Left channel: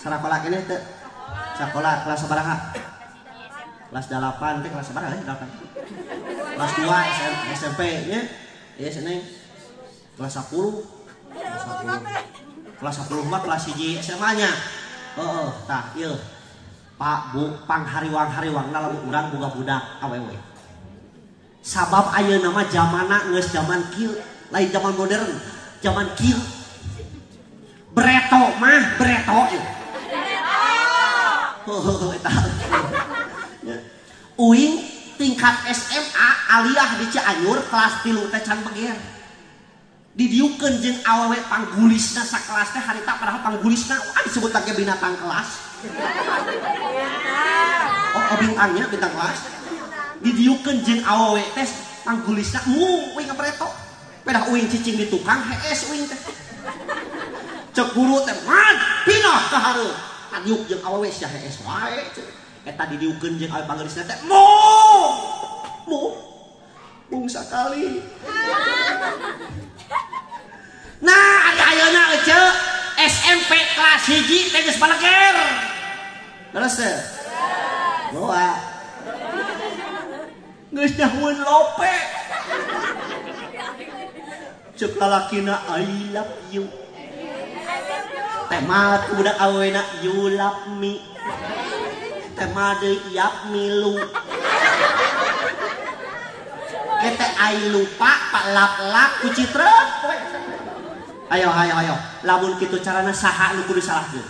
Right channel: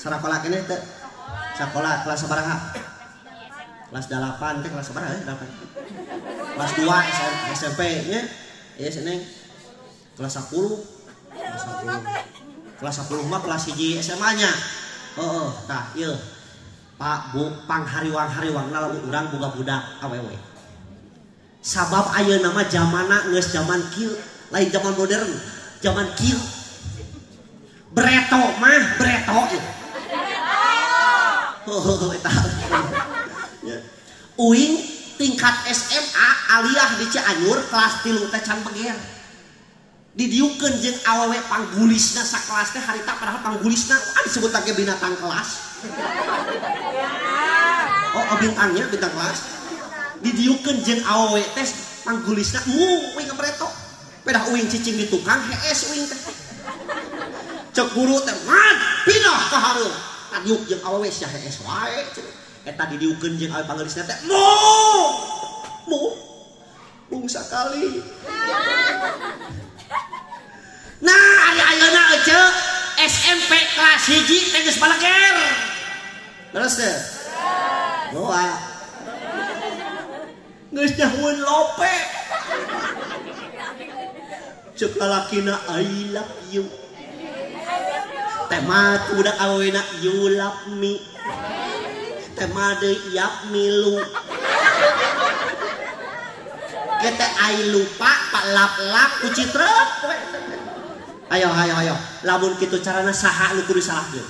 Sekolah kene teh sekolah kelas sabaraha? Kelas 8 teh kelas sabaraha ya? 8. Kelas 2 SMP nya. Ieu seneng kelas 10. Kelas 10 mah kelas 1 SMA nya. Heeh, tah ieu. Pak Bu panghariwang-hariwangna lamun urang boga budak awewe. Sabab ayeuna mah zamanna geus zaman kieu, lain zaman modern, zaman kieu. Breto mah breto ya. Uing tingkat SMA aliyah di Cianjur kelas 3 teh can beger. Didiukeun jeung awewe panggulisna sakelas teh harita padahal panggulisna disebut teh binatang kelas. Oh bintangnya bintang kelas. Didiukeun jeung awewe teh panggulisna uing breto. Pedah uing cicing di tukang hees uing teh. Cek guru teh mat pindah ka hareup. Adiuk jeung awewe sia hees wae. Eta didiukeun jeung awewe panggelisna teh mung sakali. Nah ari ayeuna ece SMP kelas 1 teh geus baleger. Terus teh. Doa. Geus nyahueun lope. Cek lalakina I love you. Tema budak awena you love me. Tema deui yap milu. Kita ai lupa pak lap-lap ku citreuk. Ayo. Lamun kitu carana saha nu kudu disalahkeun?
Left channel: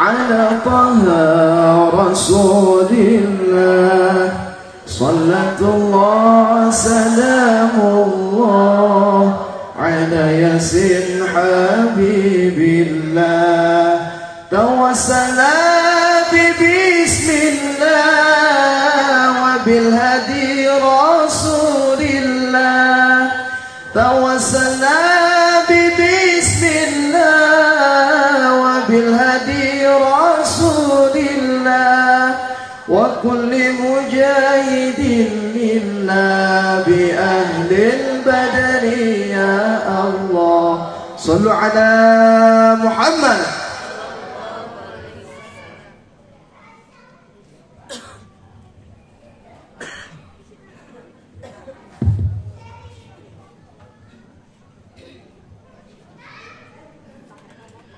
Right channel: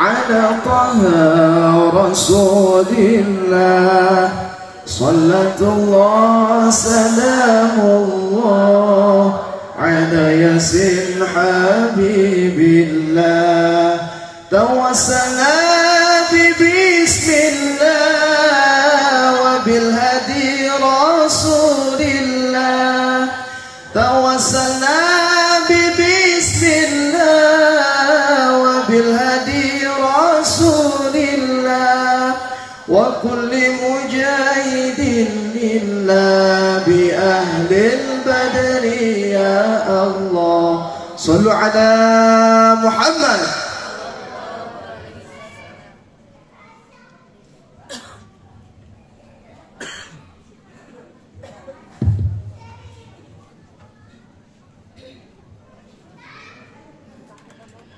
Ala taha rasulillah sallatullah salamullah ala yasin habibillah tawassala bismillah wa bil hadi rasulillah tawassala bismillah wa bil hadi rasulillah wa kulli mujahidin lillah bi ahlil badri ya Allah sallu ala Muhammad.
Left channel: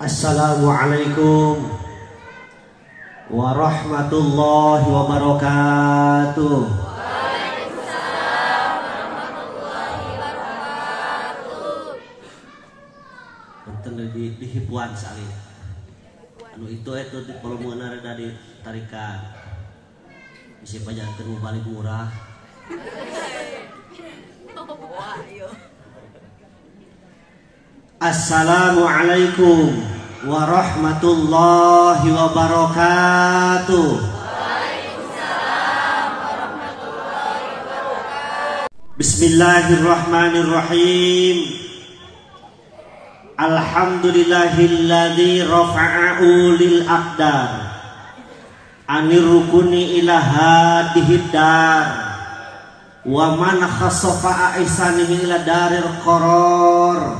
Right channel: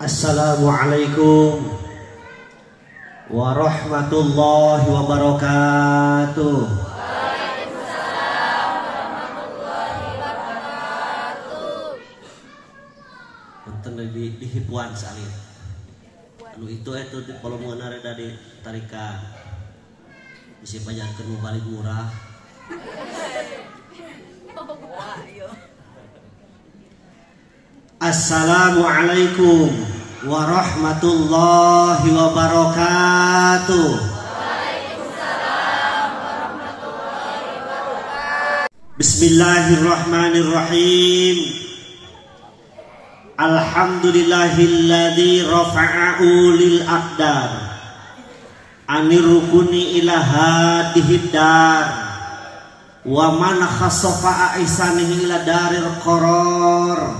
Assalamualaikum warahmatullahi wabarakatuh. Waalaikumsalam warahmatullahi wabarakatuh. Punten di hipuan salin. Anu itu di kolomna rada ditarikan. Bisi pajankeun balik murah. Assalamualaikum warahmatullahi wabarakatuh. Waalaikumsalam warahmatullahi wabarakatuh. Bismillahirrahmanirrahim. Alhamdulillahilladzi rafa'a ulil aqdar anir rukuni ila hadihid dar wa man khassafa aisanihi ila daril qarar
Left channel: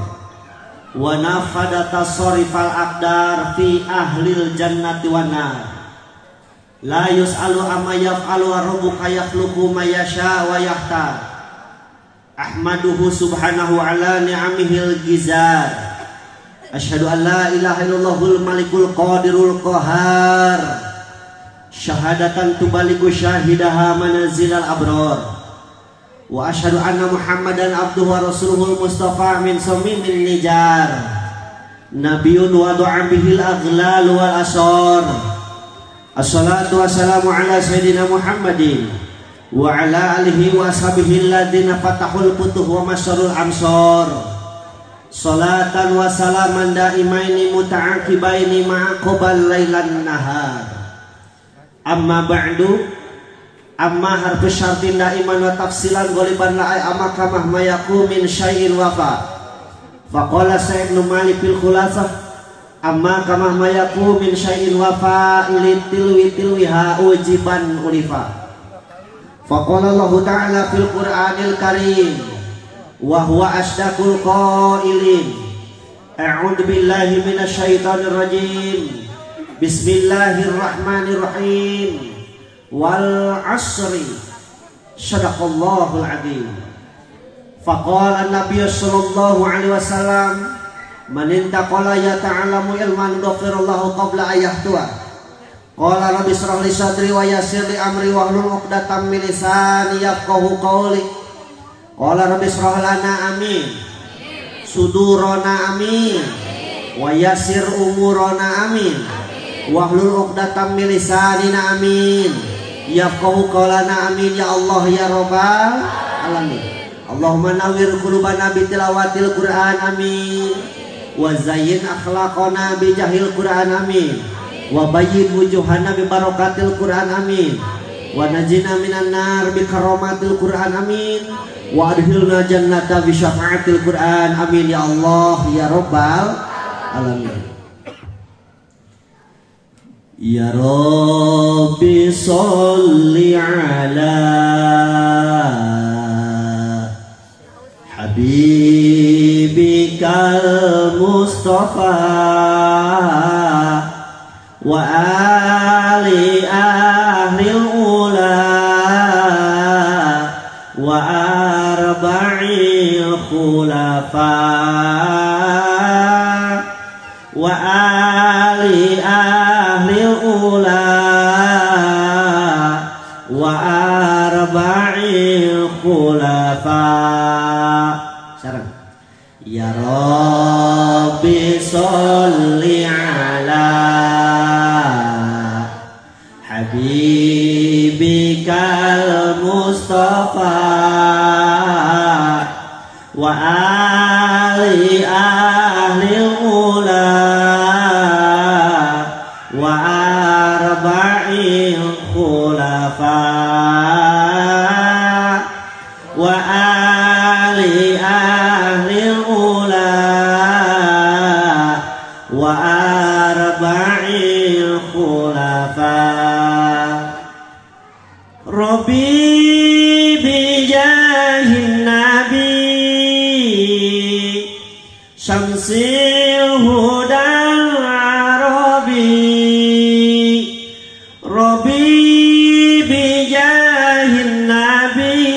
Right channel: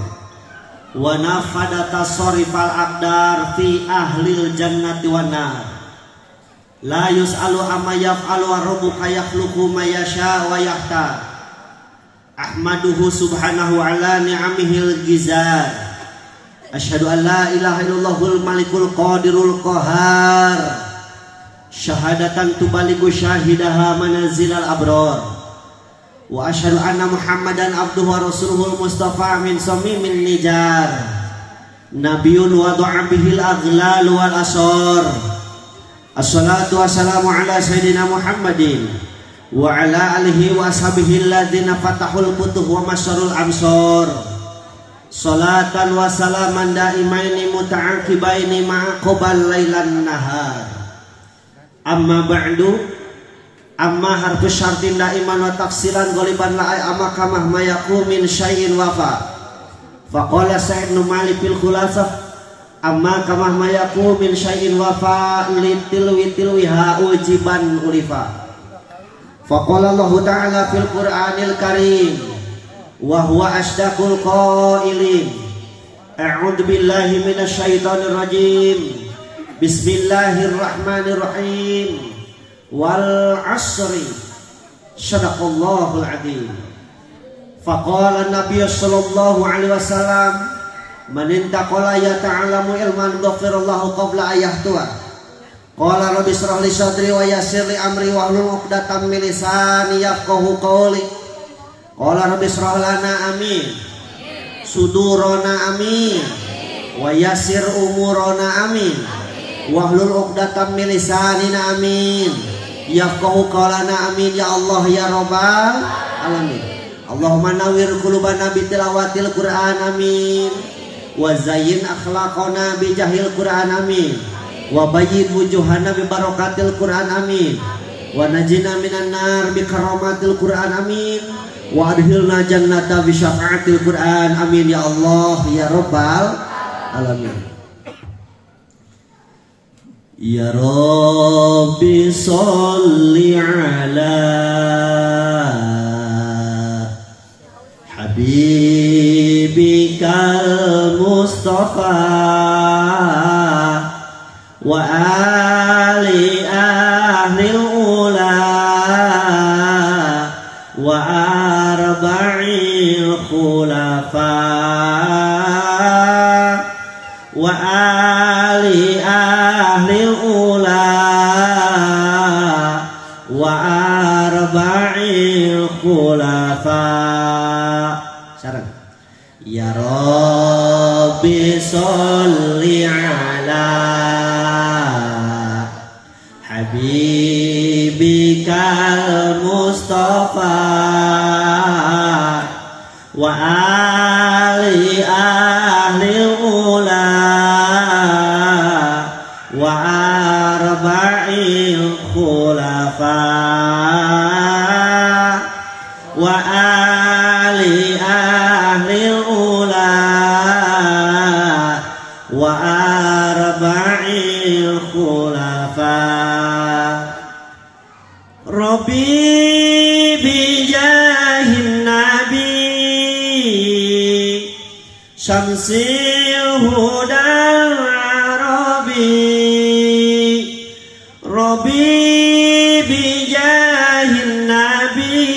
wa nafada tasarifal aqdar fi ahlil jannati wan nar la yus'alu amma yaf'alu wa rabbuka yakhluqu ma yasha wa yahtar ahmaduhu subhanahu ala ni'amihil gizar asyhadu an la ilaha illallahul malikul qadirul qahar syahadatan tubaligu syahidaha manazilal abrar wa asyhadu anna Muhammadan abduhu wa rasuluhul mustafa min samimin nijar nabiyyun wa du'a bihil aghlal wal asar. Assalatu wassalamu ala sayyidina Muhammadin wa ala alihi wa ashabihi alladziina fatahul futuh wa masyarul amsar. Salatan wa salaman daimaini muta'aqibaini ma'a qabal lailan nahar. Amma ba'du. Amma harfu syartin daiman wa tafsilan ghaliban la amma kamah mayaku min syai'in wafa. Faqala Sa'id bin Malik fil khulasah amma kamah mayaku min syai'in wafa litilwi tilwiha ujiban ulifa. Faqala Allah Ta'ala fil Qur'anil Karim wa huwa asdaqul qailin. A'udzu billahi minasyaitonir rajim. Bismillahirrahmanirrahim. Wal 'asri. Shadaqallahul 'adzim. Faqala an-nabiy sallallahu alaihi wasallam man intaqala ya ta'alamu ilman ghafirallahu qabla ayahtuwa. Qala rabbi shrah li sadri wa yassir li amri wahlul 'uqdatam min lisani yafqahu qawli. Qala rabbi shrah lana amin sudurana amin wa yassir umurana amin wahlul 'uqdatam min lisanina amin yafqahu qawlana amin ya Allah ya rabbal alamin. Allahumma nawwir qulubana bi tilawatil Qur'an amin wa zayyin akhlaqana bi jahil Qur'an amin wa bayyin wujuhana bi barakatil Qur'an amin wa najina minan nar bi karamatil Qur'an amin wa adkhilna jannata bi syafaatil Qur'an amin ya Allah ya rabbal alamin. Ya Rabbi sholli ala habibikal Mustafa wa ali ahlil ula wa arba'il khulafa wa ali ahlil ula wa arba'il khulafa. Saran. Ya Rabbi sholli ala habibikal Mustafa wa ali ahlil ula wa arba'il khulafa wa ali ahlil ula wa arba'il khulafa. Rabbi bijahin nabi syamsil hudal arabi. Rabbi bijahin nabi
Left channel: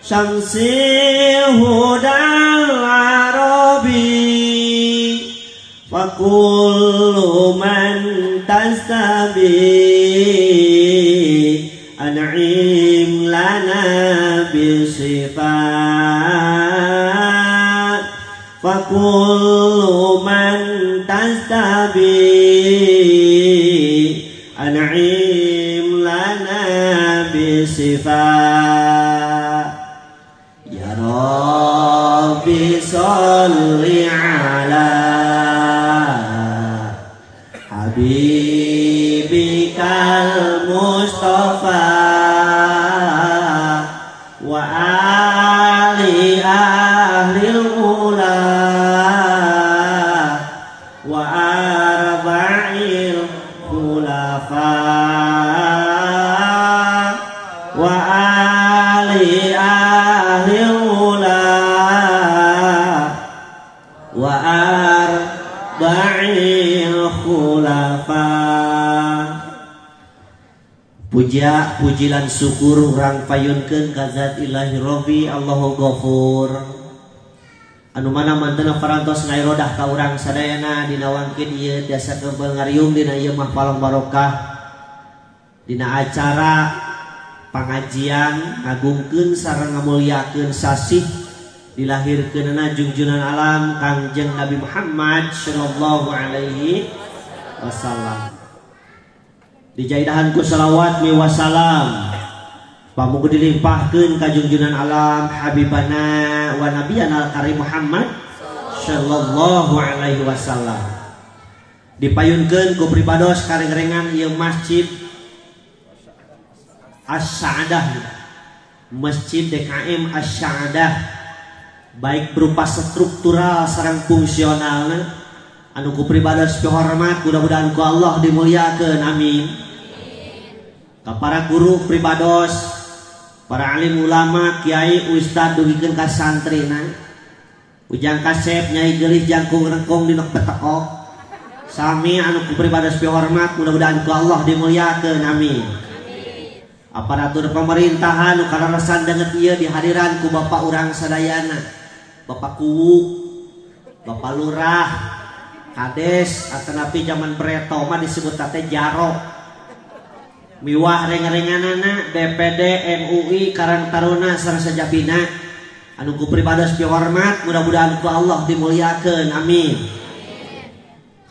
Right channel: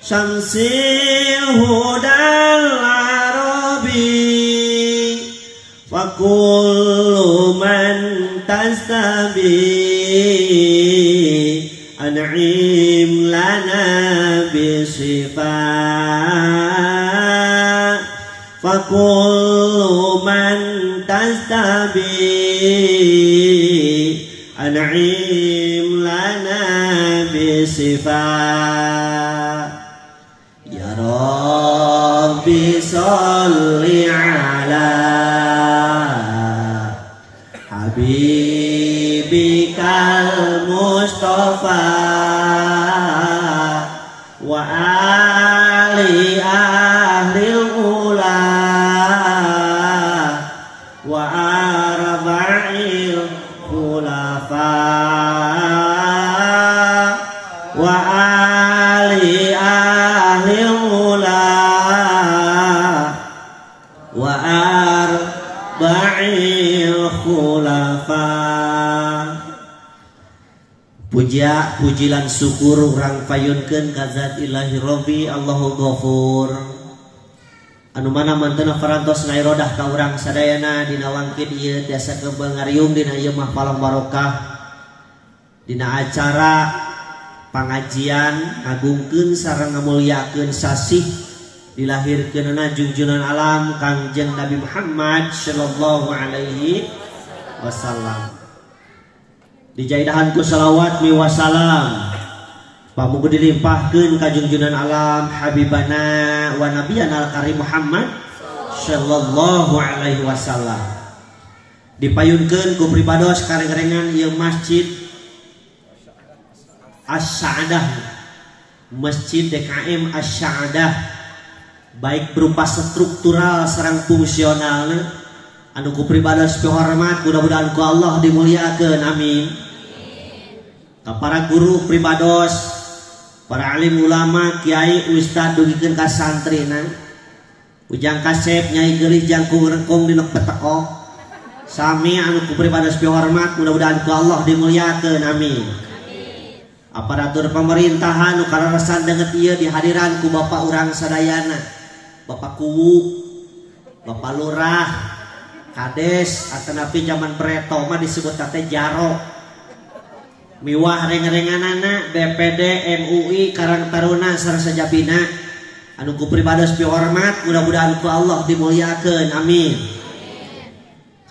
syamsil hudal arabi. Wa kullu man tastabi an'im lana bisifat. Fa kullu man tastabi an'im lana bisifat. Ya Rabbi sholli ala habibikal Mustafa wa ali ahlil ula wa arba'il khulafa wa ali ahlil ula wa arba'il khulafa. Puja pujilan syukur urang payunkeun ka zat ilahi Rabbi Allahu Ghafur anu mana manten parantos ngairodah ka urang sadayana dina wangkeun ieu tiasa keubel ngariung dina ieu mah palang barokah dina acara pangajian ngagungkeun sareng ngamulyakeun sasih dilahirkeunna junjunan alam Kangjeng Nabi Muhammad sallallahu alaihi wasallam. Dijaidahan ku salawat mi wasalam pamuga dilimpahkeun ka junjunan alam habibana wa nabiyana karim Muhammad sallallahu alaihi wasallam. Dipayunkeun ku pripados karengan ieu masjid As-Sa'adah, Masjid DKM As-Sa'adah, baik berupa struktural sareng fungsionalna anu ku pribados hormat mudah-mudahan ku Allah dimuliakeun amin. para guru pribados, para alim ulama, kiai, ustad dugikeun ka santrina. Ujang kasep nyai geulih jangkung rengkong dina petekok. Sami anu ku pribados hormat, mudah-mudahan ku Allah dimuliakeun amin. Aparatur pemerintahan nu kararasan deungeut ieu dihadiran ku bapak urang sadayana. Bapak Kuwu, Bapak Lurah, Kades, atanapi zaman Preto mah disebut teh Jaro. Miwah reng-renganana BPD, MUI, Karang Taruna sareng sajabina anu ku pribados hormat, mudah-mudahan ku Allah dimuliakeun amin.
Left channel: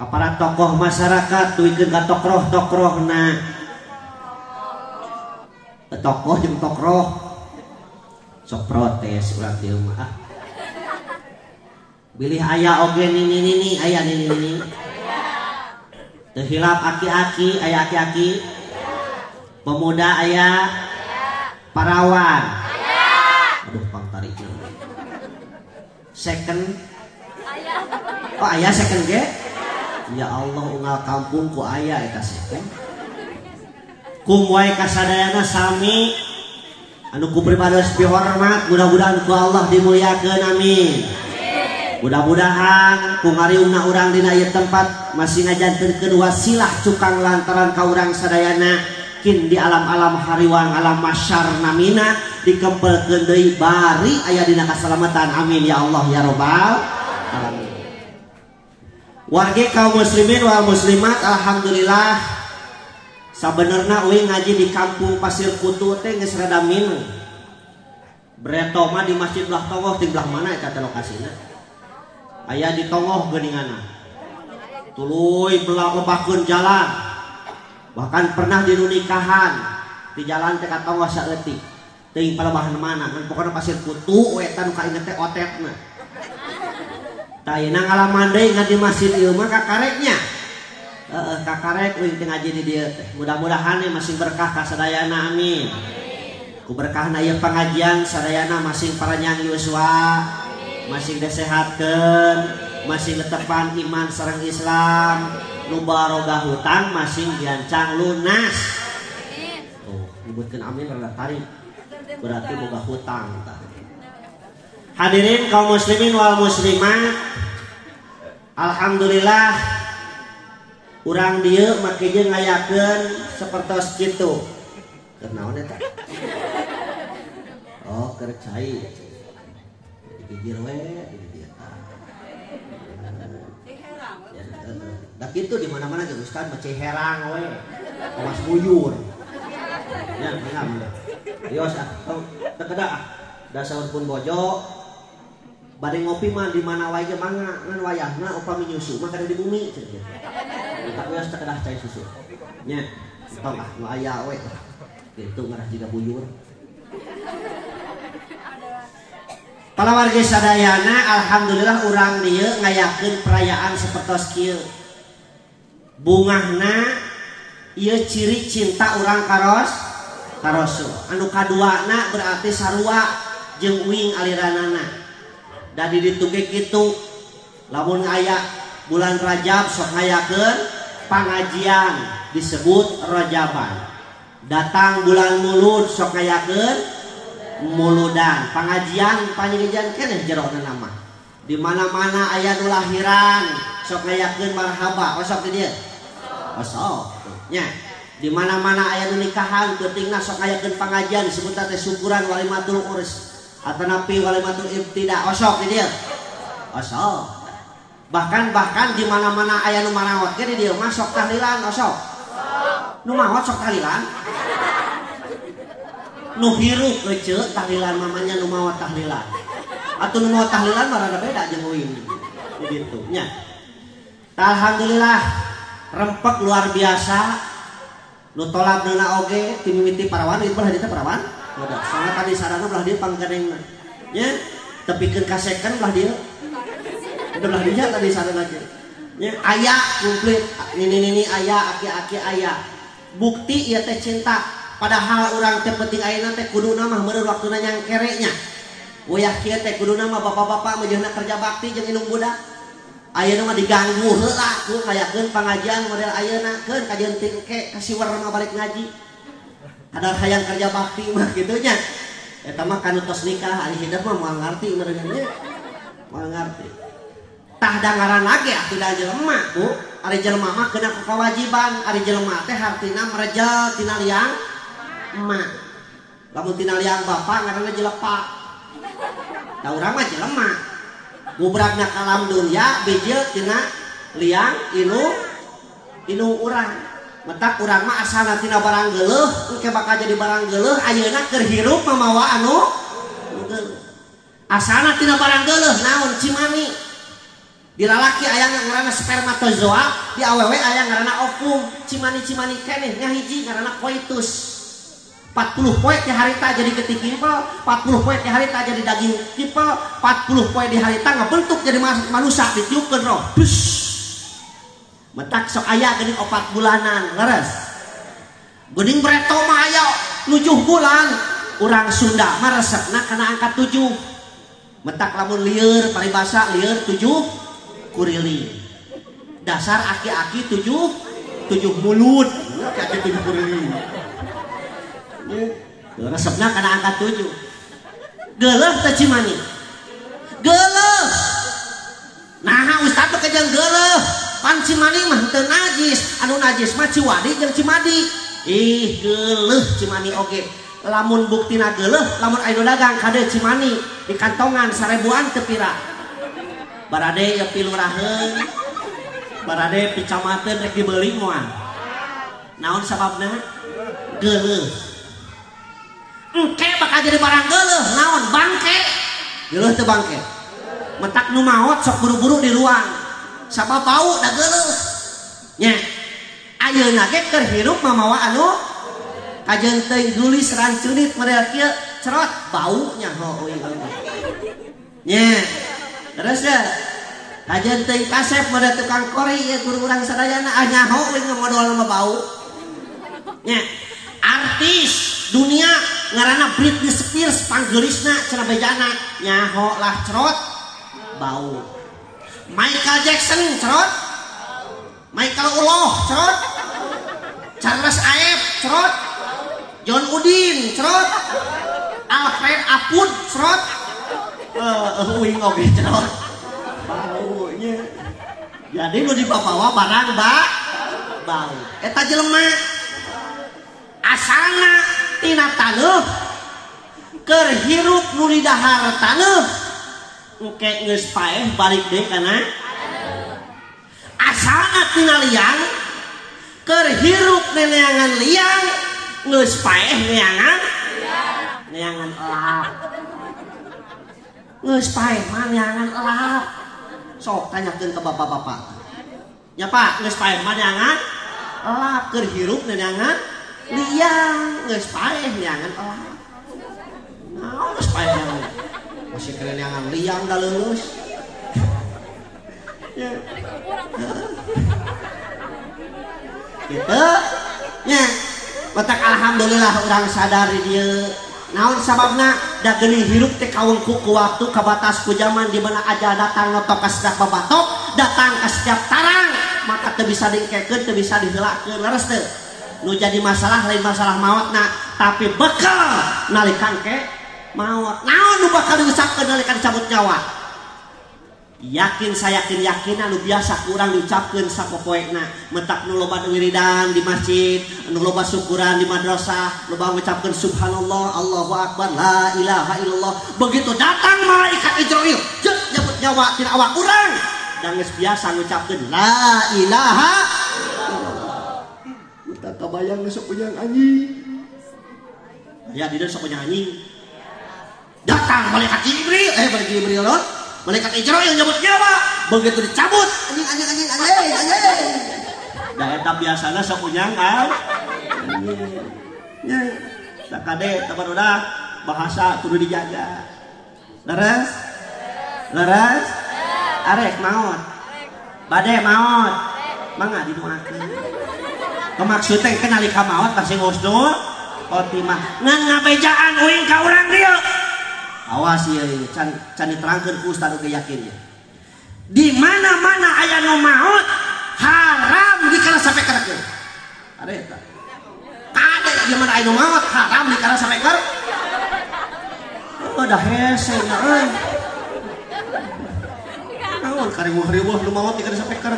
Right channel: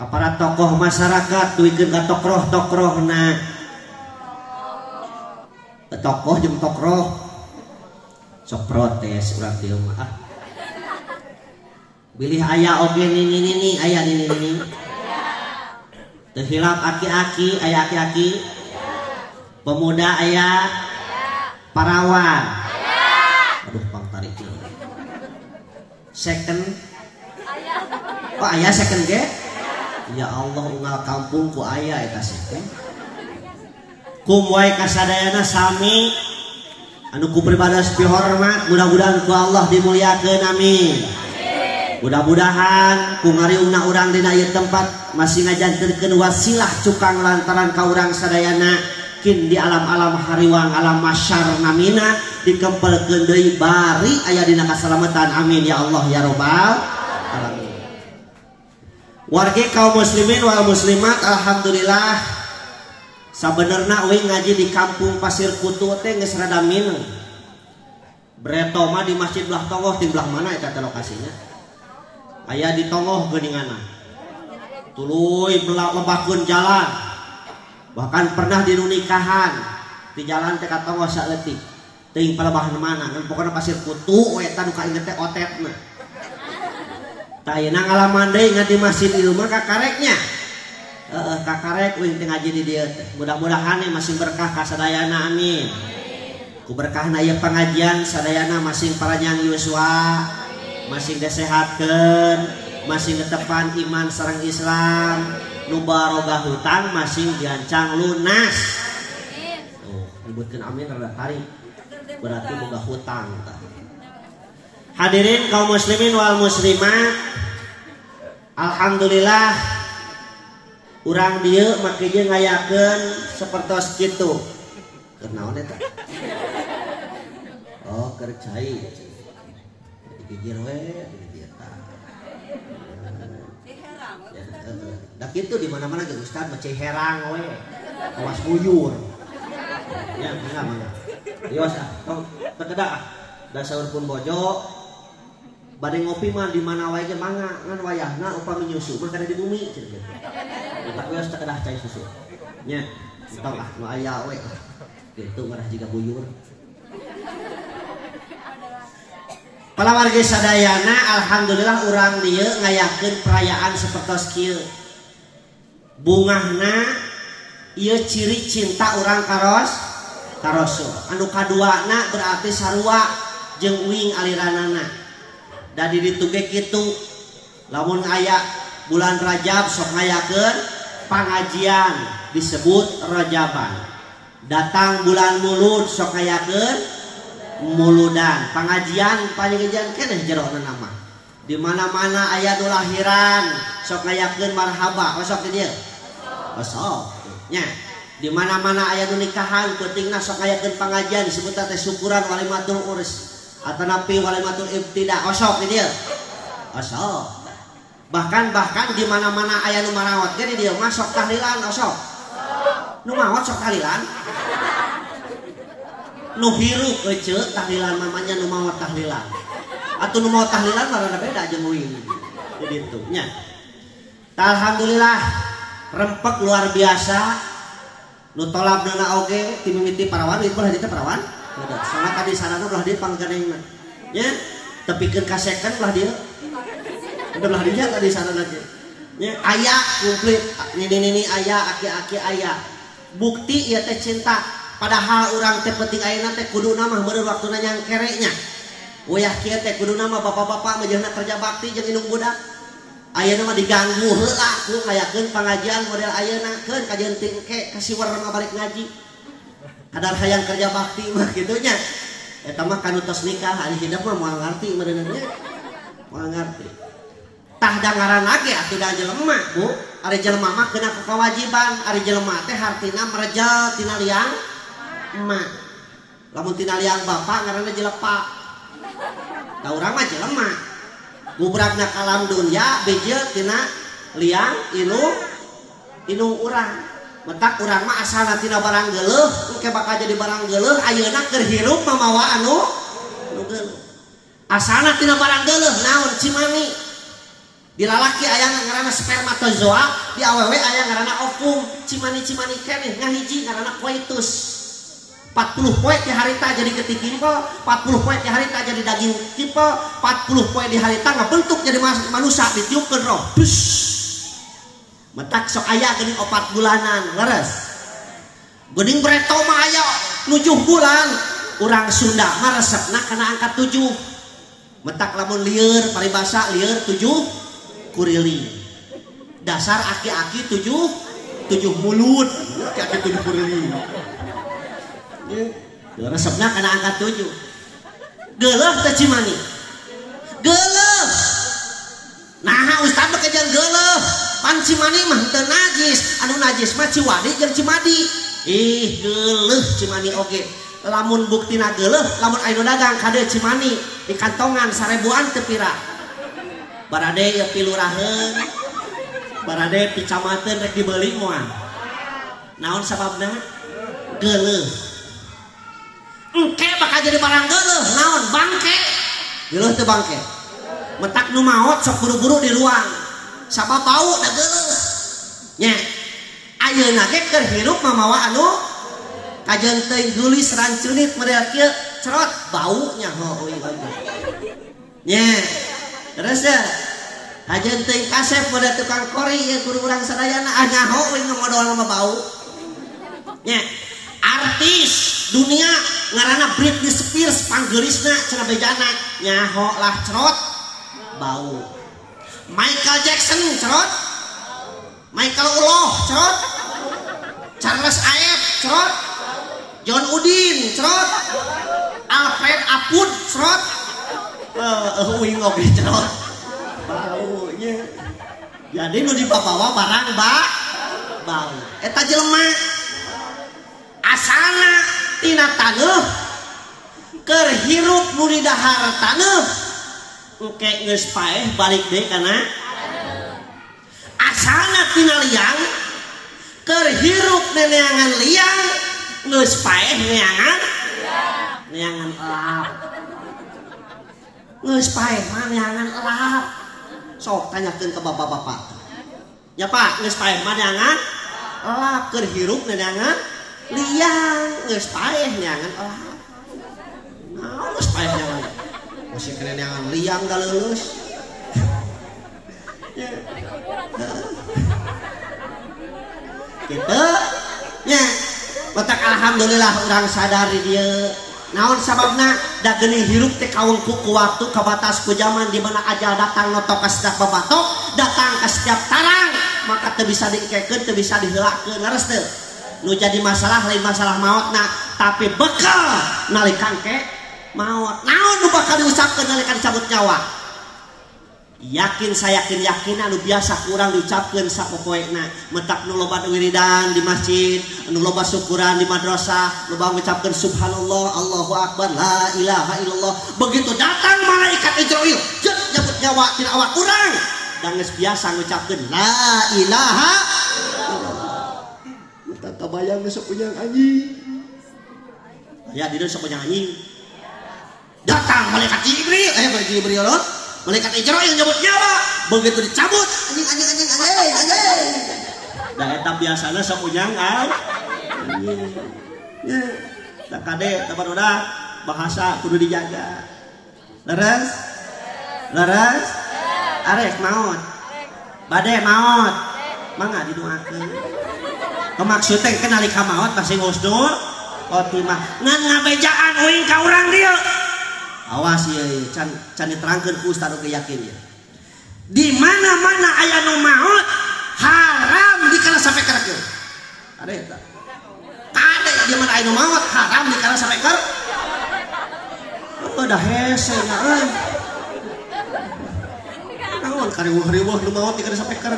Ka para tokoh masyarakat duikeun ka tokroh-tokrohna. Tokoh jeung tokroh sok protes urang dieu mah. Bilih aya oge nini aya nini. Teu hilap aki-aki aya aki-aki. Pemuda aya parawan. Aduh pang tarik. Second. Kok aya second ge? Ya Allah unggal kampung ku aya eta second. Kum wae kasadayana sami anu ku pribados hormat, mudah-mudahan ku Allah dimuliakeun amin. Mudah-mudahan ku ngariungna urang dina ieu tempat masih ngajanterkeun wasilah cukang lantaran ka urang sadayana kin di alam-alam hariwang alam masyar namina dikempelkeun deui bari aya dina kasalamatan amin ya Allah ya robbal alamin. Warga kaum muslimin wal muslimat, alhamdulillah sabenerna euy ngaji di kampung Pasir Kutu teh geus rada mineng. Breto mah di masjid belah tongoh di belah mana eta teh lokasina? Aya di tongoh geuninganna. Tuluy lebakeun jalan. Bahkan pernah di nikahan di jalan teh ka tongoh saeutik. Teuing palabahan mana kan pokona Pasir Kutu we tan ka inget teh otetna. Tah ayeuna ngalaman deui ngan di masjid ieu mah kakareknya. Kakarek wing teh ngaji di dieu teh. Mudah-mudahan masih berkah ka sadayana amin. Ku berkahna ieu pengajian sadayana masing paranyang yuswa. Masih disehatkan, masih netepan iman sareng Islam, nu barogah hutang masih diancang lunas. Oh, nyebutkeun amin rada tarik. Berarti boga hutang. Hadirin kaum muslimin wal muslimat, alhamdulillah urang dieu make jeung ngayakeun sapertos kitu. Keur naon eta? Oh, keur cai. Gigir we di eta. Da kitu di mana-mana ge Ustaz mah herang we. Awas buyur. Ya, mana? Dios ah, tong tekedak ah. Da saur pun bojo. Bade ngopi mah di mana wae ge mangga ngan wayahna upami nyusu mah kada di bumi cenah. Tak wios tekedah cai susu. Nya, tong ah nu aya we. Kitu ngarah jiga buyur. Kalau warga sadayana alhamdulillah urang dieu ngayakeun perayaan sapertos kieu. Bungahna ieu ciri cinta urang ka Rasul. Anu kaduana berarti sarua jeung uing aliranana. Da di ditu ge kitu. Lamun aya bulan Rajab sok ngayakeun pangajian disebut Rajaban. Datang bulan Mulud sok ngayakeun muludan, pengajian pangajian keneh jerona nama. Di mana-mana aya nu lahiran sok ngayakeun marhaba, osok di dieu. Osok. Nya, di mana-mana aya nu nikahan pentingna sok ngayakeun pengajian disebut teh syukuran walimatul urs. Atanapi walimatul ibtida, osok di dieu. Osok. Bahkan di mana-mana aya nu marawat ge di dieu mah sok tahlilan osok. Nu maot sok tahlilan. Nu hirup ece tahlilan mamanya nu maot tahlilan. Atuh nu maot tahlilan mah rada beda jeung uing. Di ditu nya. Alhamdulillah rempek luar biasa. Nu tolabna oge ti mimiti parawan itu belah dieu parawan. Ada sangat tadi sarana belah dieu panggadengna. Nya tepikeun ka second belah dieu. Udah belah dieu tadi sarana ge. Nya aya komplit nini aya aki-aki aya. Bukti ieu teh cinta. Padahal orang teh penting ayeuna teh kuduna mah meureun waktuna nyangkerenya. Wayah kieu teh kuduna mah bapak-bapak meujeunna kerja bakti jeung indung budak. Ayeuna mah diganggu heula ku ngayakeun pangajian model ayeuna keun kajeun tingke ka siwer mah balik ngaji. kadar hayang kerja bakti mah gitunya. Eta mah kanu tos nikah ari hidup mah moal ngarti meureunnya. Moal ngarti. Tah dangaran lagi atuh da jelema, Bu. Ari jelema mah kena kewajiban, ari jelema teh hartina merejel tina liang emak. Lamun tina liang bapak ngaranna jelepak. Da urang mah jelema. Bubragna kalam dunya beje tina liang inu urang. Mentak urang mah asalna tina barang geuleuh engke bakal jadi barang geuleuh ayeuna keur hirup mamawa anu geuleuh. Asalna tina barang geuleuh naon cimani. Di lalaki aya ngaranna spermatozoa, di awewe aya ngaranna ovum. Cimani-cimani keneh ngahiji ngaranna koitus. 40 poe di harita jadi getih kimpel, 40 poe di harita jadi daging kimpel, 40 poe di harita ngabentuk jadi manusia ditiupkeun roh. Metak sok aya geuning 4 bulanan, leres. Geuning breto mah aya 7 bulan. Urang Sunda mah resepna kana angka 7. Metak lamun lieur paribasa lieur 7 kurili. Dasar aki-aki 7 mulut. Aki-aki 7 kurili. Resepna kana angka 7. Geuleuh teh cimani. Geuleuh. Nah, ustad mah kajang geuleuh. Pan cimani mah teu najis, anu najis mah ciwadi jeung cimadi. Ih, geuleuh cimani oge. Lamun buktina geuleuh, lamun aya dagang kade cimani di kantongan 1000-an teu pira. Barade ya piluraheun. Barade picamateun rek dibeuli moal. Naon sababna? Geuleuh. Engke bakal jadi barang geuleuh, naon bangke. Geuleuh teu bangke. Metak nu maot sok buru-buru di ruang. Sabab bau da geuleuh. Nya. Ayeuna ge keur hirup mamawa anu kajeun teuing gulis rancunit model kieu cerot bau nya euy. Nya. Terus ya. Kajeun teuing kasep model tukang kori ya kudu urang sadayana nyaho we ngodol mah bau. Nya. Artis dunia ngaranna Britney Spears panggelisna cenah bejana nyaho lah cerot bau. Michael Jackson cerot, Michael Uloh cerot, Charles Aep cerot, John Udin cerot, Alfred Apud cerot, uing oge cerot baunya. Jadi nu dibawa barang bau. Eta jelema asalna tina taneuh keur hirup nu di dahar taneuh engke geus paeh balik deui kana asalna tina liang keur hirup neangan liang geus paeh neangan elap geus paeh mah neangan elap sok tanyakeun ke bapak-bapak nya Pak geus paeh mah neangan elap keur hirup neangan liang geus paeh neangan elap. Naon geus paeh neangan? Masih kena neangan liang da leuleus. Ya. Kitu nya. Letak alhamdulillah urang sadar di dieu. Naon sababna da geuning hirup teh kaungku ku waktu kabatas ku zaman di mana aja datang ngotok ka setiap babatok, datang ka setiap tarang, maka teu bisa diengkekeun, teu bisa diheulakeun, leres teu. Nu jadi masalah lain masalah mautna tapi bekal nalikan ke maut. Naon nu bakal diucapkeun nalikan cabut nyawa? Yakin saya yakin anu biasa kurang diucapkeun sapopoena. Mentak nu loba wiridan di masjid, nu loba syukuran di madrasah, loba ngucapkeun subhanallah, Allahu akbar, la ilaha illallah. Begitu datang malaikat Israil, jeut nyabut nyawa tina awak urang. Dan geus biasa ngucapkeun la ilaha tabayang sok punya anjing. Ya di sok punya anjing. Datang malaikat Jibril, loh. Malaikat Israil nyebut nyawa. Begitu dicabut, anjing. Da eta biasana sok punya anjing. Ya, da kade tapan udah bahasa kudu dijaga. Leres. Arek maot. Bade maot. Mangga didoakeun. Maksud teh kenali ka maot pasti husnul khotimah. Ngan ngabejaan uing ka urang dieu. Awas ieu can diterangkeun ku ustaz oge yakin ya. Di mana-mana aya nu maot haram dikala sampai kerekeun. Ada eta. hade zaman anu maot haram dikara sapeker. Udah hese mah. Naon kariweuh-riweuh nu maot dikara sapeker.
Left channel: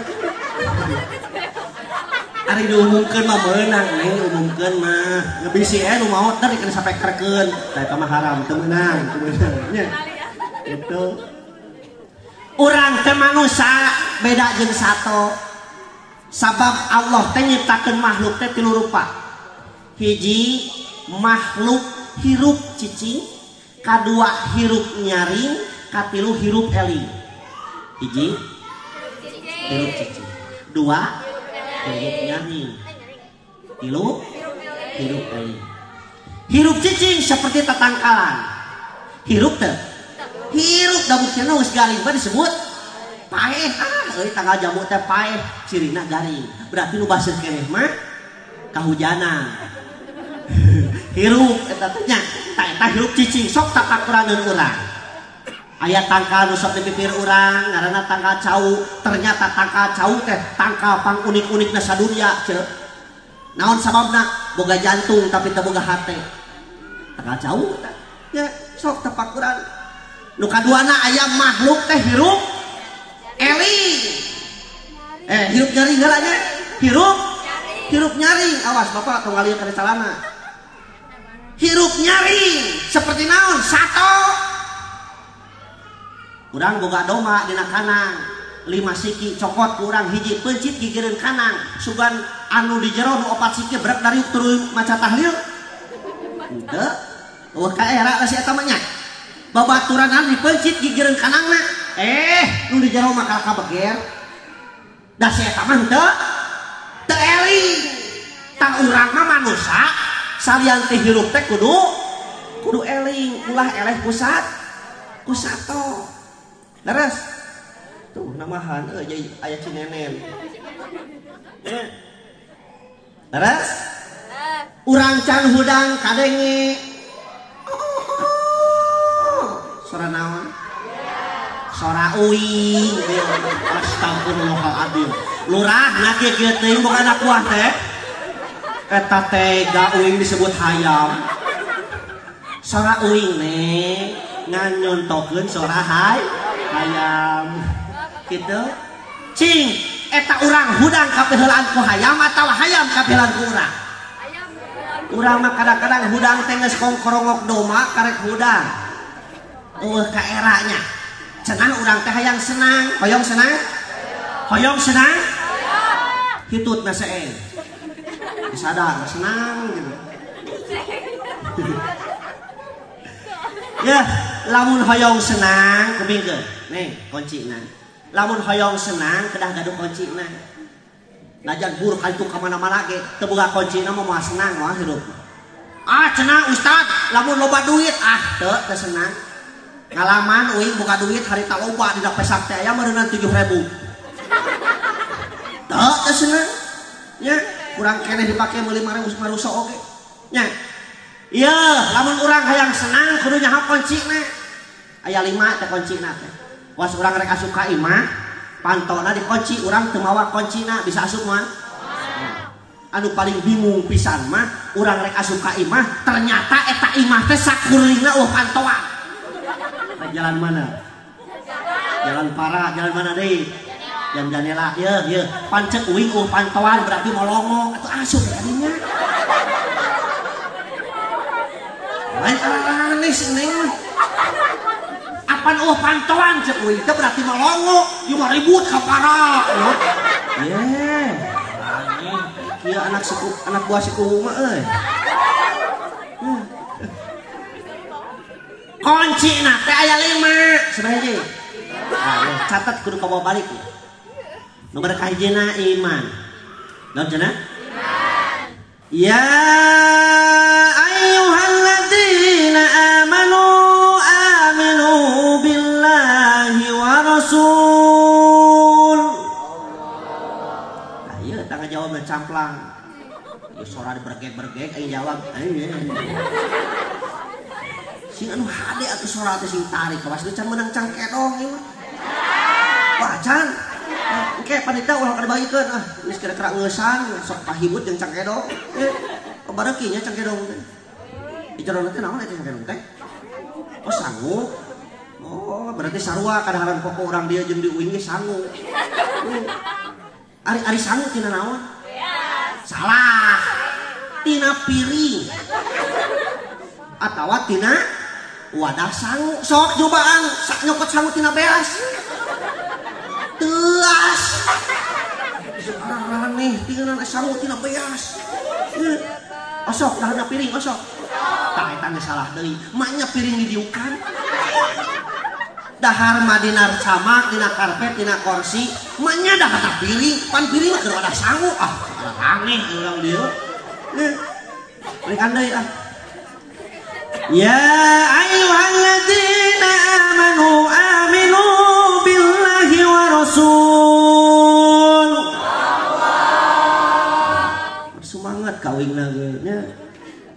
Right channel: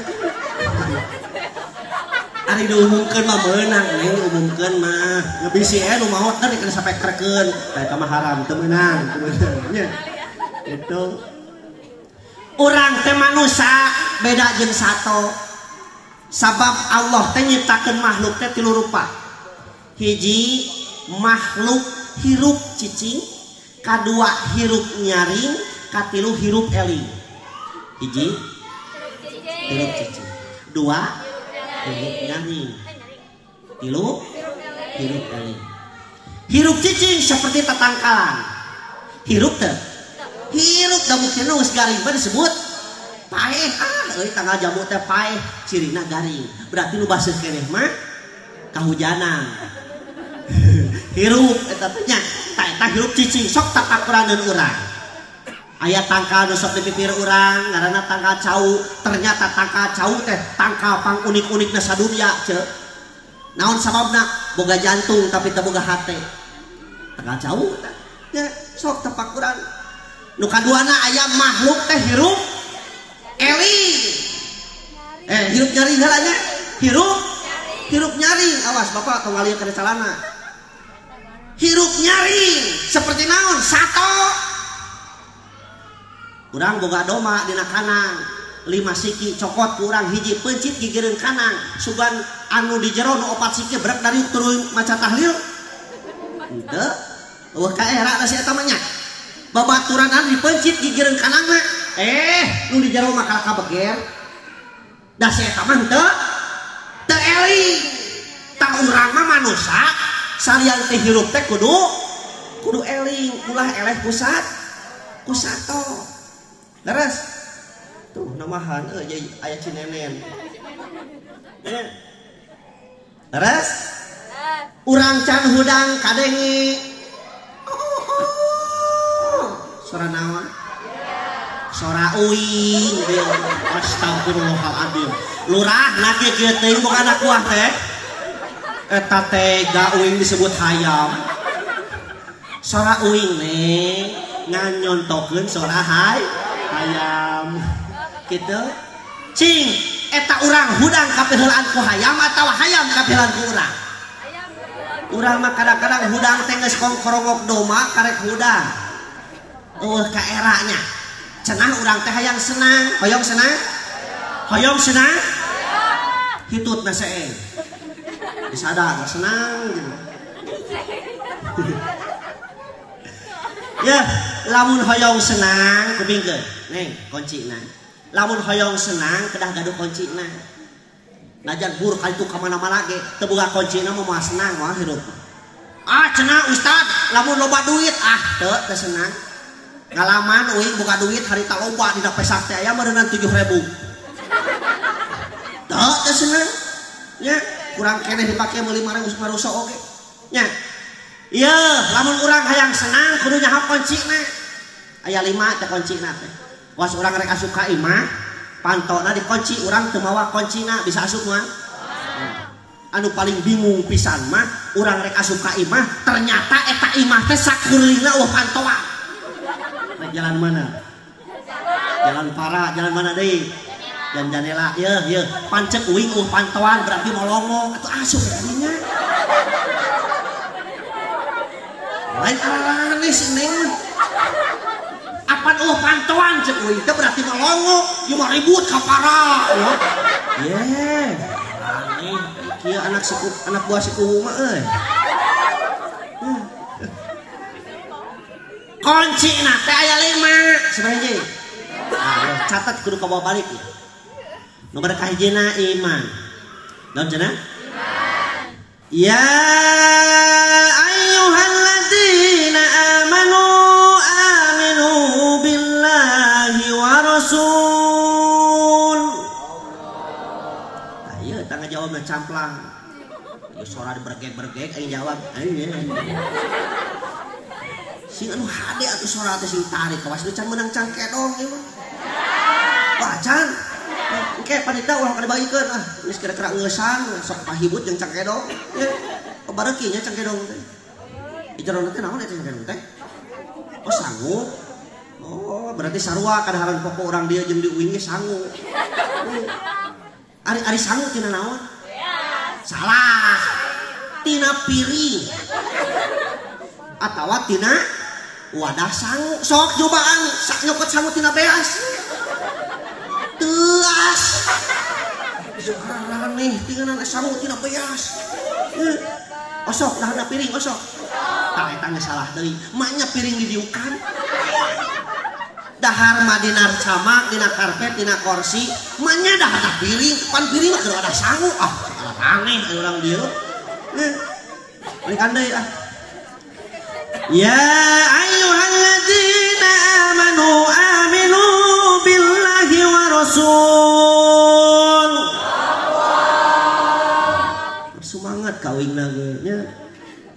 Ari diumumkeun mah meunang neng diumumkeun mah. Ngebisi nu maot teh dikara sapekerkeun. Eta mah haram teu meunang nya. Gitu. Urang teh manusia beda jeung sato. Sabab Allah teh nyiptakeun makhluk teh tilu rupa. Hiji makhluk hirup cicing, kadua hirup nyaring, katilu hirup eling. Hiji hirup cicing, dua hirup nyaring, tilu hirup eling. Hirup cicing seperti tatangkalan. Hirup teh hirup da buktina geus garing mah disebut paeh. Euy tanggal jamu teh paeh cirina garing. Berarti nu baseuh keneh mah kahujanan. Hirup eta teh nya eta hirup cicing sok takakuraneun urang. Aya tangkal nu sok dipipir urang ngaranna tangkal cau. Ternyata tangkal cau teh tangkal pang unik-unikna sadunya ceuk. Naon sababna? Boga jantung tapi teu boga hate. Tangkal cau teh nya sok tepak urang. Nu kaduana aya makhluk teh hirup eling. Hirup nyaring heula nya. Hirup nyaring. Awas Bapak tong ngalieu kana calana. Hirup nyaring seperti naon? Sato. Urang boga doma dina kanang. 5 siki cokot ku urang hiji peuncit gigireun kanang. Sugan anu di jero nu 4 siki berak dari turun maca tahlil. Henteu. Eueuh ka era si eta mah nya. Babaturan anu dipeuncit gigireun kanangna. Nu di jero mah kabeger. Da si eta mah henteu. Teu eling. Tah urang mah manusia salian teh hirup teh kudu eling, ulah eleh pusat kusato. Leres. Tuh namahan euy aya cinenen. Leres? Urang can hudang kadenge. Suara naon? Suara uing. Astagfirullahaladzim. Lurah nage kieu teuing boga anak kuah teh. Eta teh uing disebut hayam. Suara uing nih nganyontokeun suara hayam. Kitu. Cing, eta urang hudang kapeheulaan ku hayam atawa hayam kapeheulaan ku urang? Urang mah kadang-kadang hudang teh geus kongkorongok doma karek hudang. Ka eranya. Cenah urang teh hayang senang, hoyong senang? Hoyong senang? Hitutna seeng. Disadar senang gitu. Ya, lamun hoyong senang kebingkeun. Neng, kuncina. Lamun hoyong senang kedah gaduh kuncina. Najan bur kaitu ka mana-mana ge teu boga kuncina mah moal senang moal hidup. Cenah Ustad, lamun loba duit teu senang. Ngalaman uing boga duit harita loba dina pesak teh aya meureunan 7.000. Teu senang. Nya kurang keneh dipake meuli marusa oge. Nya. Ieu lamun urang hayang senang kudu nyaho kuncina. Aya 5 teh kuncina teh. Was urang rek asup ka imah, pantona dikunci urang teu mawa kuncina bisa asup mah. Anu paling bingung pisan mah urang rek asup ka imah ternyata eta imah teh sakurlingna pantoan. Nah, jalan mana? Jalan para, jalan mana deui? Jalan jandela. Ieu pancet uing pantoan berarti molongo atuh asup kadinya. Lain aneh sih Apan pantoan cek uing teh berarti melongo, cuma ribut ka para. Kieu anak buah si kuhu mah euy. Kuncina teh aya 5, sabaraha? Catat kudu kabawa balik ya. Nomor kahijina iman. Naon cenah? Iman. Ya ayyuhalladzina amanu aminu billahi wa rasul. Ayo tangga jawab camplang. Ieu suara dibergeg-bergeg aing jawab. Sing anu hade atuh suara teh sing tarik kawas can meunang can kedong ieu mah. Wah can. Engke panita ulah kada bagikeun geus kira-kira ngeusan sok pahibut jeung can kedong. bareki nya cangkedong teh. Ijarona teh naon eta cangkedong teh? Oh sangu. Oh berarti sarua kadaharan pokok urang dia jeung diuing ge sangu. Ari sangu tina naon? Salah. Tina piring. Atawa tina wadah sangu. Sok cobaan nyokot sangu tina beas. Teas. Sekarang nih tinggalan sangu tina beas. Osok dahana piring osok. Tak eta geus salah deui. Manya piring didiukan. Dahar mah dina camak, dina karpet, dina kursi, manya dahana piring. Pan piring mah ada sangu. Ah, aneh urang dieu. Balikan deui ah. Ya ayyuhalladzina amanu aminu billahi wa rasul. Semangat kawingna ge nya.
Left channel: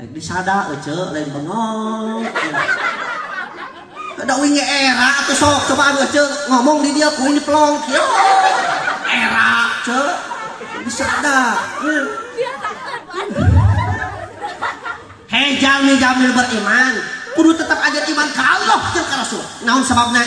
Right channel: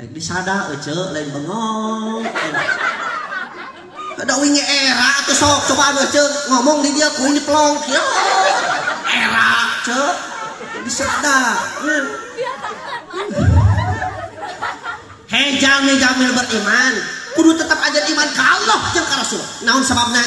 Disada euceuk lain bengong. Kada winge era atuh sok cobaan euceuk ngomong di dia kuing dipelong kieu. Era ceuk disada. Hei jamil beriman kudu tetap aja iman ka Allah jeung ka Rasul. Naon sababna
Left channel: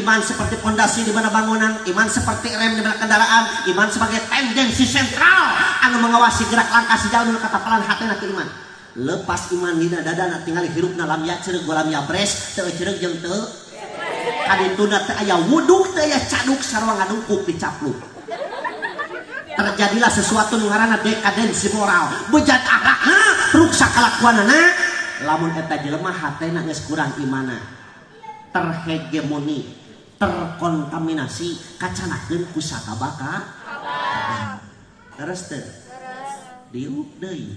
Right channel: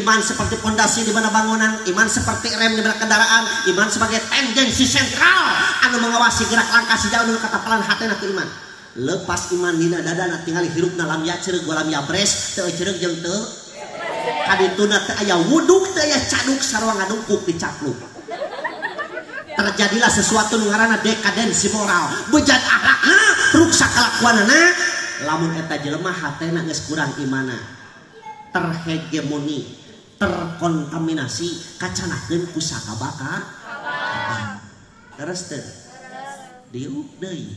iman seperti pondasi di mana bangunan, iman seperti rem di mana kendaraan, iman sebagai tendensi sentral anu mengawasi gerak langkah sejauh nu katapalan hatena ke iman. Lepas iman dina dadana tinggal hirupna lam ya ceureuh golam ya bres teu ceureuh jeung teu kadituna teu aya wuduk teu aya caduk sarua ngadungkuk dicapluk. Terjadilah sesuatu nu ngaranna dekadensi moral, bejat akhlakna, ruksak kelakuanana. Lamun eta jelema hatena geus kurang imana, terhegemoni, terkontaminasi kacanakeun ku satabaka. Terus teu diuk deui.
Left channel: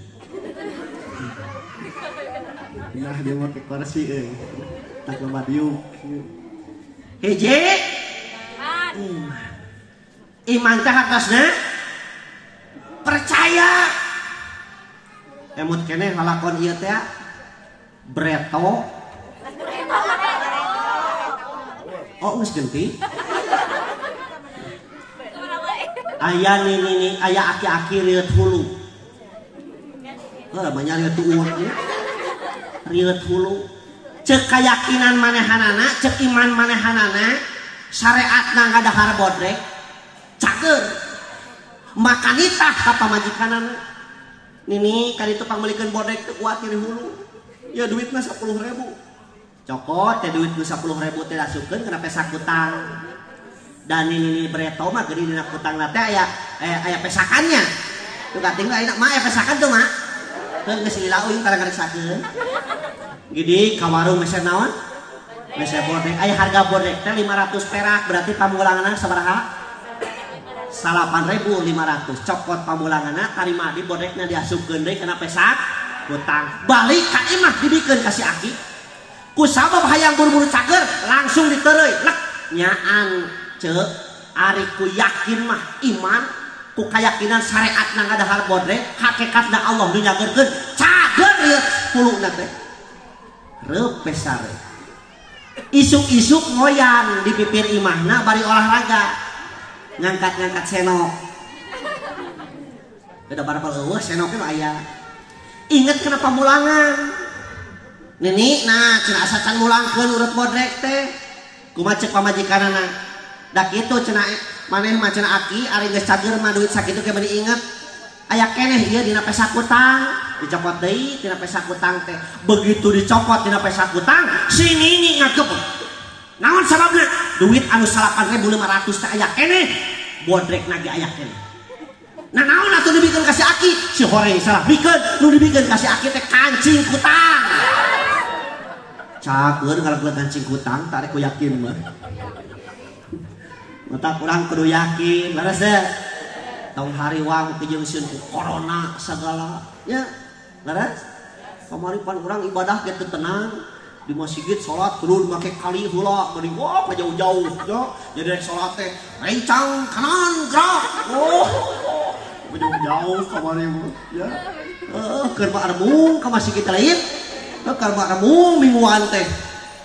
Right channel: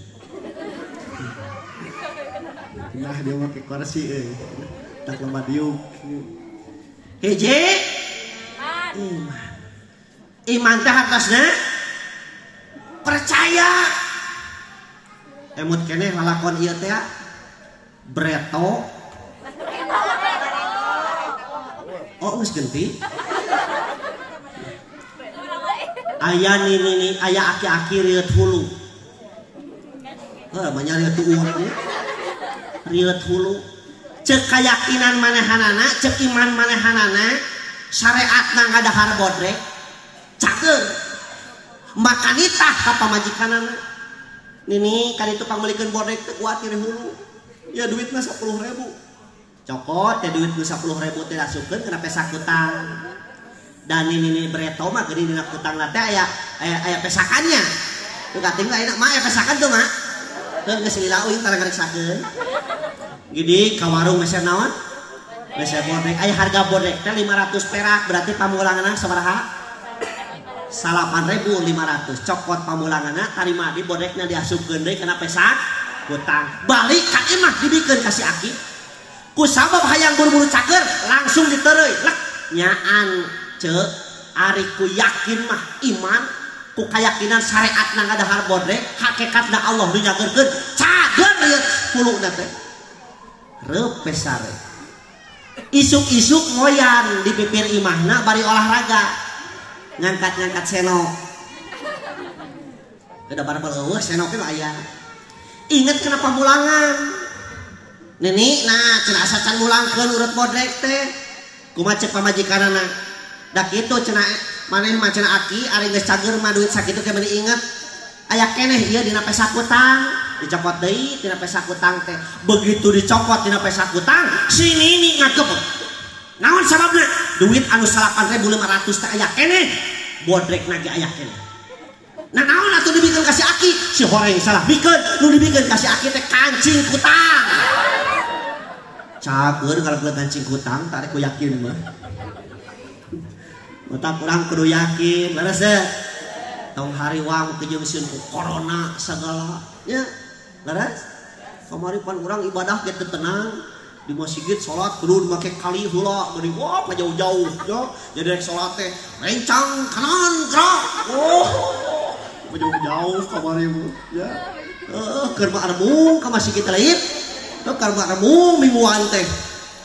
Nah dia make kursi tak lemah diuk. Hiji iman teh hartosna percaya. Emut keneh lalakon ieu teh breto. Oh geus genti. Aya nini aya aki-aki reueut hulu. Banyak riut uang riut hulu. Cek keyakinan manehanana, cek iman manehanana, syariatna ngadahar bodrek, cager. Maka nitah kata majikanana. Nini kali itu pangmelikeun bodrek teu kuat kiri hulu. Ya duitna 10.000. Cokot teh duit 10.000 teh dasukeun kana pesak hutang. Dan ini breto mah geuning dina hutangna teh aya pesakannya. Teu kating ayeuna mah aya pesakan tuh mah. Geus lila uing tara ngareksakeun. Gidi ka warung geus naon? Geus bodrek aya harga bodrek teh 500 perak berarti pamulanganna sabaraha? 8.500. Cokot pamulanganna tarima di bodrekna diasupkeun deui kana pesak hutang. Balik ka imah dibikeun ka si aki. Ku sabab hayang buru-buru cager langsung ditereuy. Lek nyaan ceuk ari ku yakin mah iman ku keyakinan syariat na ngadahar bodrek hakikatna Allah dinyageurkeun cager ieu puluna teh reupe sare isuk-isuk ngoyan di pipir imahna bari olahraga ngangkat-ngangkat senok udah barbar eueuh senoknya mah aya inget kana pamulangan nini nah cenah asa can mulangkeun urut bodrek teh kumaha cek pamajikanana da kitu cenah maneh mah cenah aki ari geus cager mah duit sakitu ke meuni inget aya keneh ieu dina pesak hutang dicopot deui dina pesak hutang teh begitu dicopot dina pesak hutang si nini ngageuk naon sababna duit anu 8.500 teh aya keneh bodrekna ge aya keneh nah naon atuh dibikeun ka si aki si horeng salah bikeun nu dibikeun ka si aki teh kancing hutang cager ngalakeun kancing hutang tarik ku yakin mah mata kurang kudu yakin beres deh tong hariwang kejeungseun ku corona segala nya beres kamari pan urang ibadah ge teu tenang di masjid salat kudu make kali heula bari wah jauh-jauh yo jadi salat teh rencang kanan gerak oh jauh-jauh kamari mu ya keur mah remung ka masjid kita lain keur mah remung mingguan teh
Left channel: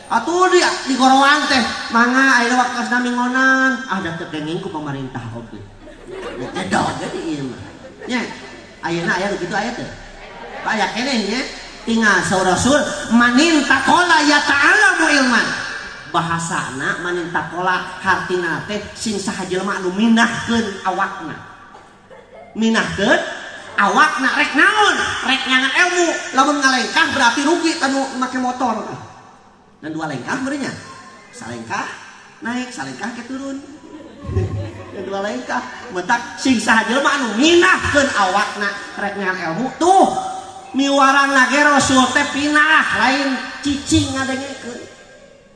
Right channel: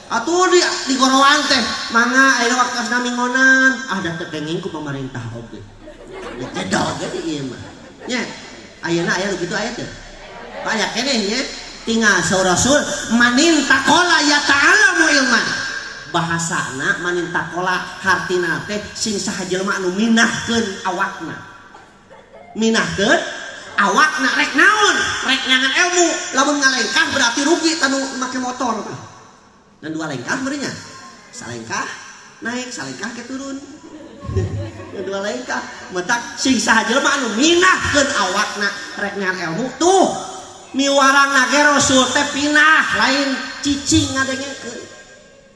atuh di gorowan teh mangga ayeuna waktosna minggonan ada terdenging ku pemerintah oge. Ya jedal ge di ieu mah. Nya ayeuna aya kitu aya teu? Kayak kenehnya tinggal saurasul manin takola ya ta'alamu ilman. Bahasana manin takola hartina teh sing saha jelema anu minahkeun awakna. Minahkeun awakna rek naon? Rek nyangan ilmu. Lamun ngalengkah berarti rugi tanu make motor. Dan dua lengkah berinya. Salengkah naik, salengkah ke turun. Dan dua lengkah metak sing saha jelema anu minahkeun awakna rek nyangan ilmu tuh miwarang lagi Rasul teh pinah lain cicing ngadengekeun.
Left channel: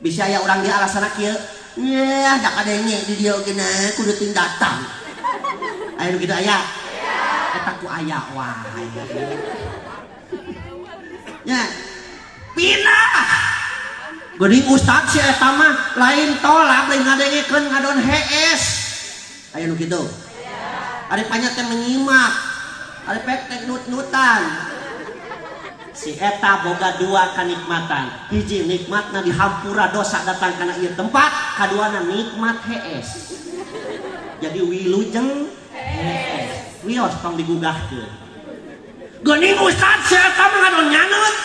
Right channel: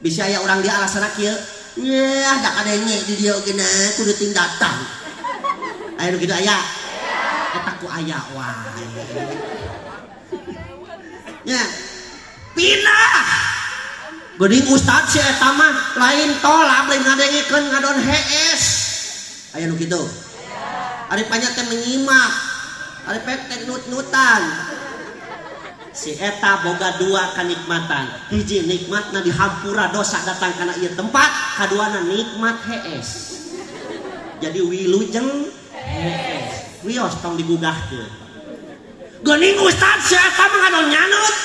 Bisa aya urang di alasana kieu. Yah dak kadenge di dieu geuna kudu ting datang. Aya nu kitu aya. Eta ku aya wae. Nya pinah. Geuning ustad si eta mah lain tolak lain ngadengekeun ngadon hees. Aya nu kitu. Ari panya teh menyimak. Ari pek nut-nutan. Si eta boga dua kanikmatan. Hiji nikmatna dihampura dosa datang kana ieu tempat, kaduana nikmat hees. Jadi wilujeng hees. Wios tong digugahkeun. Geuning ustad si eta mah ngadon nyanut.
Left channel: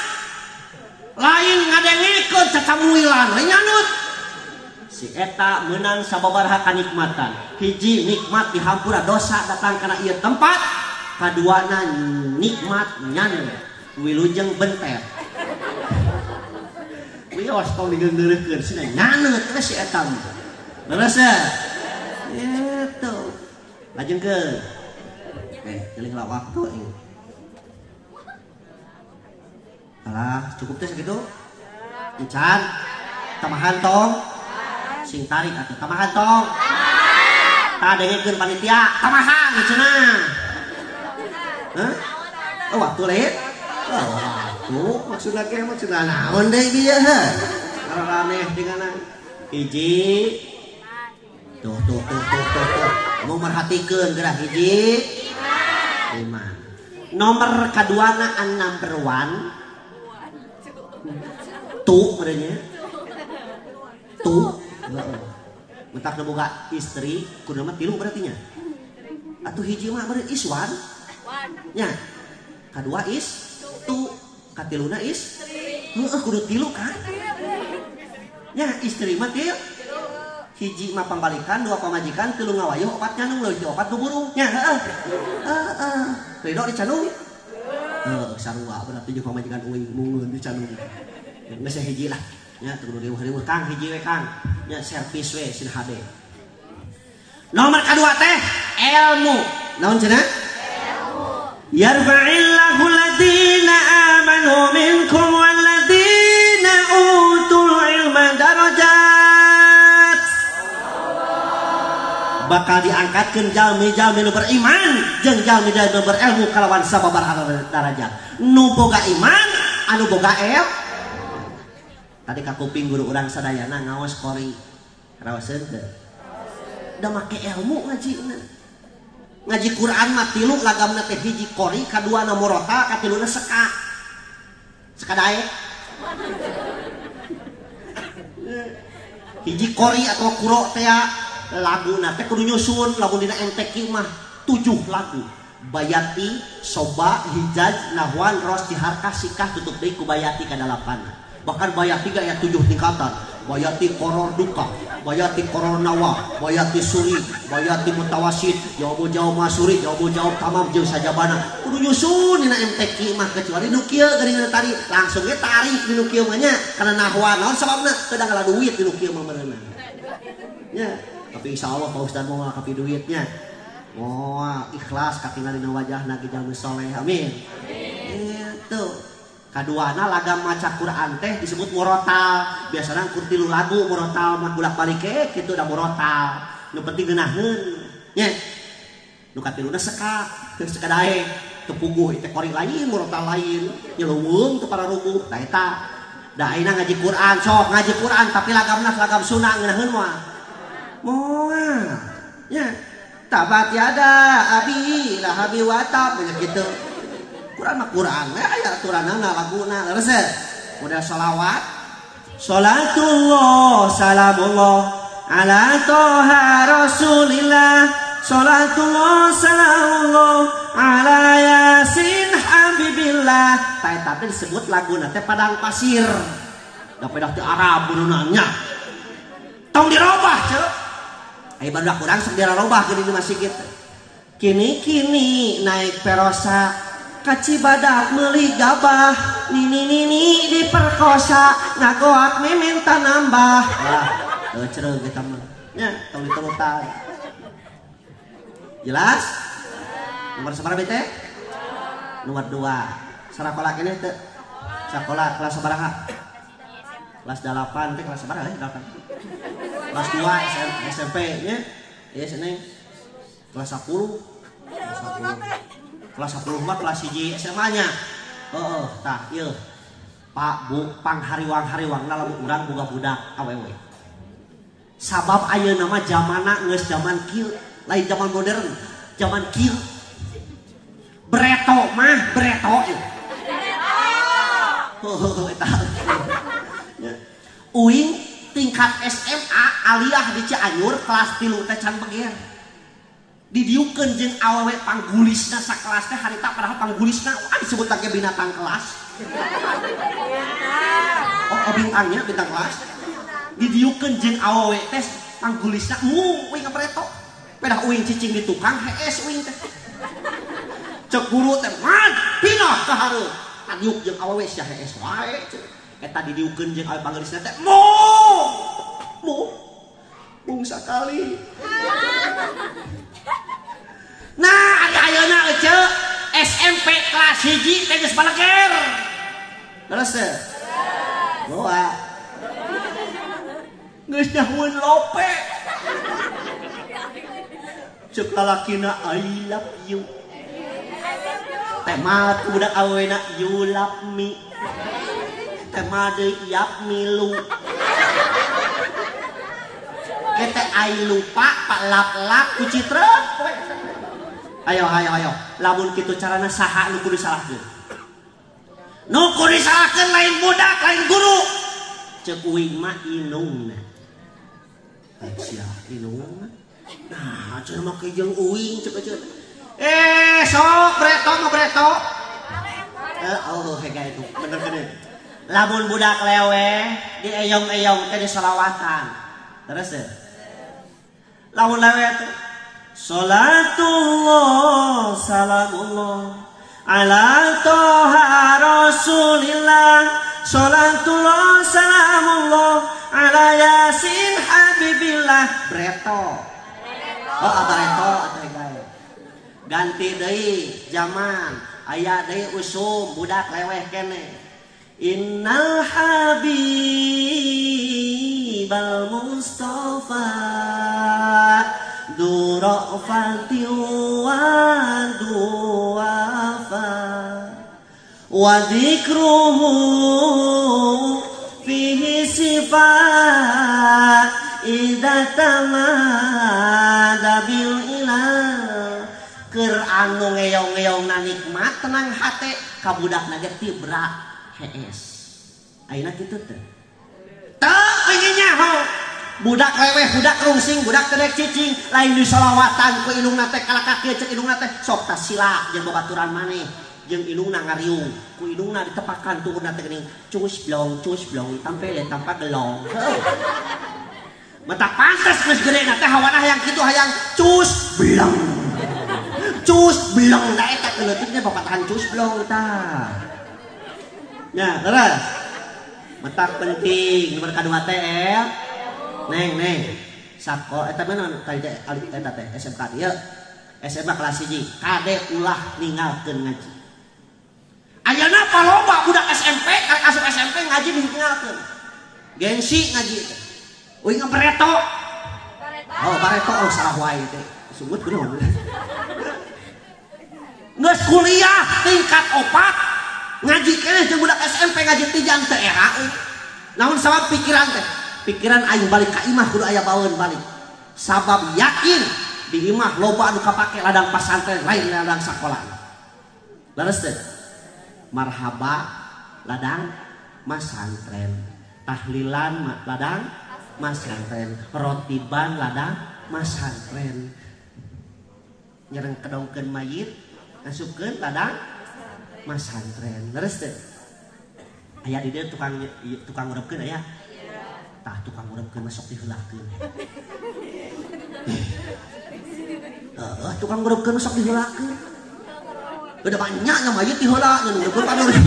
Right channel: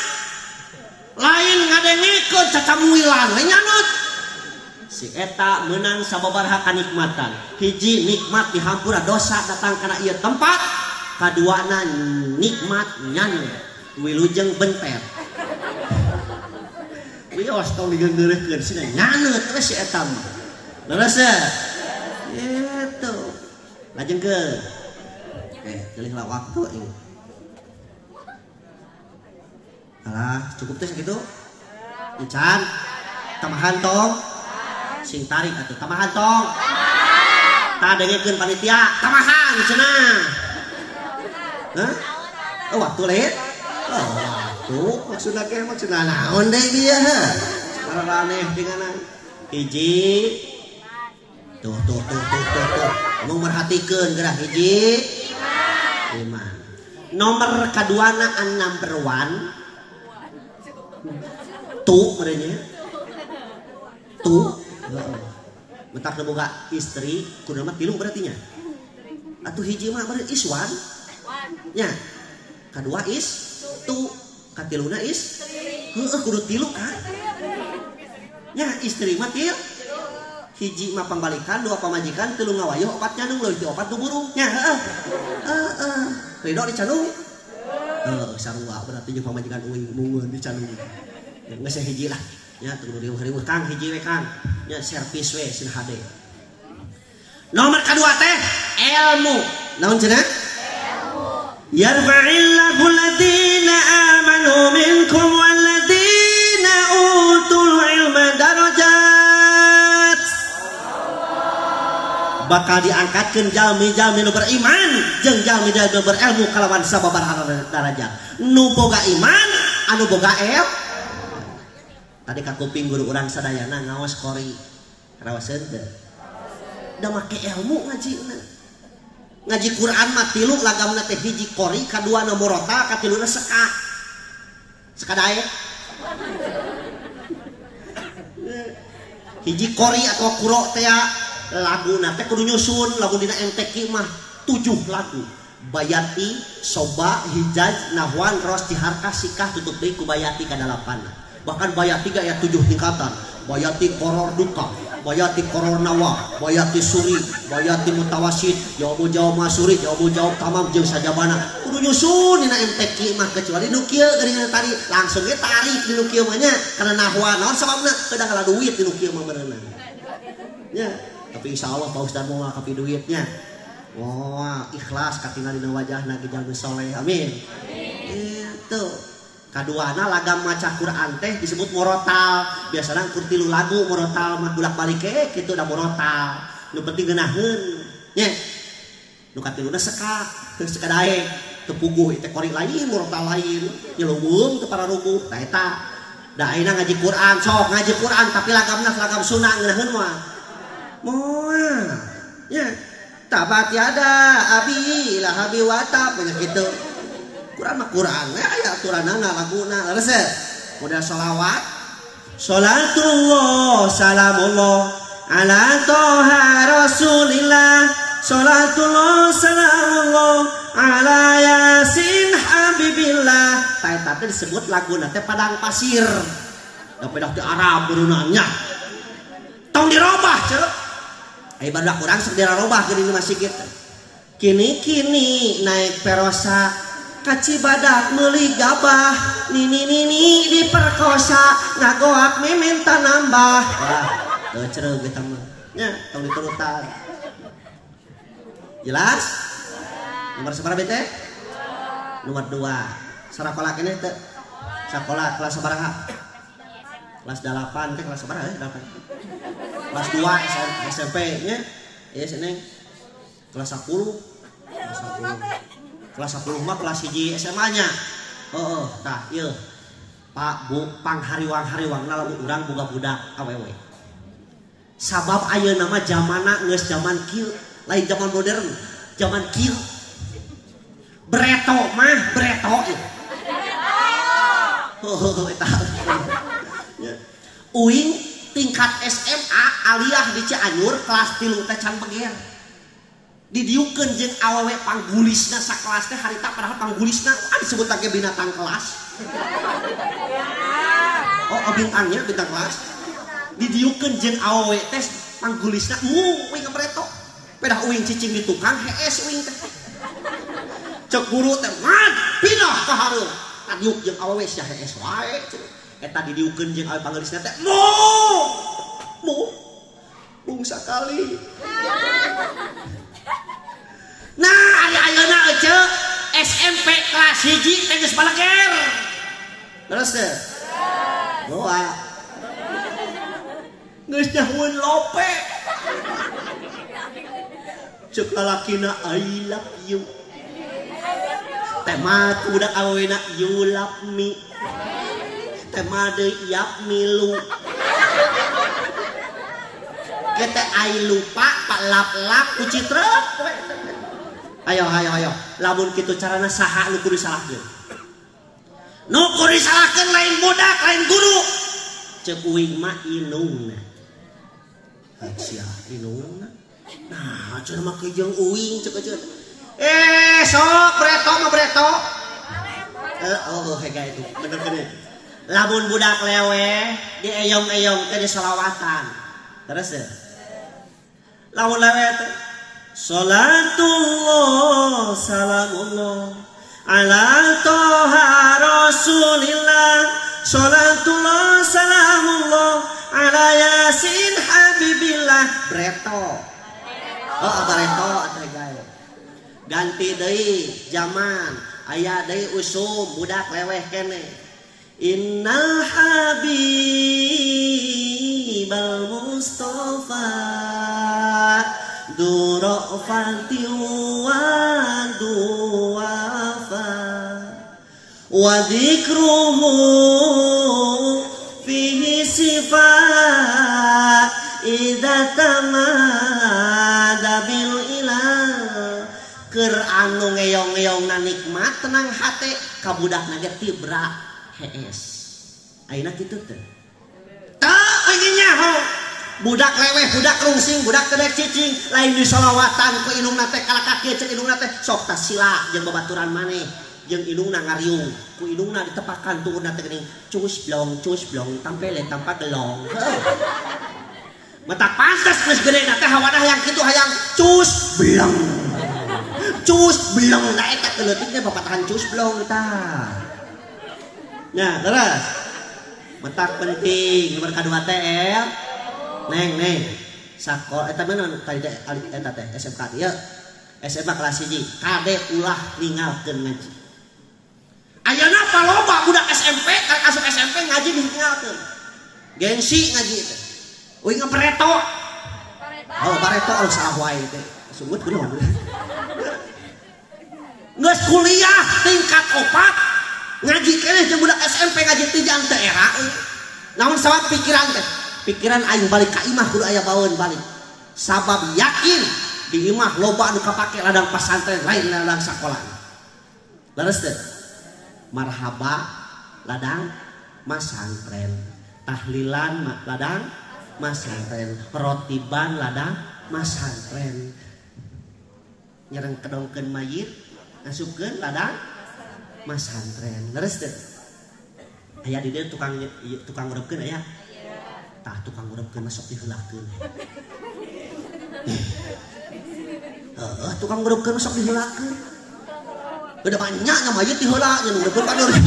Lain ngadengekeun cakamuilan we nyanut. Si eta meunang sababaraha kanikmatan. Hiji nikmat dihampura dosa datang kana ieu tempat, kaduana nikmat nyanut. Wilujeng bentet. Wios tong digeundeureukeun cenah nyaneut we si eta mah. Leres itu. Lajengkeun. Teuing waktu ini. Kalah cukup teh sakitu. Encan. Tamahan tong. Sing tarik atuh tamahan tong. Tah dengekeun panitia, tamahan cenah. Hah? Oh, waktu lain. Oh, maksudna ge maksudna naon deui ieu heuh. Cara aneh denganan. Hiji. Tuh. Nu merhatikeun geura hiji. 5. Nomor kaduana an number 1. Tuh merenya. Tuh. Heeh. Mentak boga istri, kudu mah 3 berarti nya. Atuh hiji mah berarti iswan. Nya. Kadua is tu katiluna is heuh kudu 3 kan nya istri mah 3 hiji mah pambalikan 2 pamajikan 3 ngawayuh 4 nyanung leuwih 4 guburu nya heeh ridho dicanung sarua berarti jeung pamajikan uing mungun dicanung geus hiji lah nya kudu riweuh Kang hiji we Kang nya servis we sin HD. Nomor kedua teh ilmu naon cenah yarfa'illahu alladhina amanu minkum walladhina utul ilma darajat. Bakal diangkatkeun jalmi-jalmi nu beriman jeung jalmi nu berilmu kalawan sababaraha darajat. Nu boga iman, anu boga ilmu. Tadi ka kuping guru urang sadayana ngaos kori. Raoseun teh. Da make ilmu ngajina. Ngaji Quran mah 3 lagamna teh hiji qori, kaduana murata, katiluna seka. Seka dae. Hiji qori atau quro teh laguna teh kudu nyusun, lamun dina MTQ mah 7 lagu. Bayati, Soba, Hijaj, Nahwan, Ros, Tiharkah, Sikah tutup deui ku Bayati ka 8. Bahkan Bayati ga aya 7 tingkatan. Bayati koror duka, bayati koror nawa, bayati suri, bayati mutawasid, jawab masuri, jawab tamam jeung sajabana. Kudu nyusun dina MTQ mah kecuali nu kieu geuningan tari langsung ge tarik di nu kieu mah nya kana nahwa naon sababna kedah ngala duit di nu kieu mah meureunan. Nya, tapi insyaallah Pak Ustaz moal kapi duitnya. Moal ikhlas katingal dina wajahna ge jalmi saleh. Amin. Itu. Kaduana lagam maca Quran teh disebut murotal. Biasana kur 3 lagu murotal mah bolak-balik kitu da murotal. Nu penting ngeunaheun. Nya. Nu katiluna seka, teu seka dae, teu puguh teh kori lain, murotal lain. Nyeleuweung teu para rubuh. Tah eta da ayeuna ngaji Quran, sok ngaji Quran tapi lagamna lagam sunah ngeunaheun moal. Moal. Nya. Tabat yada abi lahabi watab kitu. Quran mah Quran we aya aturanna laguna leres model selawat salatullah salamullah ala toha rasulillah salatullah salamullah ala yasin habibillah. Eta teh disebut laguna teh padang pasir. Da pedah teh Arab beunanya. Tong dirobah ceuk. Ai barudak urang sok dirobah geuning masih kitu. Kini naik perosa ka Cibadak meuli gabah. Nini diperkosa ngagoak minta nambah. Wah, cereug eta mah. Nya tong diturutan. Jelas? Nomor sabaraha teh? Nomor 2. Sakola keneh teu? Sakola kelas sabaraha? Kelas 8 teh kelas sabaraha ya? 8. Kelas 2 SMP nya. Ieu seneng kelas 10. Kelas 10 mah kelas 1 SMA nya. Heeh, tah ieu. Pak Bu panghariwang-hariwangna lamun urang boga budak awewe. Sabab ayeuna mah zamanna geus zaman kieu, lain zaman modern, zaman kieu. Breto mah breto. Eta. Uing tingkat SMA aliyah di Cianjur kelas 3 teh can beger. Didiukeun jeung awewe panggulisna sakelas teh harita padahal panggulisna disebut lagi binatang kelas. Oh bintangnya bintang kelas. Didiukeun jeung awewe teh panggulisna uing breto. Pedah uing cicing di tukang hees uing teh. Cek guru teh mad pindah ka hareup. Adiuk jeung awewe sia hees wae. Eta didiukeun jeung awewe panggulisna teh mung sakali. Nah, ayeuna ece SMP kelas 1 teh geus baleger. Terus teh. Doa. Geus nyahueun lope. Ceuk lalakina I love you. Teh mah budak awena you love me. Teh mah deui yap milu. Kita ai lupa pak lap-lap ku citreuk. Ayo. Lamun kitu carana saha nu kudu disalahkeun? Nu kudu disalahkeun lain budak, lain guru. Ceuk uing mah inungna. Sia inungna. Nah, cenah make jeung uing ceuk. Sok breto mah breto. Hega itu. Bener geuning. Lamun budak lewe di eyong-eyong teh disalawatan. Terus ya. Lamun lewe teh Salatullah salamullah ala toha rasulillah. Salatullah salamullah ala yasin habibillah. Breto. Oh breto gaya. Ganti deui zaman. Aya deui usum budak leweh keneh. Innal habibal mustafa durofati wa duafa wa dzikruhu fihi sifat idza tamada bil ilah. Keur anu ngeyong-ngeyongna nikmat tenang hate ka budakna ge tibra hees. Ayeuna kitu teh. Teu pengen nyaho. Budak leweh, budak rungsing, budak kedek cicing, lain di salawatan ku inungna teh kalaka kieu ceuk inungna teh sok tas sila jeung babaturan maneh jeung inungna ngariung. Ku inungna ditepakan turunna teh geuning cus blong tampele tanpa gelong. Mata pantes geus gedena teh hawana hayang kitu hayang cus blong. Cus blong da eta keleutiknya babatahan cus blong tah. Nah, terus. Metak penting nomor kadua teh Neng. Sako eta mana tadi eta teh SMK ieu. SMA kelas 1. Kade ulah ninggalkeun ngaji. Ayeuna paloba budak SMP asup SMP ngaji ditinggalkeun. Gengsi ngaji teh. Uing ngapareto. Oh, pareto salah wae teh. Sungguh kunaon. Geus kuliah tingkat 4 ngaji keneh jeung budak SMP ngaji tijang teh era. Namun sabab pikiran teh. Pikiran aing balik ka imah kudu aya baeun balik. Sabab yakin di imah loba anu kapake ladang pesantren lain ladang sakola. Leres teh. Marhaba ladang masantren. Tahlilan ladang masantren. Perotiban ladang masantren. Nyereng kedongkeun mayit ngasupkeun ladang Mas santren leres teh aya di dia tukang ngurepkeun aya tah tukang ngurepkeun masuk diheulakeun tukang ngurepkeun masuk diheulakeun udah banyaknya mayit diheula ngan ngurepkeun paneuri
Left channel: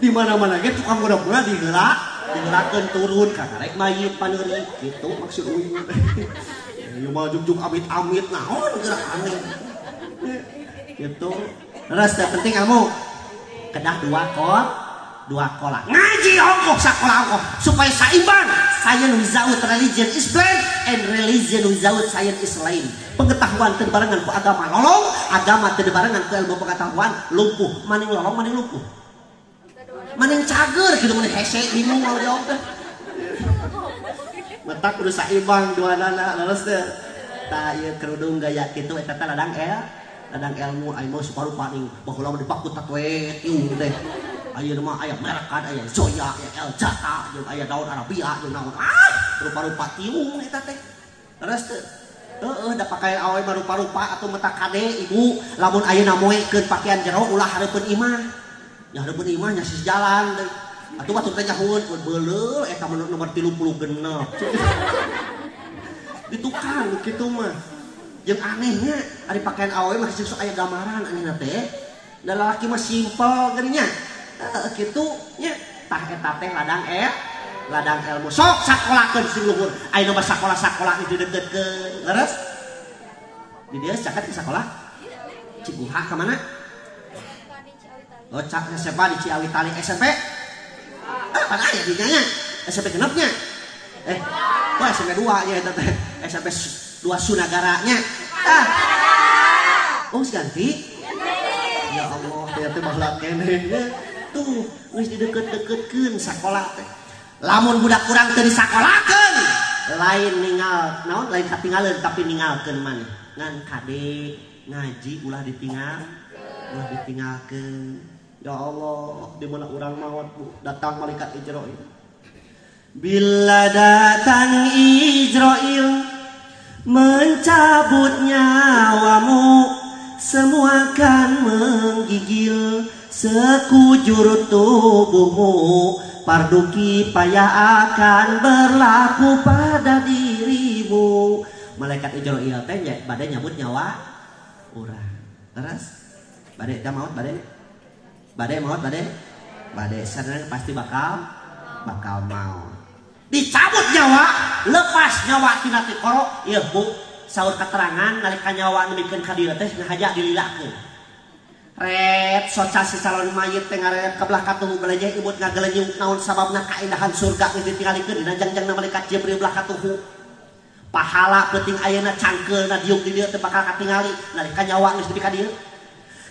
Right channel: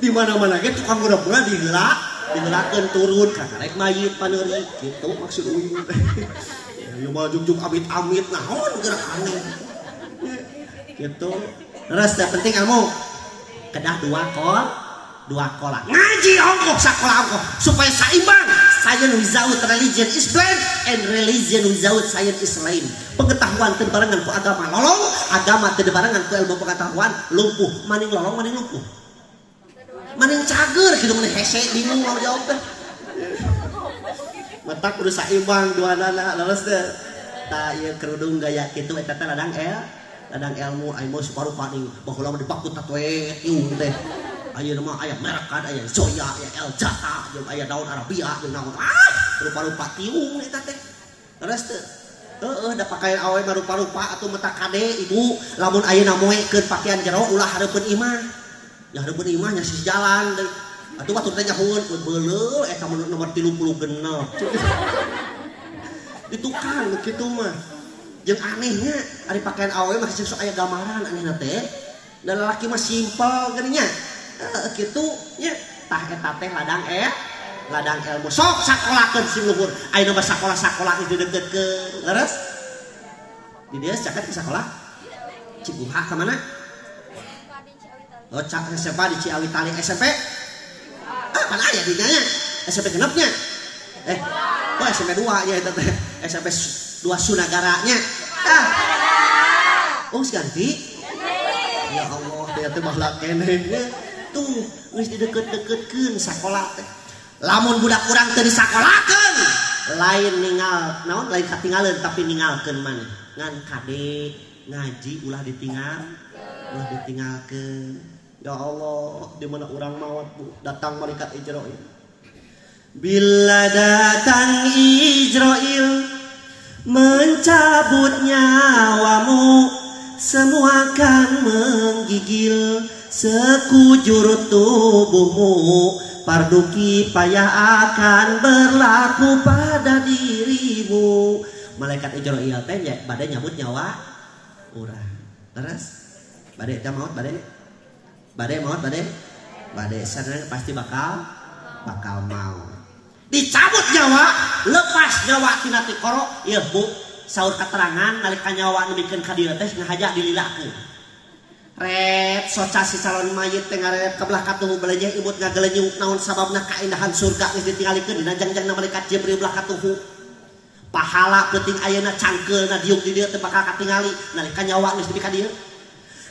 di mana-mana ge tukang ngurepkeun diheulakeun turun ka karek mayit paneuri kitu maksud uyuh ieu mah juk-juk amit-amit naon gerak aneh gitu. Terus yang penting kamu kedah dua kola ngaji ongkoh sakola ongkoh supaya seimbang. Science without religion is blind and religion without science is lame. Pengetahuan teu barengan ku agama lolong, agama teu barengan ku ilmu pengetahuan lumpuh. Maning lolong maning lumpuh. Maning cager kitu mun hese bingung mau jawab teh. Mata kudu seimbang duanana leres teh. Tah ieu kerudung gaya kitu eta teh ladang ilmu ayeuna suparupa ning baheula mah dipakut we ieu teh ayeuna mah aya merekan aya Zoya aya El Jata jeung aya daun Arabia jeung naon rupa-rupa tiung eta teh terus teh heueuh da pakaian awewe mah rupa-rupa atuh mata kade ibu lamun ayeuna moekeun pakaian jero ulah hareupeun imah nya hareupeun imah nya si jalan deui atuh batur teh nyahoeun beuleuh eta nomor 30 genep ditukang kitu mah. Yang anehnya ari pakaian awewe mah sok aya gambaran anehna teh. Da lalaki mah simpel geunya. Kitu nya tah eta teh ladang ilmu. Sok sakolakeun sing luhur. Ayeuna mah sakola-sakola itu deukeutkeun. Leres? Di dieu caket ke sakola. Cibuha ka mana? Oh, SMP di Ciawi Tali SMP. Pada aya di nya. SMP genepnya. SMP 2 nya eta teh. SMP 2 Sunagaranya. Ganti. Ya Allah, dia teh baheula keneh. Tuh, geus dideukeut-deukeutkeun sakola teh. Lamun budak urang teu disakolakeun, lain ningal, naon lain katinggaleuan tapi ningalkeun maneh. Ngan kade ngaji ulah ditinggalkeun. Ya Allah, di mana urang maot datang malaikat Ijrail. Bila datang Ijrail mencabut nyawamu, semua akan menggigil sekujur tubuhmu. Fardu kifayah akan berlaku pada dirimu. Malaikat Ijrail teh bade nyabut nyawa urang. Terus bade teh maot bade sareng pasti bakal mau. Dicabut nyawa, lepas nyawa tina ti koro, ieu Bu, saur keterangan nalika nyawa nemikeun ka dieu teh ngahaja dililakeun. Ret soca si calon mayit teh ngareep ka belah katuhu balejeh ibut ngagelenyung naon sababna kaindahan surga geus ditingalikeun dina jangjangna malaikat Jibril belah katuhu. Pahala peuting ayeuna cangkeulna diuk di dieu teh bakal katingali nalika nyawa geus nepi ka dieu.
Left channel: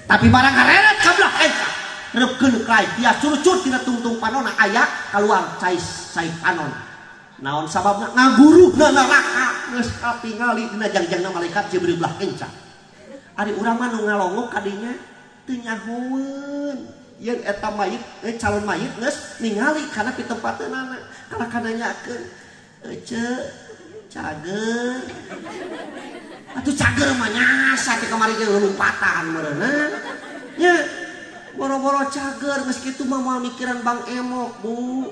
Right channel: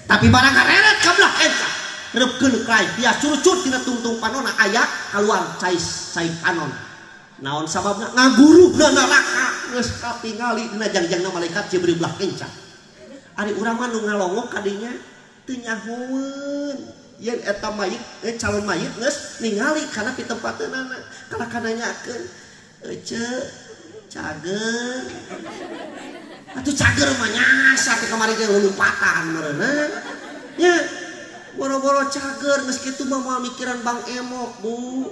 Tapi barang ngareep ka belah eta reupkeun kai dia curucur tina tungtung panonna aya kaluar cai panon. Naon sababna ngaguru neraka geus katingali dina jangjangna malaikat Jibril belah kencang. Ari urang mah nu ngalongok ka dinya teu nyahoeun. Yen eta mayit calon mayit geus ningali kana di tempateunana kana nyakeun ece cager. Atuh cager mah nyasa teh kamari ge lompatan meureunna. Nya boro-boro cager geus kitu mah moal mikiran Bang Emok, Bu.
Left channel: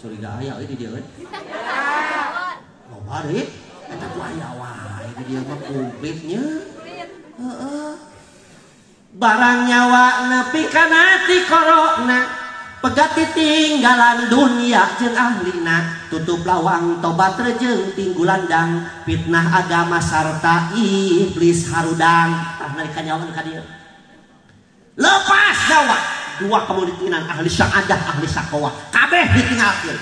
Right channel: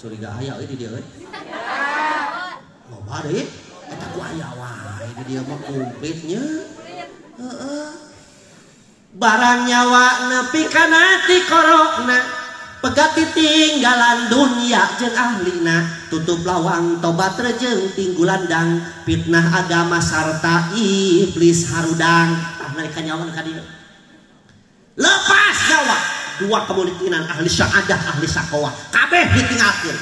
Curiga aya euy di dieu euy. Loba deui eta ku aya wae di dieu mah kumplitnya. Heeh. Barang nyawa nepi kana ti korona pegat ditinggalan dunia jeung ahlina tutup lawang tobat rejeung tinggulandang fitnah agama sarta iblis harudang. Tah nalika nyawa ka dieu lepas nyawa dua kemungkinan ahli syahadah ahli sakowah kabeh ditinggalkeun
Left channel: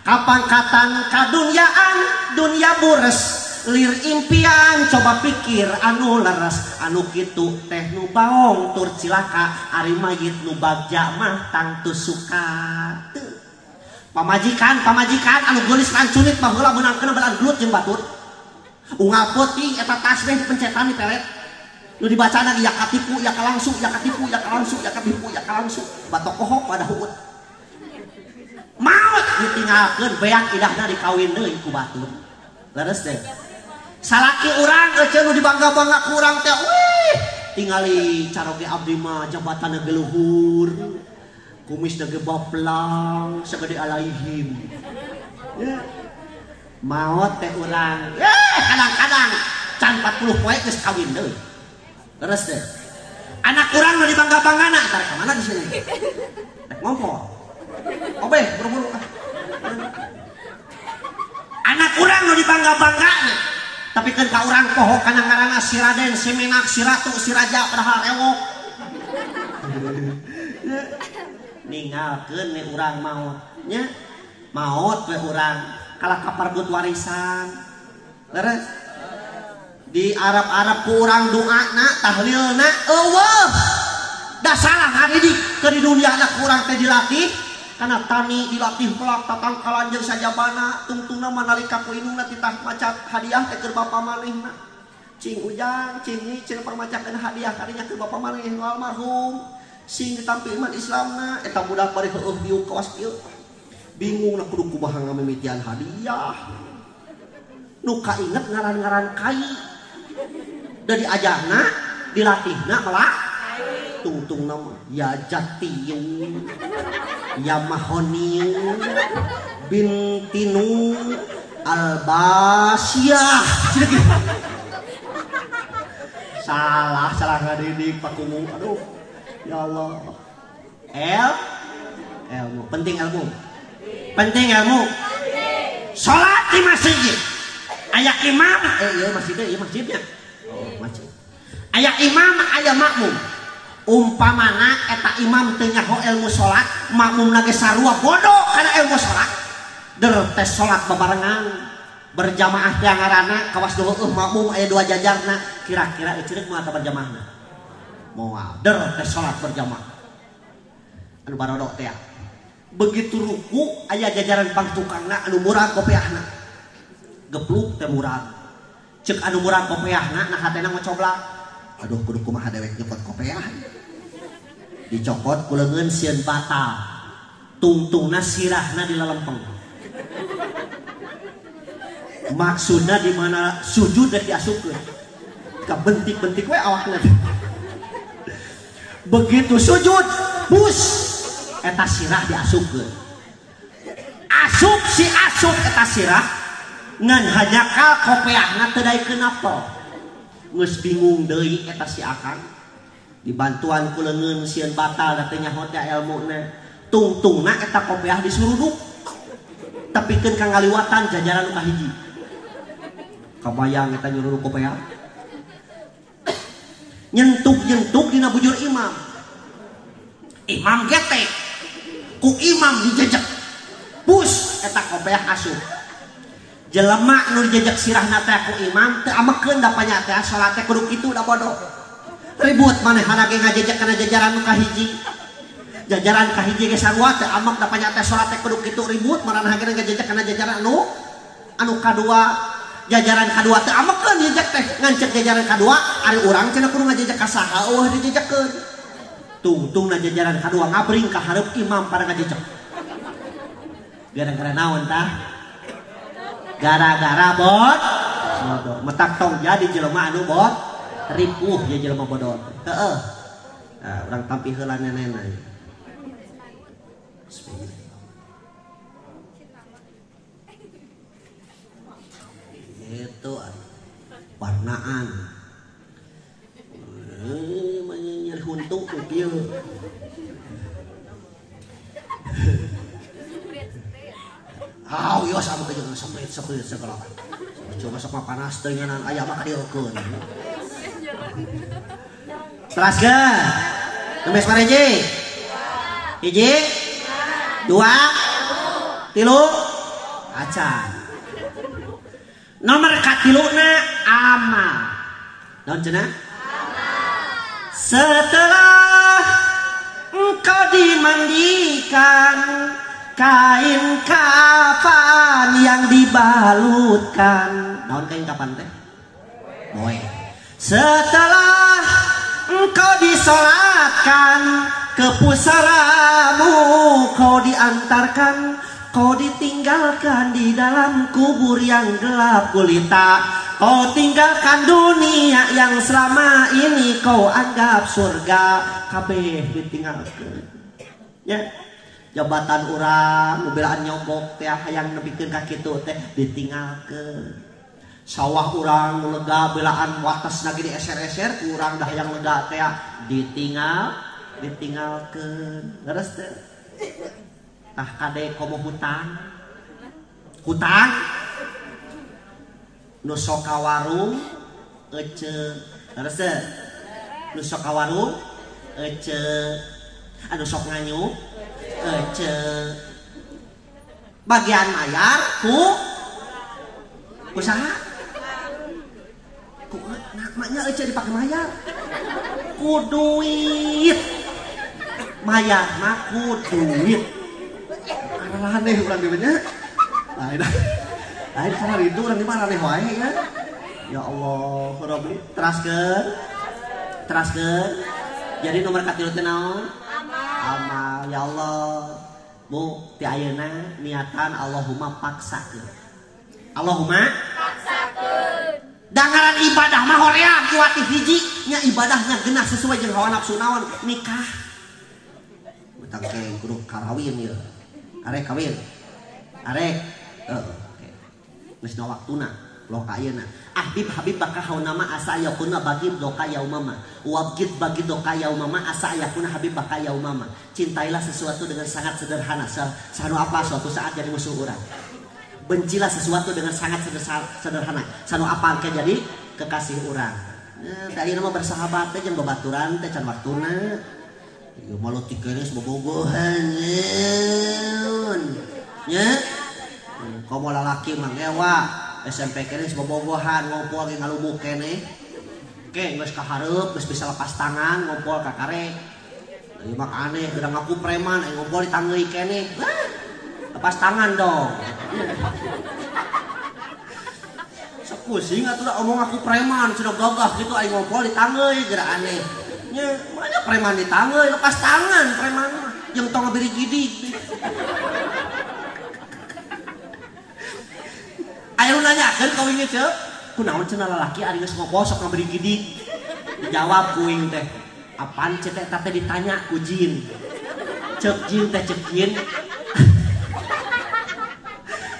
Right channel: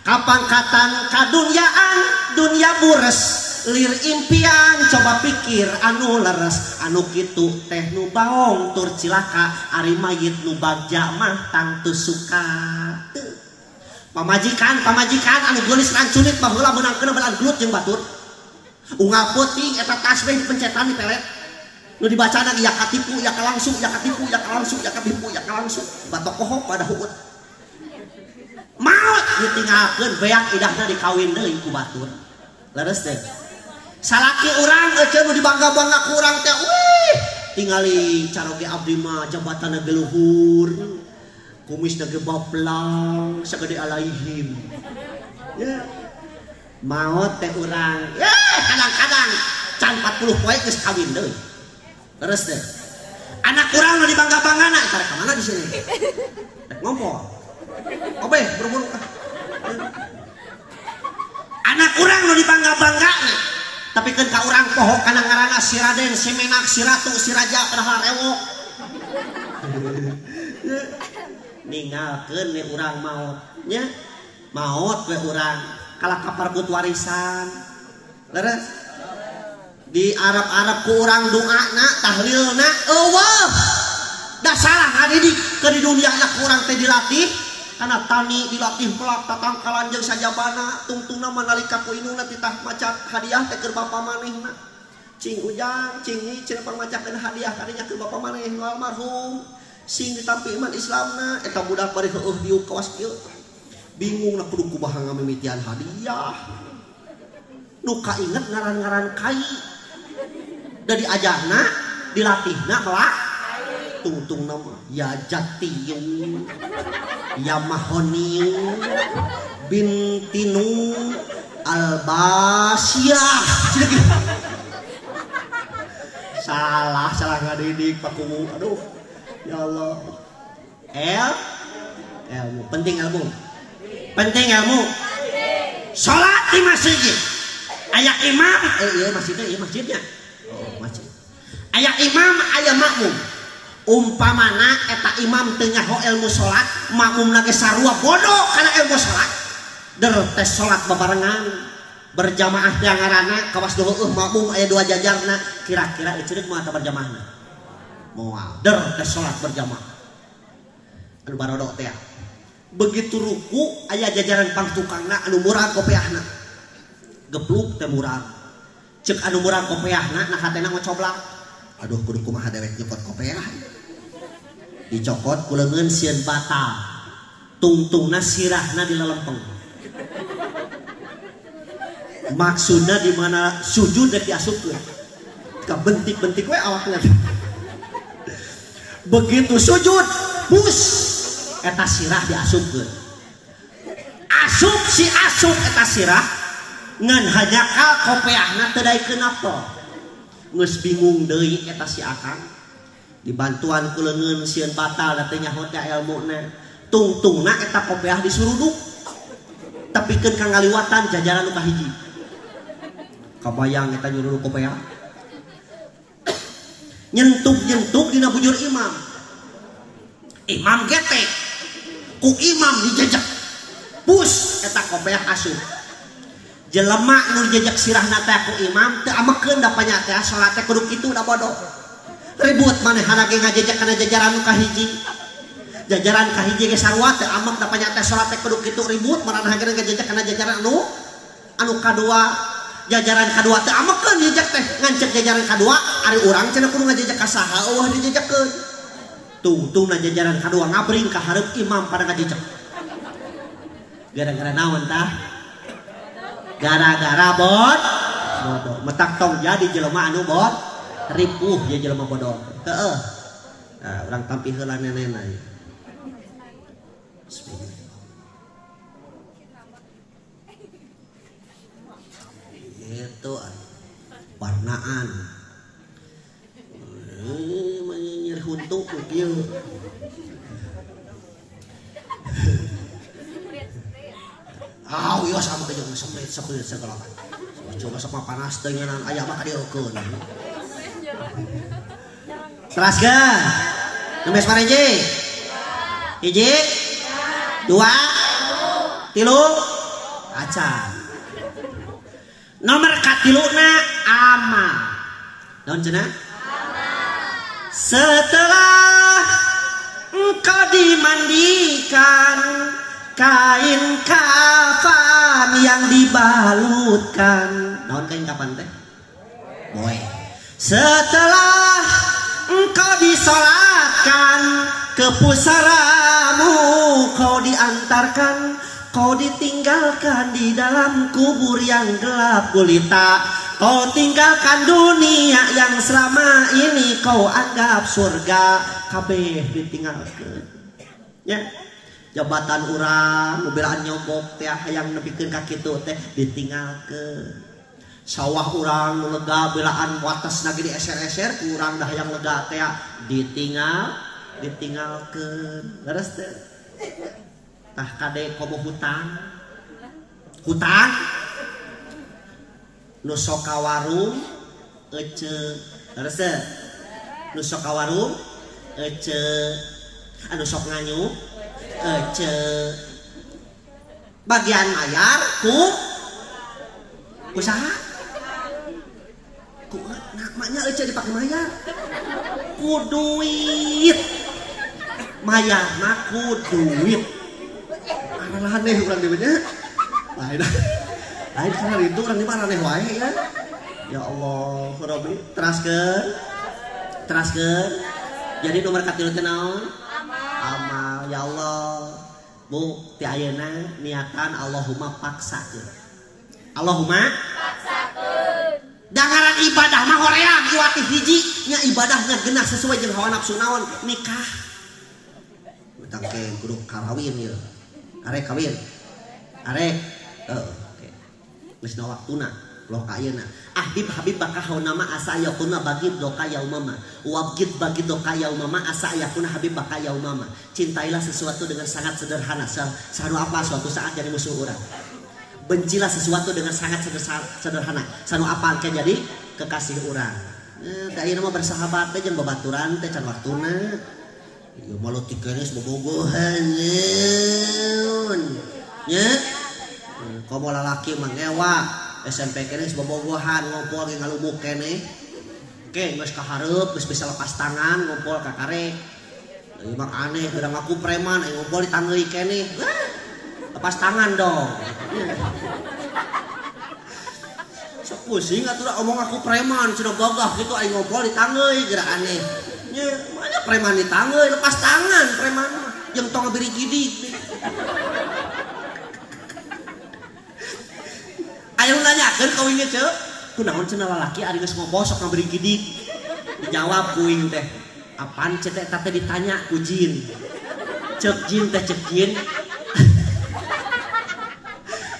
kapangkatan kadunyaan dunya bures lir impian coba pikir anu leres anu kitu teh nu baong tur cilaka ari mayit nu bagja mah tang teu suka pamajikan anu geulis ranculit baheula meunangkeun belan gelut jeung batur unggal peuting eta tasbih dipencetan di peret nu dibacana ya katipu ya kalangsung ya katipu ya kalangsung ya katipu ya kalangsung batok kohok pada huut maot ditinggalkeun beak idahna dikawin deui ku batur leres teh salaki urang euceun nu dibangga-bangga ku urang teh wih tingali caroge abdi mah jabatan ge luhur kumis ge boplang sagede alaihim ya maot teh urang kadang-kadang can 40 poe geus kawin deui terus deh anak urang nu dibangga-banggana entar ka mana di sini ngompo obe buru-buru anak urang nu dibangga-banggana tapi kan ka urang poho kana ngaranna si Raden, si Menak, si Ratu, si Raja padahal rewok. Ninggalkeun we urang maot nya. Maot we urang kalah kaparbut warisan. Leres. Di Arab-Arab ku urang doana, tahlilna eueuh. Da salah ngadidik ke di dunia anak urang teh dilatih. Karena tani dilatih pelak tatang kalanjeng sajabana tungtungna manalika ku indungna titah macak hadiah teh keur bapa manehna cing ujang cing nyicing pangmacakeun hadiah kadinya keur bapa maneh almarhum sing ditampi iman Islamna eta budak bari heueuh diuk kawas kieu bingung na kudu kumaha ngamimitian hadiah nu kainget ngaran-ngaran kai da diajarna dilatihna melak tungtung nama ya Jatiyung ya Mahoniung Bintinu Albasyah salah ngadidik paku aduh ya Allah ilmu penting ilmu salat di masjid aya imam iya masjidnya oh masjid aya imam aya makmum umpamana eta imam teu nyaho ilmu salat makmumna ge sarua bodoh kana ilmu salat der tes salat babarengan berjamaah teh ngaranna kawas heueuh makmum aya dua jajarna kira-kira ceureuk moal ka berjamaahna moal der tes salat berjamaah anu barodok teh begitu ruku aya jajaran pangtukangna anu murag kopiahna gepluk teh murag ceuk anu murag kopiahna nah hatena ngocoblak aduh kudu kumaha dewek nyokot kopiah dicokot kuleungeun sieun batal tungtungna sirahna dilalempeng maksudna di mana sujud dan diasupkeun ka bentik-bentik we awakna begitu sujud bus eta sirah diasupkeun asup eta sirah ngan hanyakal kopiahna teu daekeun apel geus bingung deui eta si akang dibantuan ku leungeun sieun batal da teu nyaho teh ilmuna tungtungna eta kopiah disuruduk tapikeun ka ngaliwatan jajaran nu kahiji kabayang eta nyuruduk kopiah nyentuk dina bujur imam gete ku imam dijejek pus eta kopiah asup jelema nu dijejek sirahna teh ku imam teu amekeun da panya teh salat teh kudu kitu da bodoh ribut manehna ge ngajejek kana jajaran nu kahiji jajaran kahiji ge sarua teu amek da panya teh salat teh kudu kitu ribut manehna ge ngajejek kana jajaran anu kadua jajaran kadua teu amekeun jejek teh ngan ceuk jajaran kadua ari urang cenah kudu ngajejek ka saha eueuh dijejekkeun tungtungna jajaran kadua ngabring ka hareup imam pada ngajejek gara-gara naon tah gara-gara bodoh metak tong jadi jelema anu ripuh ya jelema bodoh heeh nah urang tampi heula nenena itu warnaan menyinyir huntu kieu iya sama ke jangan seprit segala coba sama panas dengan ayam maka diurkeun kelas ga nulis pareje hiji dua tilu acan nomor katiluna amal naon cenah setelah engkau dimandikan kain kafan yang dibalutkan naon kain kafan teh boe setelah engkau disolatkan ke pusaramu kau diantarkan kau ditinggalkan di dalam kubur yang gelap gulita Kau tinggalkan dunia yang selama ini kau anggap surga, kabeh ditinggalkan. Ya, jabatan urang, mobilan nyogok teh hayang nepikeun ka kitu teh ditinggalkan. Sawah urang nu lega belaan watasna ge dieser-eser, urang dah hayang lega teh ditinggalkan. Leres teh. Tah kade komo hutang. Nu sok ka warung ece, terus nu sok ka warung ece, anu sok nganyuk ece. Bagian mayar ku saha? Ku maknya ece dipake mayar. Ku duit. Mayar mah ku duit. Adalah aneh urang dieu nya. Lain karena itu orang dimana nih wae ya. Ya Allah, Rabbi teraskeun. Jadi nomor katilu teh naon? Amal. Ya Allah, Bu, ti ayeuna niatan Allahumma paksakeun. Allahumma paksakeun. Dangaran ibadah mah hoream kiwati hiji nya ibadahnya genah sesuai jeung hawa nafsu naon? Nikah. Utang ke kudu kawin ieu. Arek kawin. Arek geus na waktuna loh ka ayeuna. Habib bakal hauna ma asa yakuna bagid doka yaumama. Wabgid bagid doka yaumama asa yakuna habib bakal yaumama. Cintailah sesuatu dengan sangat sederhana. Sanu apa suatu saat jadi musuh urang. Bencilah sesuatu dengan sangat sederhana. Sanu apa kan jadi kekasih urang. Da ayeuna mah bersahabat teh jeung babaturan teh can waktuna. Ieu malu tikenis bobogohan. Nya komo lalaki mah ngewa SMP kene bobogohan ngompol ge ngalumuk kene ke geus kahareup geus bisa lepas tangan ngompol ka karek ieu mah aneh geura ngaku preman aya ngompol di tangeui kene lepas tangan dong sok pusing atuh omong aku preman cenah gagah kitu aya ngompol di tangeui geura aneh nya mana preman di tangeui lepas tangan preman mah jeung tong ngabiri gidig. Ayo nanyakeun ka wing teh, kunaon cenah lalaki ari geus ngobosok ngaberi gidig. Dijawab ku wing teh, apaan cek teh ditanya ku jin. Cek jin teh cek jin.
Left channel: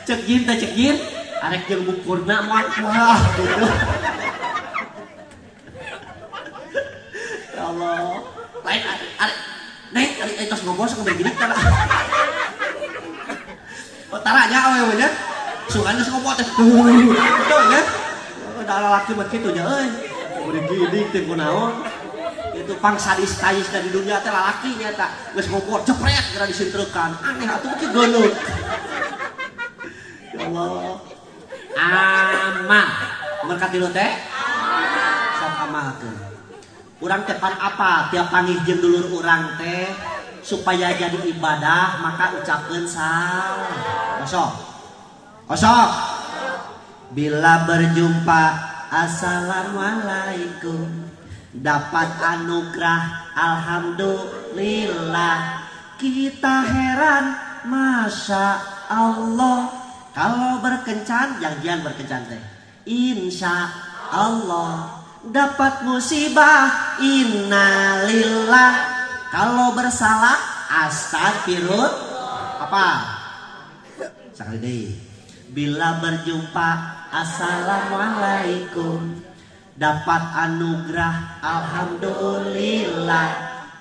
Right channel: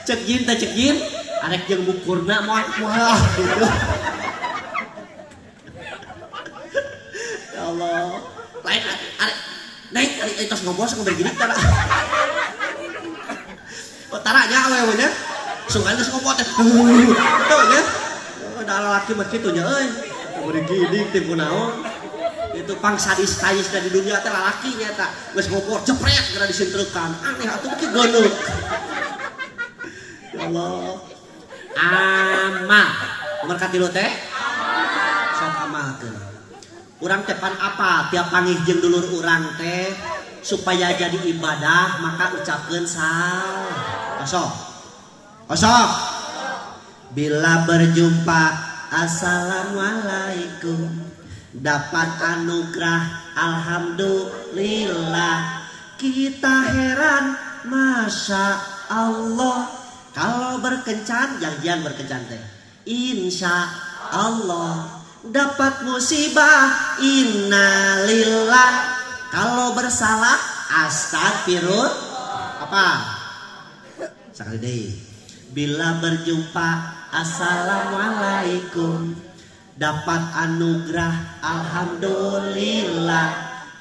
Cek jin teh cek jin, arek jeung bukurna moal wah gitu. Ya Allah. Lain arek nek ari tos ngobosok ngaberi gidig tara. Taranya awewe nya. Sungan geus ngopo teh. Tuh nya. Da lalaki mah kitu nya euy. Beri gidig teh kunaon? Itu pangsadis kayis di dunia teh lalaki nya eta. Geus ngopo jepret geura disinteukan. Aneh atuh ki goneuk. Ya Allah. Amal. Nomor katilu teh? Sok amalkeun. Urang teh pan apa tiap panggih jeung dulur urang teh supaya jadi ibadah maka ucapkeun kosok. Bila berjumpa assalamualaikum, dapat anugerah alhamdulillah. Kita heran masya Allah. Kalau berkencan jangan berkencan teh insya Allah. Dapat musibah innalillah. Kalau bersalah astagfirullah. Apa sekali deh. Bila berjumpa assalamualaikum, dapat anugerah alhamdulillah.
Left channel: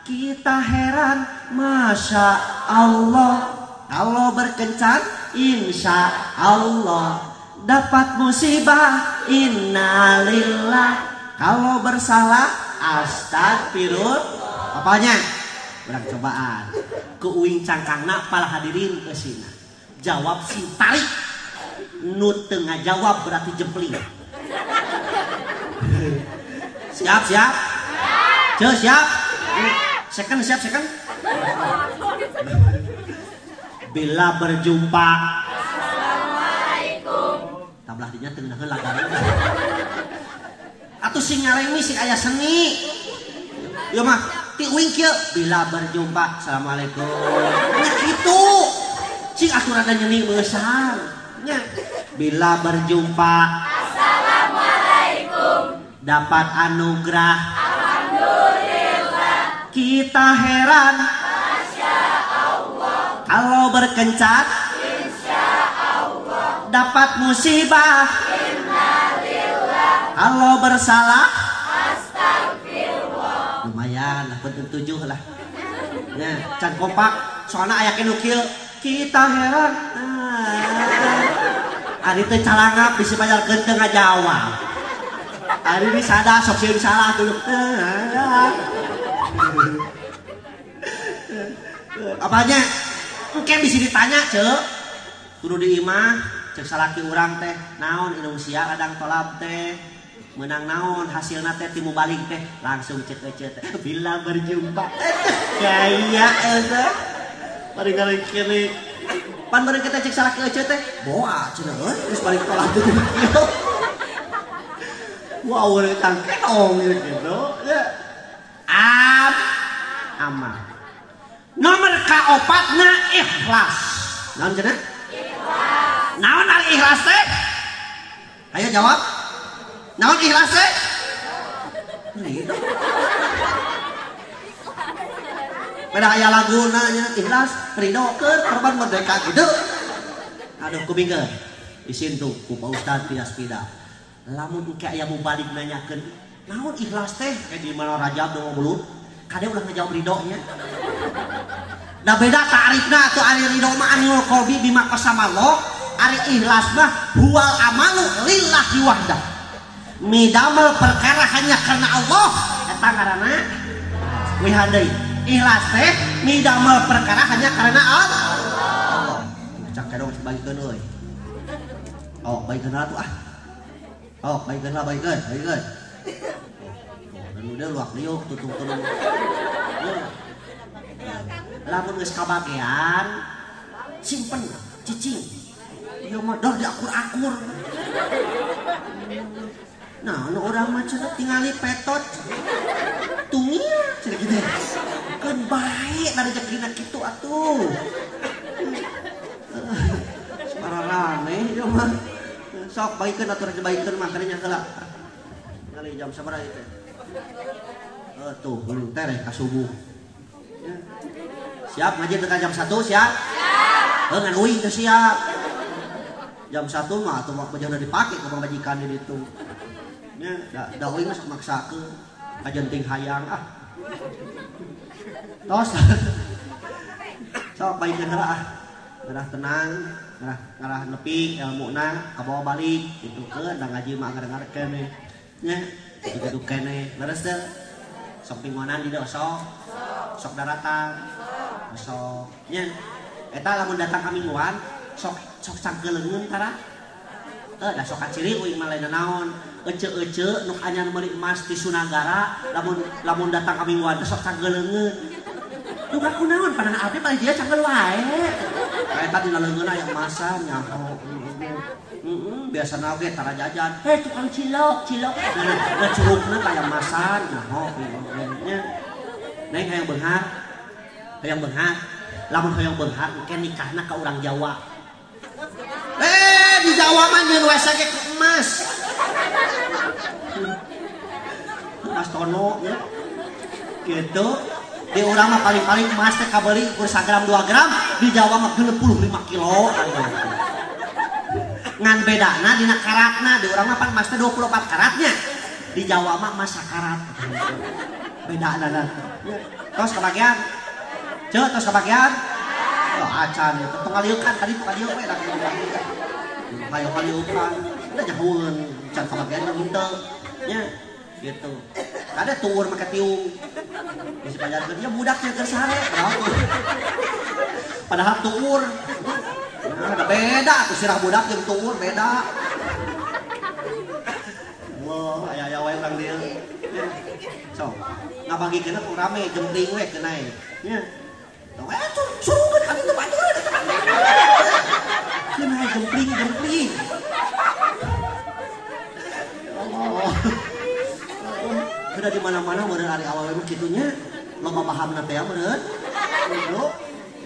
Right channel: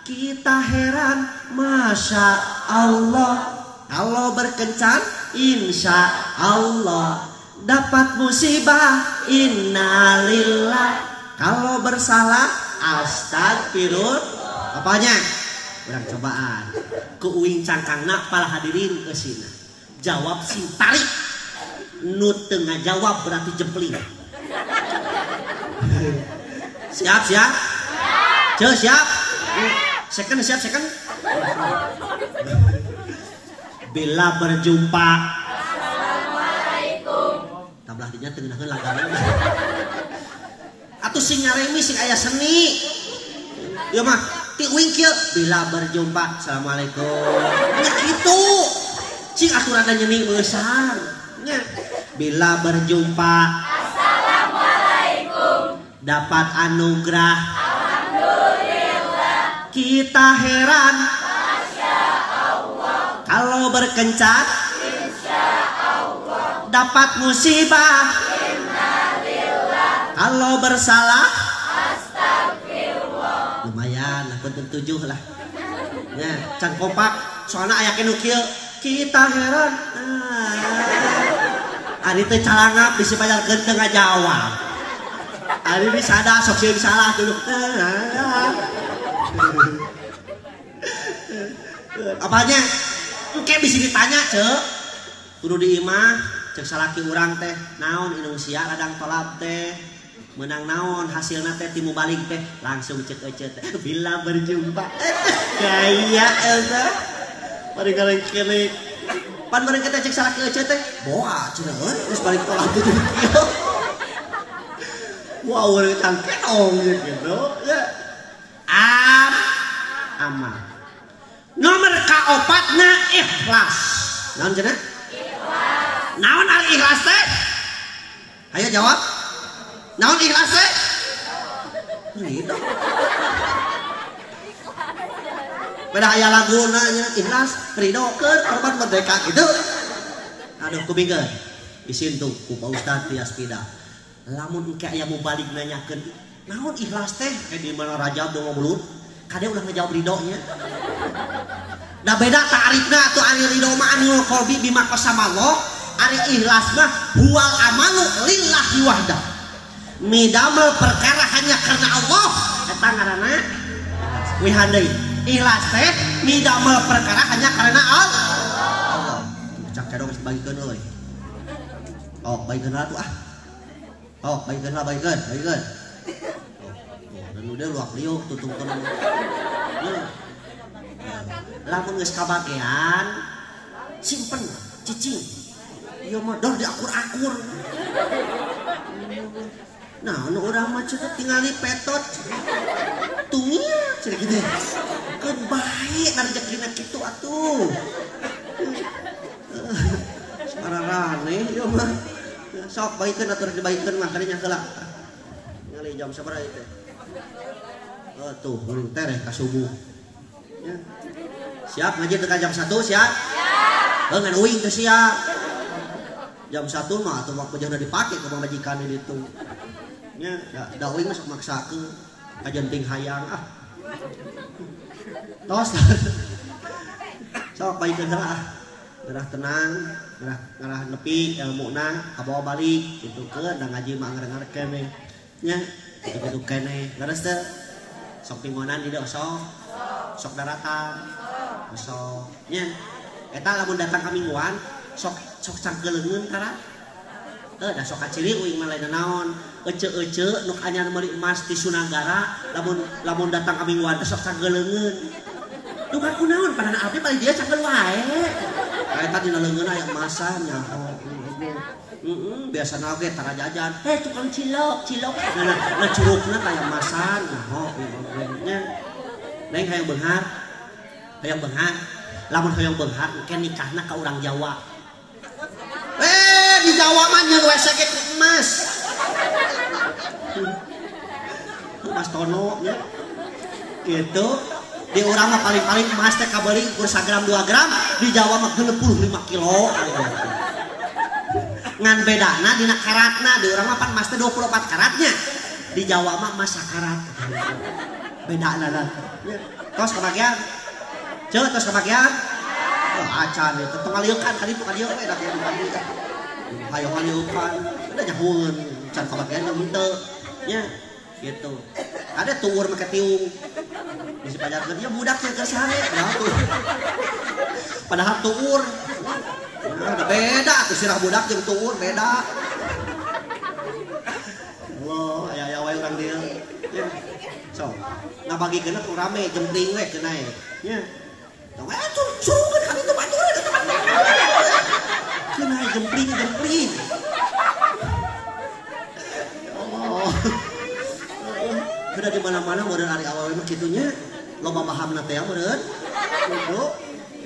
Kita heran masya Allah. Kalau berkencan insya Allah. Dapat musibah innalillah. Kalau bersalah astagfirullah. Apanya? Urang cobaan ku uing cangkangna pala hadirin kesina. Jawab sing tarik. Nu teu ngajawab berarti jempling. Siap? Ceu siap? Second siap second. Bila berjumpa assalamualaikum. Tablah dinya teu ngeunaheun lagareun. Atuh sing ngaremi sing aya seni. Ieu mah ti uing kieu bila berjumpa assalamualaikum. Nya kitu. Cing aturan nyeni meusang. Nya bila berjumpa assalamualaikum. dapat anugerah. Alhamdulillah. Kita heran. Masya Allah. Kalau berkencat. Insya Allah. Dapat musibah. Innalillah. Kalau bersalah. Astagfirullah. Lumayan lah, penting 7 lah. Ya, can kompak. Soalnya ayah nukil. Kita heran. Ari teh calangap bisi pajalkeun teu ngajawab. Ari ini sada sok sieun salah tuh. Apanya? Engke bisi ditanya, Ceu. Kudu di imah, ceuk salaki urang teh, naon inung sia ladang tolab teh. Menang naon hasilna teh timu balik teh, langsung ceuk ece teh. Bila berjumpa. Gaya eta. Bari kali pan bareng kita cek salaki ece teh boa cenah geus balik pola teh kieu. Wow, urang cangkenong gitu ya. Amal. Nomor kaopatna ikhlas. Naon cenah? Ikhlas. Naon ari ikhlas teh? Ayo jawab. Naon ikhlas teh? Gitu. Pada aya laguna ikhlas ridho ke korban merdeka gitu. Aduh kubingkeun isin tuh ku Pak Ustaz Tias Pida. Lamun engke aya mau balik nanyakeun naon ikhlas teh di mana Rajab dong mulut kade udah ngejawab ridho nya. Da beda ta'rifna atuh ari ridho mah anul qalbi bima qasamallah, ari ikhlas mah huwal amalu lillahi wahdah. Midamel perkara hanya karena Allah eta ngaranna wihandai. Ikhlas teh midamel perkara hanya karena Allah. Cak kadang geus bagikeun euy. Oh, bagikeun atuh ah. Oh, bagikeun. Dan udah luak liuk tutup tenan. Lamun geus kabagean simpen cicing. Ieu mah dor diakur-akur. Nah, nu urang mah tinggali petot. Tungil cenah kitu. Kan baik da rezekina kitu atuh. Sararane ieu mah. Sok baikeun atuh dibaikeun mah kana nya heula. Ngali jam sabaraha ieu teh? Tuh, uling teh ka subuh. Ya. Siap ngaji teh jam 1 siap? Siap. Ngan uing teh siap. Jam 1 mah atuh waktu udah dipake ke majikan di ditu. Ya, da uing sok maksakeun. Kajenting hayang ah. Tos. Sok baikeun heula ah. Ngarah tenang, ngarah nepi ilmuna kabawa balik kitu-keun da ngaji mah ngareng-ngareng keneh. Nya, kitu keneh. Beres teh. Sok pingonan di dieu sok daratan. Sok nya. Eta lamun datang ka mingguan sok cangkeleungeun tara. Da sok kaciri uing mah lain naon. Ece-ece nu anyar meuli emas ti Sunagara lamun datang ka mingguan teh sok cangkeleungeun. Lu kan kunaon pandangan abdi paling dia canggel wae. Eta dina leungeun aya emasan nyaho. Biasana ge tara jajan. Tukang cilok. Nah curugna kaya emasan nyaho. Neng hayang beunghar. Lamun hayang beunghar engke nikahna ka urang Jawa. Di Jawa mah nyeun we sage ku emas. Emas tono nya. Gitu. Di urang mah paling-paling emas teh kabeli ukur 1 gram 2 gram, di Jawa mah 65 kilo. Ngan bedana dina karatna, di urang mah pan emas teh 24 karatnya. Di Jawa mah emas sakarat. Bedana lah. Tos kebagian. Tos kebagian. Oh, acan teu ngalieukan kali tu kadieu we da kieu dibagi. Hayo ngalieukan. Da nyahoeun can kebagian henteu. Nya gitu. Ada tuur make tiung. Bisi pajarkeun ya budak yang keur sare. Padahal tuur. Ada beda atuh sirah budak jeung tuur beda. Wah, aya wae urang dieu. So, ngabagikeun tuh rame jempling we cenah. Nya. Tong suruhkeun ka ditu baturan eta mah. Cenah jempling. Allah. Sudah di mana-mana meureun ari awal mah kitunya loba pahamna teh meureun. Yo.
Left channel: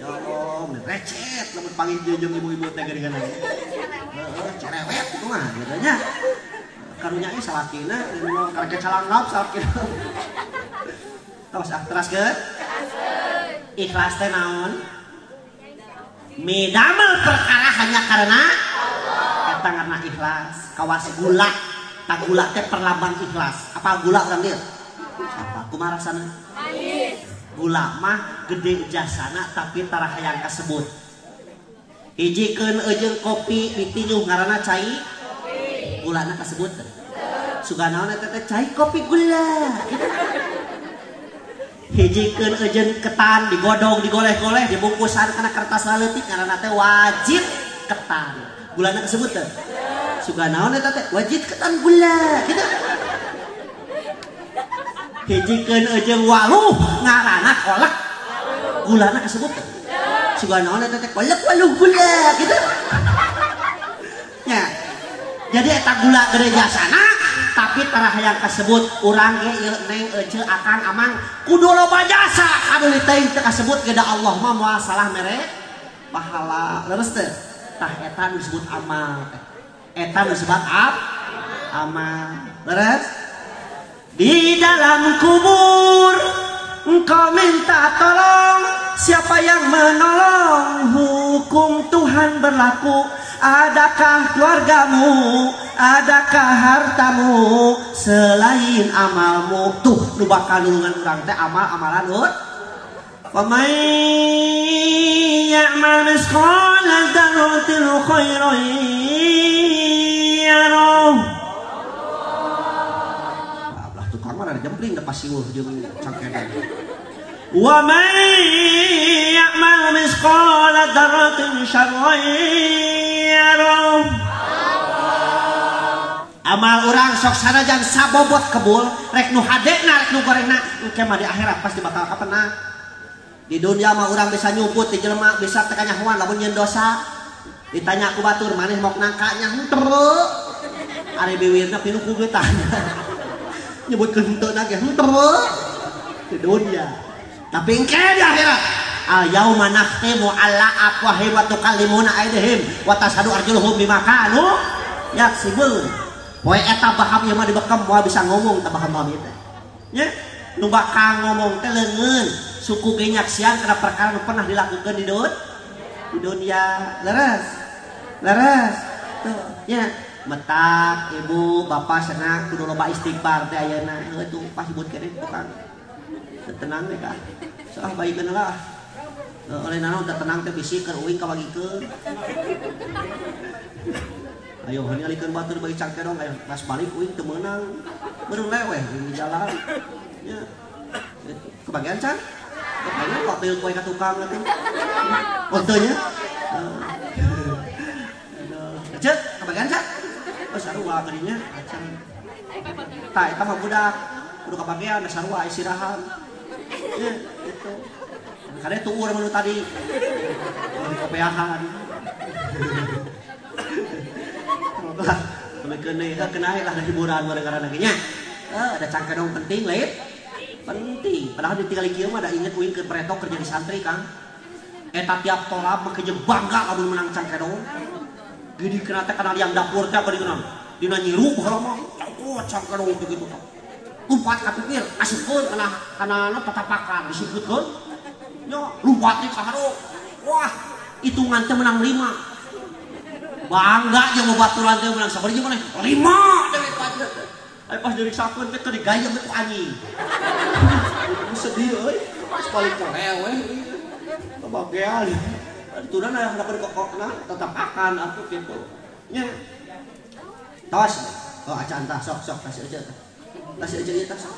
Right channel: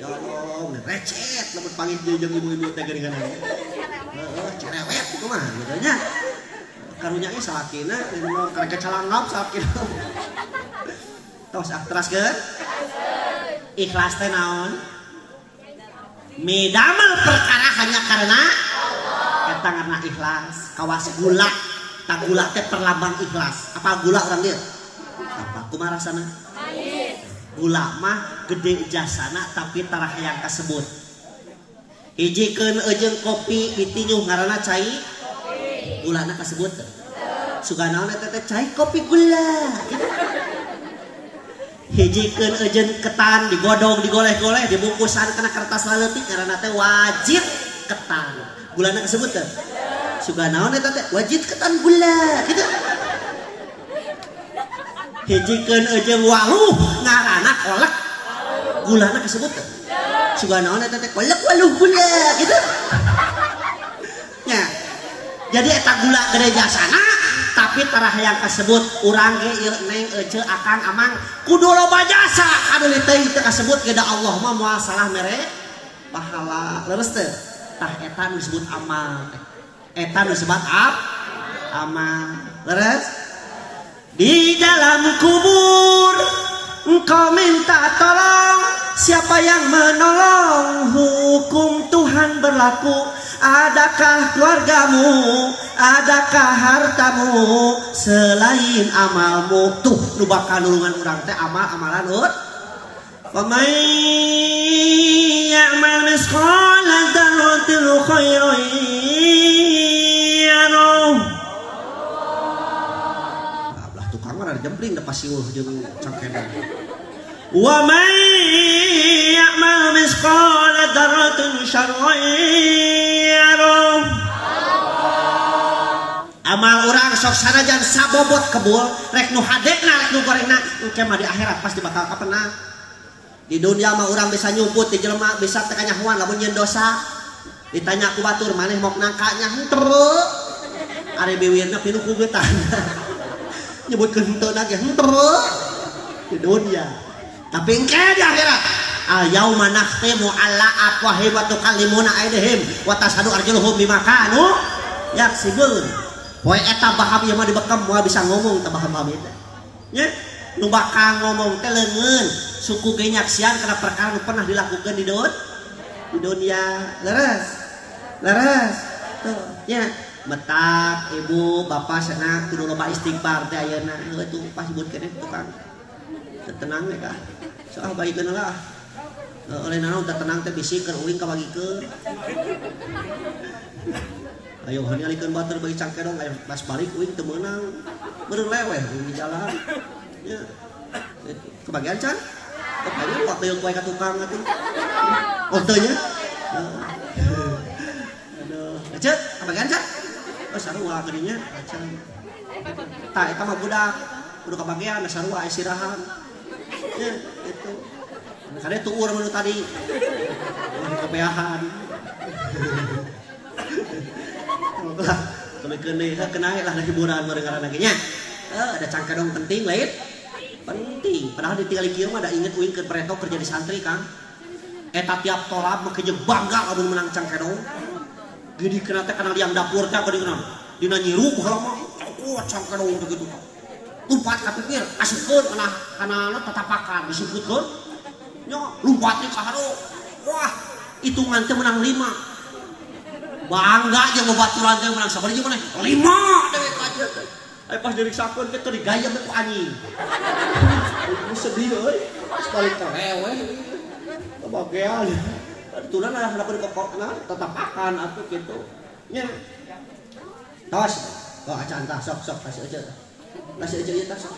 Ya Allah, recet lamun panggil jeung ibu-ibu teh geuningan. Cerewet kitu mah gitu nya. karunya ge salakina nu karek calanggap salakina. Tos teraskeun. Ikhlas teh naon? Midamel perkara hanya karena eta ngaranna ikhlas. Kawas gula. Tak gula teh perlambang ikhlas. Apa gula urang dieu? Apa kumaha rasana? Manis. Gula mah gede jasana tapi tara hayang kasebut. Hijikeun eujeung kopi ditinyuh ngaranna cai. Gulana kasebut. Suganaon eta teh cai kopi gula. Hijikeun eujeun ketan digodong digoleh-goleh dibungkusan kana kertas leutik ngaranna teh wajib ketan. Gulana kasebut teh. Suganaon eta teh wajib ketan gula kitu. Hijikeun eujeung waluh ngaranna kolak. Gulana kasebut teh. Suganaon eta teh kolak waluh gula kitu. Nya. Jadi eta gula gede jasana tapi tara hayang kasebut urang ge ieu neng ece akang amang kudu loba jasa anu teuing teu kasebut ge da Allah mah moal salah mere pahala leres teh tah eta nu disebut amal teh eta nu disebut amal leres di dalam kubur engkau minta tolong siapa yang menolong hukum Tuhan berlaku. Adakah keluargamu, adakah hartamu selain amalmu? Tuh nu bakal nulungan urang teh amal-amalan ut. Wa may ya'mal misqala dzarratin khairan yarah. Lah tukang mah ada jempling da pasiuh jeung cangkedan. Wa may ya'mal misqala dzarratin syarran yarah. Amal urang sok sanajan sabobot kebul rek nu hadena rek nu gorengna engke mah di akhirat pasti bakal kapenang. Di dunia mah urang bisa nyumput di jelema bisa teu kanyahoan lamun nyeun dosa. Ditanya ku batur maneh mok nangka nya henteu. Ari biwirna pinu ku geutan. Nyebutkeun henteu na ge henteu. Di dunia. Tapi engke di akhirat al-yauma nakhtimu ala afwahihim wa tukallimuna aydihim wa tashhadu arjuluhum bima kanu yaksibun. Poe eta baham ieu mah dibekam moal bisa ngomong tah baham-baham ieu teh. Nya, nu bakal ngomong teh leungeun suku ge nyaksian kana perkara nu pernah dilakukeun di dunia. Leres. Leres. Tuh, nya metak ibu bapak cenah kudu loba istighfar teh ayeuna. Heuh tuh pas sebutkeun tukang. Tenang we kah. Soal baikeun lah. Oleh naon teu tenang teh bisikeun uing ka bagikeun. Ayo hanya alikeun batur bagi cangkedong ayo pas balik uing teu meunang. Beureung leweh di jalan. Ya. Kebagian can? Kebagian kok teu kue ka tukang atuh. Oh teu nya. Aduh, cek kebagian can? Oh sarua geudinya acan. Tah eta mah budak kudu kebagian sarua istirahat. Ya, itu. Kade tuur menu tadi. Kopeahan. Lah, tulikeun deui kenah lah hiburan gara-gara lagi nya. Ada cangkedong penting lain. Penting. Padahal ditinggal kieu mah da inget uing keur pretok kerja di santri kan. Eta tiap tolab mah keje bangga lamun menang cangkedong. Geudi kana teh kana liang dapur teh bari kenal. Dina nyiru baheula mah cangkedong begitu kan. Lumpat ka pikir asupkeun kana tatapakan disebutkeun. Nya lumpat di kaharo. Wah, hitungan teh menang 5. Bangga jeung babaturan teh menang sabari jeung maneh 5 dewek aja. Pas dari sakeun teh teu digaya ku anjing. Ku sedih euy. Pas balik ka lewe. Kebagian. Aturan adalah dapat kokokna tetap akan atuh kitu. Nya. Tos. Oh acan tah sok kasih aja tah. Kasih aja ieu tah sok.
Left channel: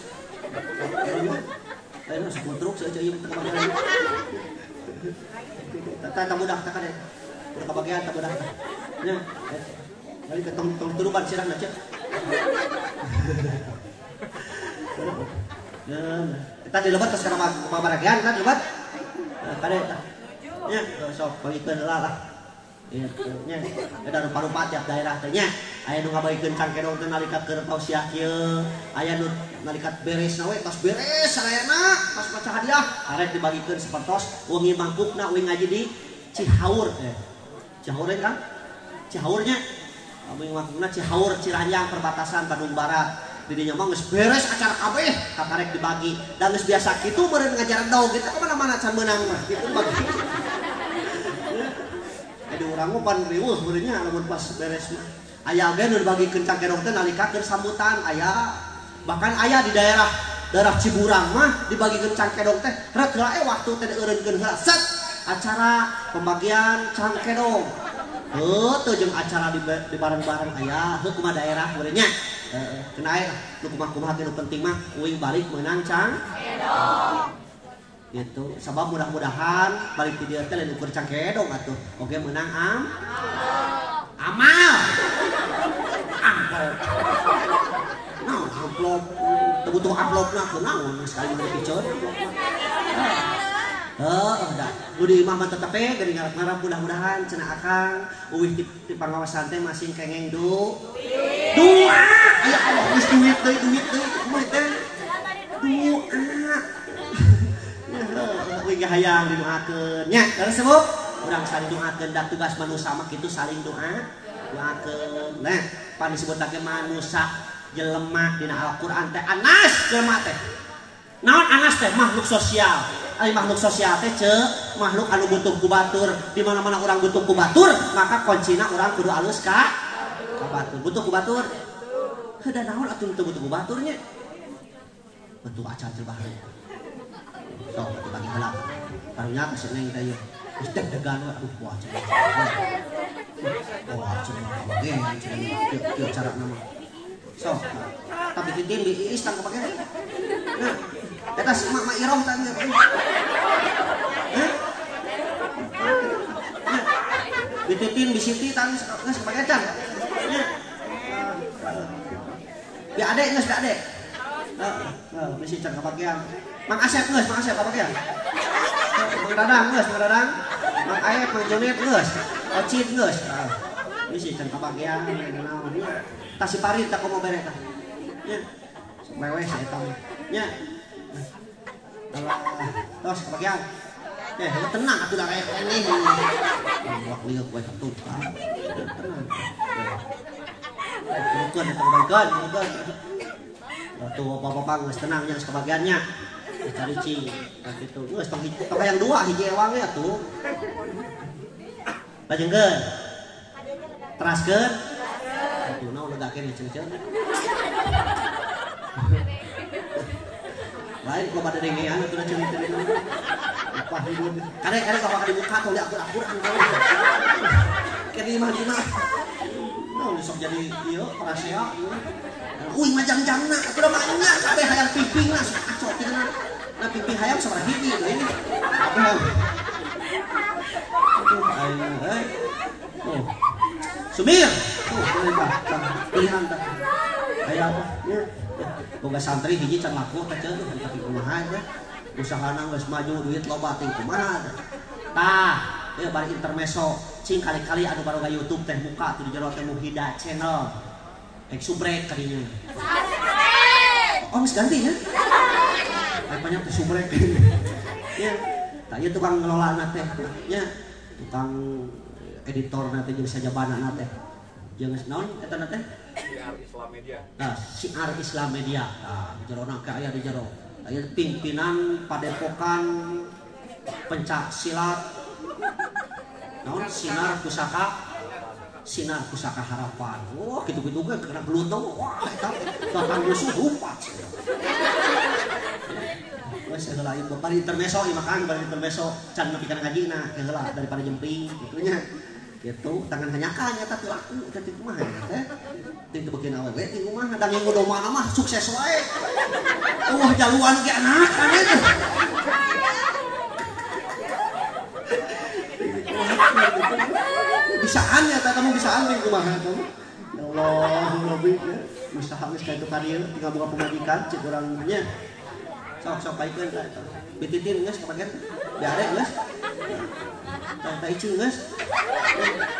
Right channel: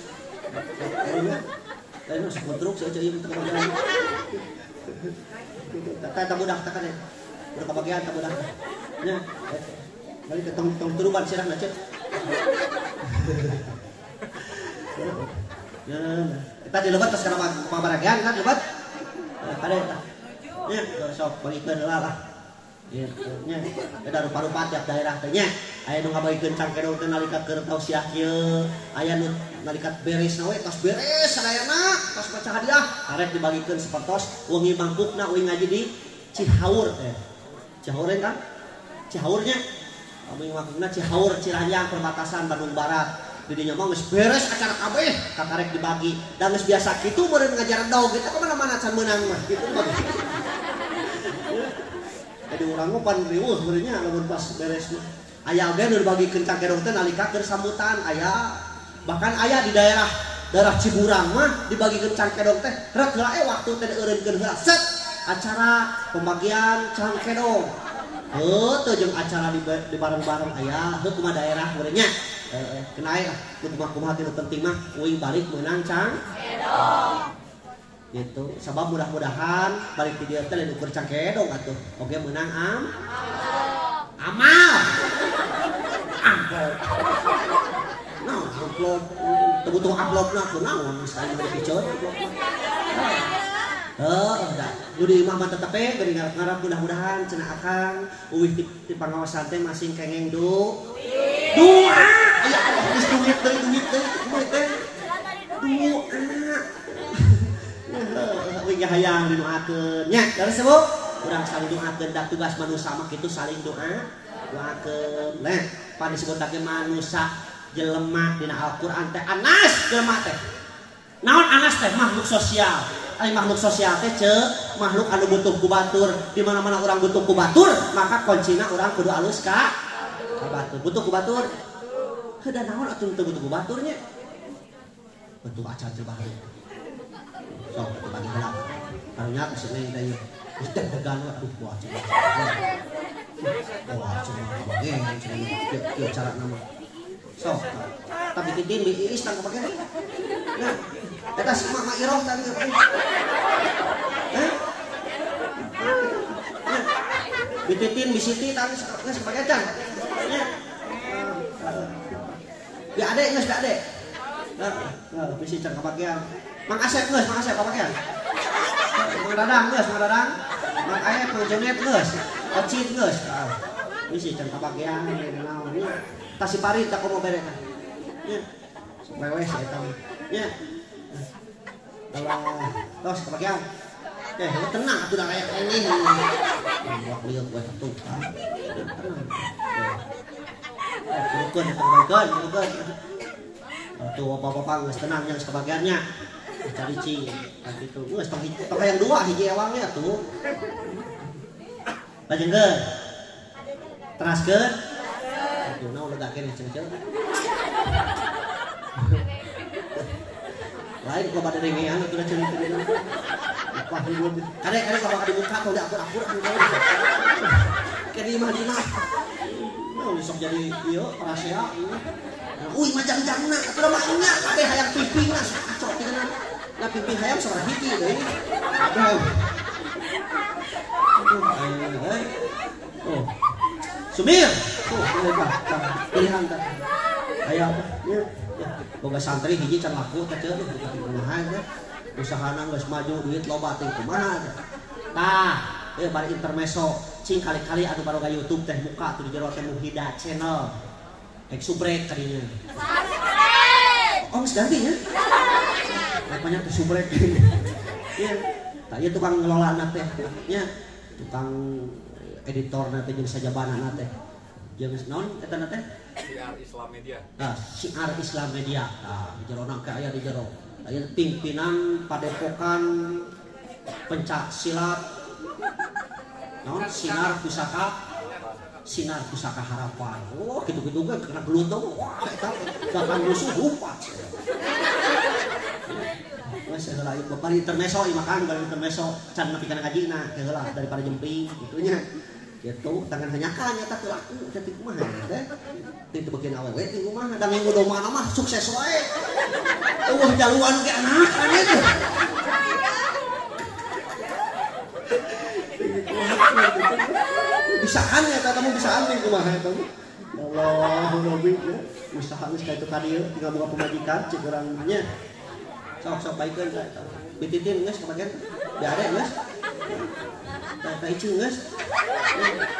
Lain sok metruk si aja ieu teh kebagian. Tah budak tah kade. Udah kebagian tah budak tah. Nya, kali ketong turuban sirah na cek. Ya, kita dilebat pas kana pabaragean kan lebat. Kade eta. Nya, sok bagikeun heula lah. Ieu nya, eta rupa-rupa tiap daerah teh nya. Aya nu ngabagikeun cangkedong teh nalika keur tausiah kieu, aya nu nalika beres na we tos beres sadayana, tos baca hadiah, karek dibagikeun sapertos, wengi mangkukna uing ngaji di Cihaur teh. Cihaur kan? Cihaurnya Kami ngakuna Cihaur Ciranjang perbatasan Bandung Barat. Didinya mah geus beres acara kabeh katarek dibagi. Dan geus biasa kitu beureun ngajar dog kita kemana-mana can meunang mah kitu bagi. Jadi urang mah pan riweuh sebenarnya lamun pas beres mah. Aya oge nu dibagikeun cangkedong teh nalika keur sambutan aya. Bahkan aya di daerah Ciburang mah dibagikeun cangkedong teh rek heula waktu teh dieureunkeun heula set acara pembagian cangkedong. Teu jeung acara di bareng-bareng aya heuh kumaha daerah urang nya. Kena aya nu kumaha teh penting mah uing balik meunang cangkedong. Gitu. Sabab mudah-mudahan balik ti dieu teh lain ukur cangkedong atuh. Oge meunang amal. Naon amplop teu butuh amplopna teu naon sekali mah dipiceun amplopna. Enggak. Nu di imah mah tetep geuning ngarep mudah-mudahan cenah akang uwih di pangawasan teh masing kengeng doa. Ya Allah geus duit deui kumaha teh? Doa. Uing hayang didoakeun nya. Terus Bu, urang saling doakeun da tugas manusia mah kitu saling doakeun. Nah, pan disebutake manusia jelema dina Al-Qur'an teh anas jelema teh. Naon anas teh? Makhluk sosial. Ari makhluk sosial teh makhluk anu butuh ku batur. Di mana-mana urang butuh ku batur, maka kuncina urang kudu alus ka batur. Butuh ku batur. Heuh naon atuh teu butuh ku baturnya? Butuh acan teh baru. Sok atuh bagi heula. Karunya geus neng teh ieu. Geus deg-degan we aduh ku acan. Oh, acan mah ge kieu cara nama. Sok. Tapi titin di iis tang kapake. Nah, eta mak iroh teh ieu. Dititin di siti tang geus kapake can. Ya adek geus adek. Bisi can kapakean. Mang Asep geus, Mang Asep kapakean. Mang Dadang. Mang Ayep, Mang Junet geus. Ocit geus. Bisi can kapakean naon nya. Kasih parit tak komo bere tah. Nya. Sok wewe sa eta mah. Nya. Allah. Tos kapakean. Tenang atuh da kayak ini. Wah lieu we tukang. Tenang. Bukan eta bukan. Tuh apa-apa geus tenang yang sebagiannya. Cari cing kitu. Geus pakai yang dua hiji ewang we atuh. Lajengkeun. Teraskeun. Atuh naon legakeun cing-cing. Lain kok pada dengean atuh cerita di mana. Apa hidun. Kadang-kadang kalau di muka tuh akur-akur. Kene imah di mana? Oh, sok jadi ieu parasea ieu. Uy majang-jangna atuh mah nya kabeh hayang pipingna acok tina. Na piping hayang sabaraha hiji deui. Kabeh. Oh. Sumir. Tuh, boleh tah. Pilihan tah. Aya nya boga santri hiji can laku teh teu kaki kumaha teh. Usahana geus maju duit loba teh kumaha. Tah, ieu bari intermezzo. Cing kali-kali atuh baroga YouTube teh buka tuh di jero teh Muhida channel. Ek subrek kadinya. Oh, geus ganti ya. Banyak subrek. Iya. Tah ieu tukang ngelolana teh nya. Tukang editor nanti jeung sajabana teh. Jeung naon eta teh? Siar Islam Media. Nah, Siar Islam Media. Nah, di jero nang aya di jero. Aya pimpinan padepokan pencak silat. Naon Sinar Pusaka Harapan. Oh, gitu-gitu kan kena gelut dong. Wah, eta bahkan musuh rupat. Wes heula ieu bali intermezzo ieu makan bali intermezzo can nepikeun ngajina heula daripada jemping gitunya. Gitu tangan hanyakan eta teh laku jadi kumaha teh. Teu bikin awewe di rumah da minggu domana mah sukses wae. Eueuh jaluan ge anak ane teh. Bisaan ya kamu bisaan nih kumaha kamu. Allah Nabi ya. Usaha geus ka tadi tinggal buka pemajikan cik urang nya. Sok paikeun eta. Dititin geus kapagen. Ya ada geus. Tah icing geus.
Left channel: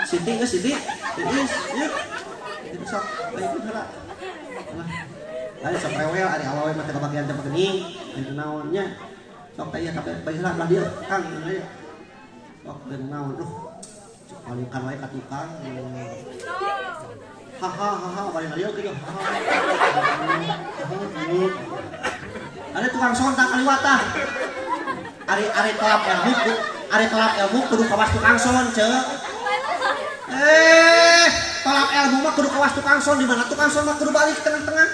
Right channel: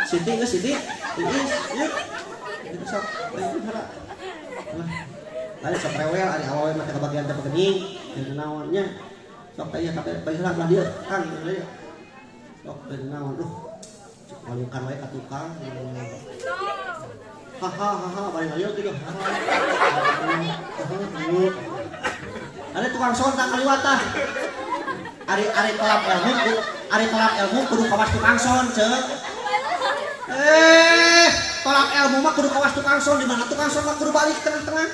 Siti geus Siti. Geus ya. Itu sok paikeun heula. Lain sok rewel ari awawe mah teh kabagian teh pagening. Yang naonnya. Sok teh tapi baheula lah dia. Kang ya. Sok teh naon. Malukan wae ka tukang. hahaha bari ngalieu kieu. Ada tukang sontak kaliwat tah. Ari telap ilmu kudu kawas tukang son ceuk. Tolak ilmu mah kudu kawas tukang son di mana tukang son mah kudu balik tengah-tengah.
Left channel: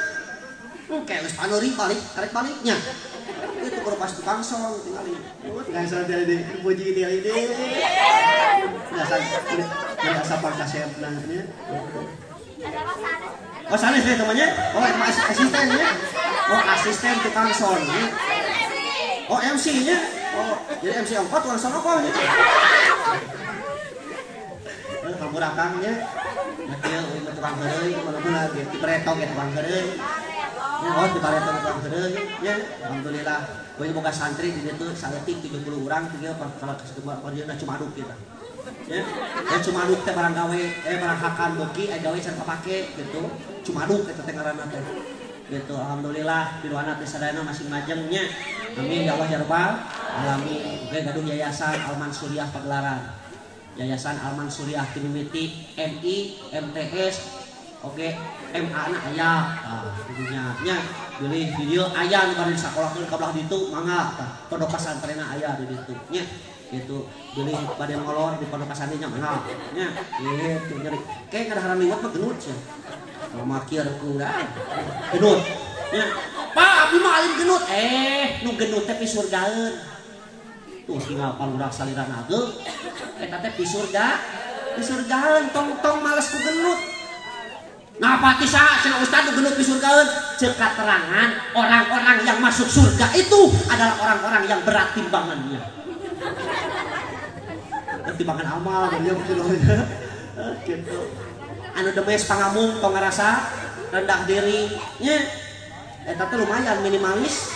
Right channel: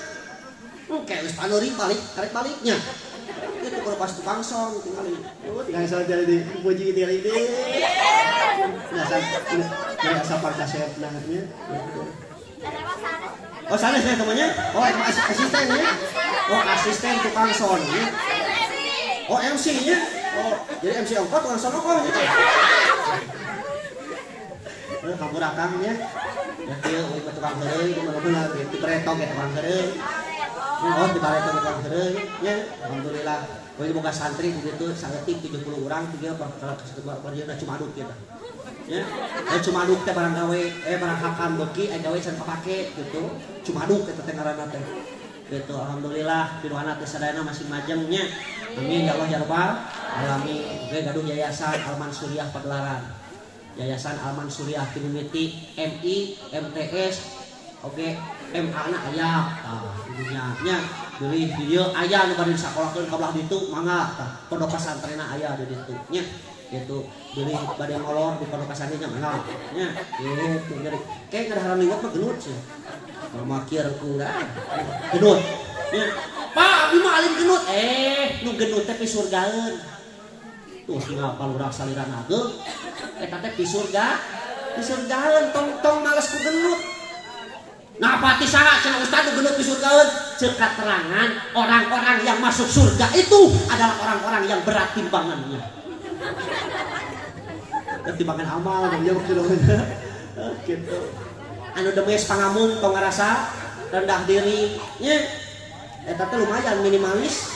Kayak geus panuri balik, tarik baliknya. Itu kudu pas tukang son tinggalin. Tukang son tadi dipuji dia ide. Biasa pakai kasepna nya. Oh, sanes ya temannya? Oh, asistennya? Oh, asisten tukang son. Oh, MC-nya? Oh, jadi MC ongkot tukang son kok gitu. Kamu rakangnya. Ya kieu tukang heureuy di mana-mana gitu dipretok ya tukang heureuy. Oh, diparetok tukang heureuy nya. Alhamdulillah. Kowe boga santri di ditu saeutik 70 urang tiga kalau kerjana cuma aduk gitu. Ya, cuma aduk teh barang gawe, barang hakan beuki aya gawe can kapake gitu. Cuma aduk eta teh ngaranna teh. Gitu, alhamdulillah piluana teh sadayana masih majengnya. Amin ya Allah ya rabbal alamin. Ge gaduh yayasan Alman Suriah Pagelaran. Yayasan Alman Suriah Kinimiti MI MTS oke MA na aya dunya nya beli video aya nu bari sakolahkeun ka belah ditu mangga tah pondok pesantrenna aya di ditu nya gitu beli bade ngolor di pondok pesantrennya mangga nya gitu jadi kayak ngadaharan liwat mah genut sih mamakir ku dah genut nya Pak abdi mah alim genut nu genut teh surgaeun tuh tinggal palurak saliran ageung eta teh di surgaeun tong males ku genut ngapa ti saha cenah ustaz nu genut di surgaeun ceuk katerangan orang-orang yang masuk surga itu adalah orang-orang yang berat timbangannya timbangan amal dia kieu gitu anu demes pangamung tong ngarasa rendah diri nya eta teh lumayan minimalis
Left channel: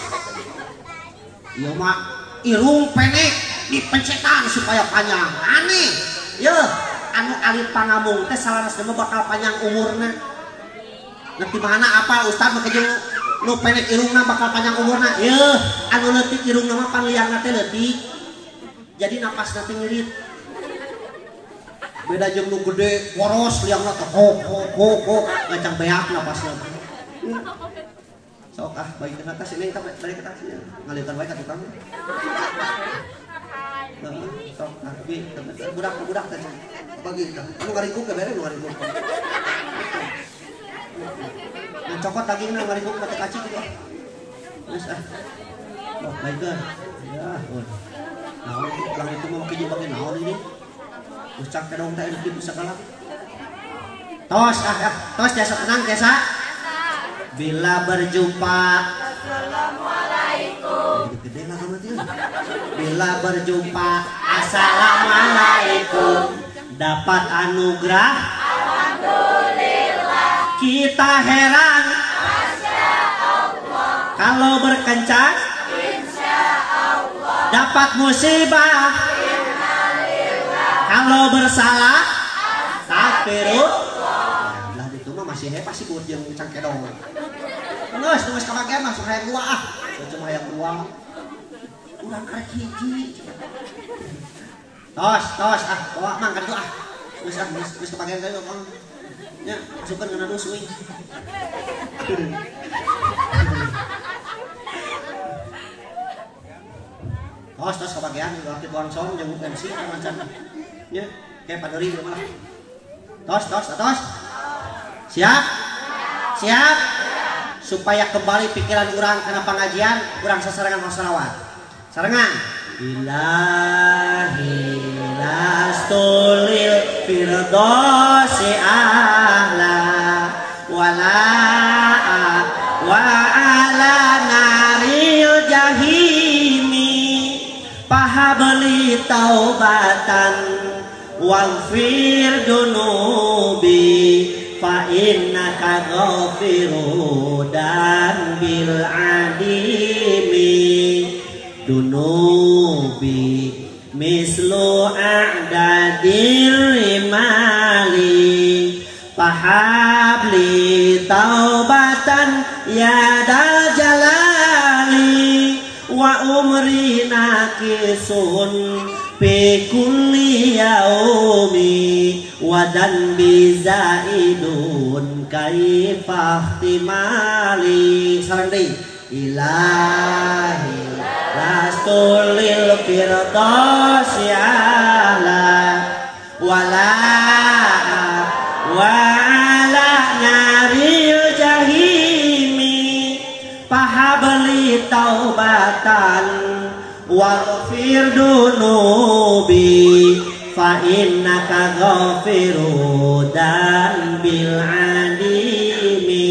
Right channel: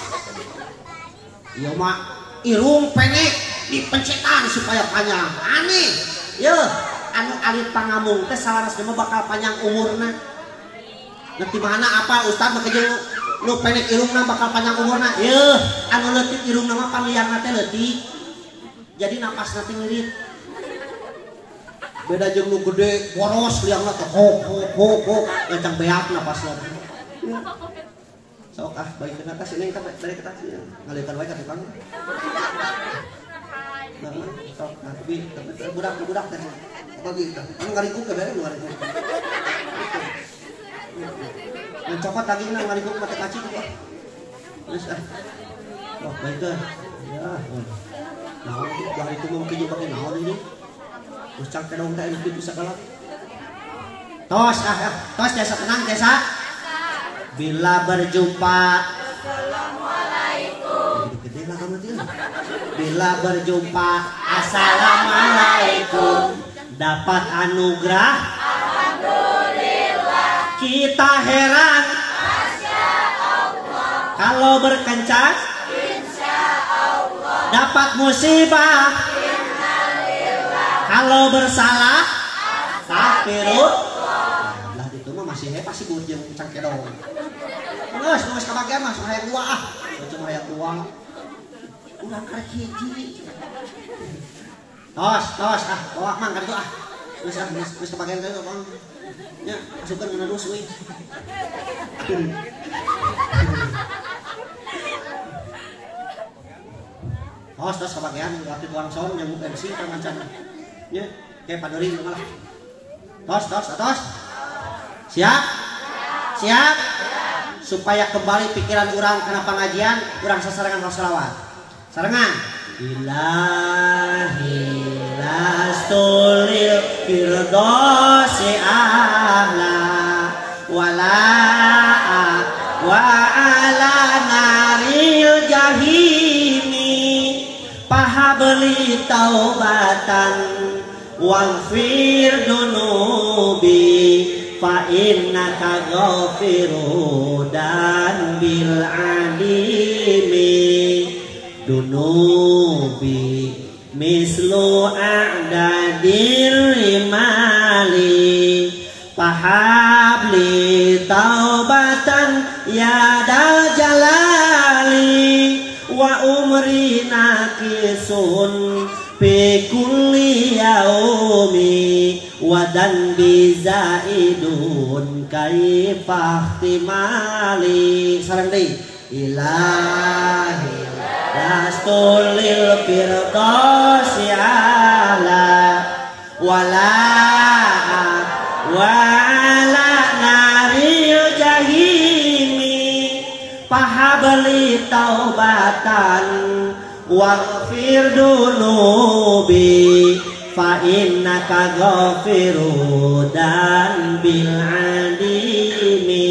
ieu mah irung pendek dipencetan supaya panjang aneh ya anu alit pangamung teh salaras mah bakal panjang umurna ngerti mana apa ustaz mah jeung nu pendek irungna bakal panjang umurna ya anu leutik irungna mah panliangna teh leutik jadi napasna teh ngirit beda jeung nu gede poros liangna teh hok ngacang beak napasna sok baik ke atas ini balik ke atas ngalirkan wae ka tukang sok tapi budak teh apa gitu anu ngaringkuk ke bere nu ngaringkuk yang cokot lagi nu ngaringkuk mata kaci gitu terus sok baik ke ya naon lah itu mah kieu bagi naon ini ucap ke dong teh bisa kalah tos biasa tenang biasa. Bila berjumpa Assalamualaikum bila berjumpa Assalamualaikum dapat anugerah Alhamdulillah kita heran Masya Allah kalau berkencan Insya Allah dapat musibah Innalillah kalau bersalah Astagfirullah lah itu mah masih hebat sih jeung cangkedong geus kabagian mah hayang dua cuma hayang dua urang karek hiji tos bawa mang kan geus kabagian teh bang nya masukkeun kana dus we tos kabagian laki tuang som jeung MC teh mancan nya kayak padori malah tos siap supaya kembali pikiran urang kana pangajian urang sasarangan shalawat sarangan Ilahi lastulil firdausi ahla wala wa ala naril jahimi pahabli taubatan waghfir dunubi fa innaka ghafiru dan bil adimi dunubi mislu a'dadir imali fahabli taubatan ya dal jalali wa umri nakisun fi kulli yaumi wadan bizaidun kaifahtimali sareng deui ilahi lastulil firdausi ala wala wala naril jahimi pahabli taubatan waghfir dunubi fa innaka ghafiru dan bil adimi.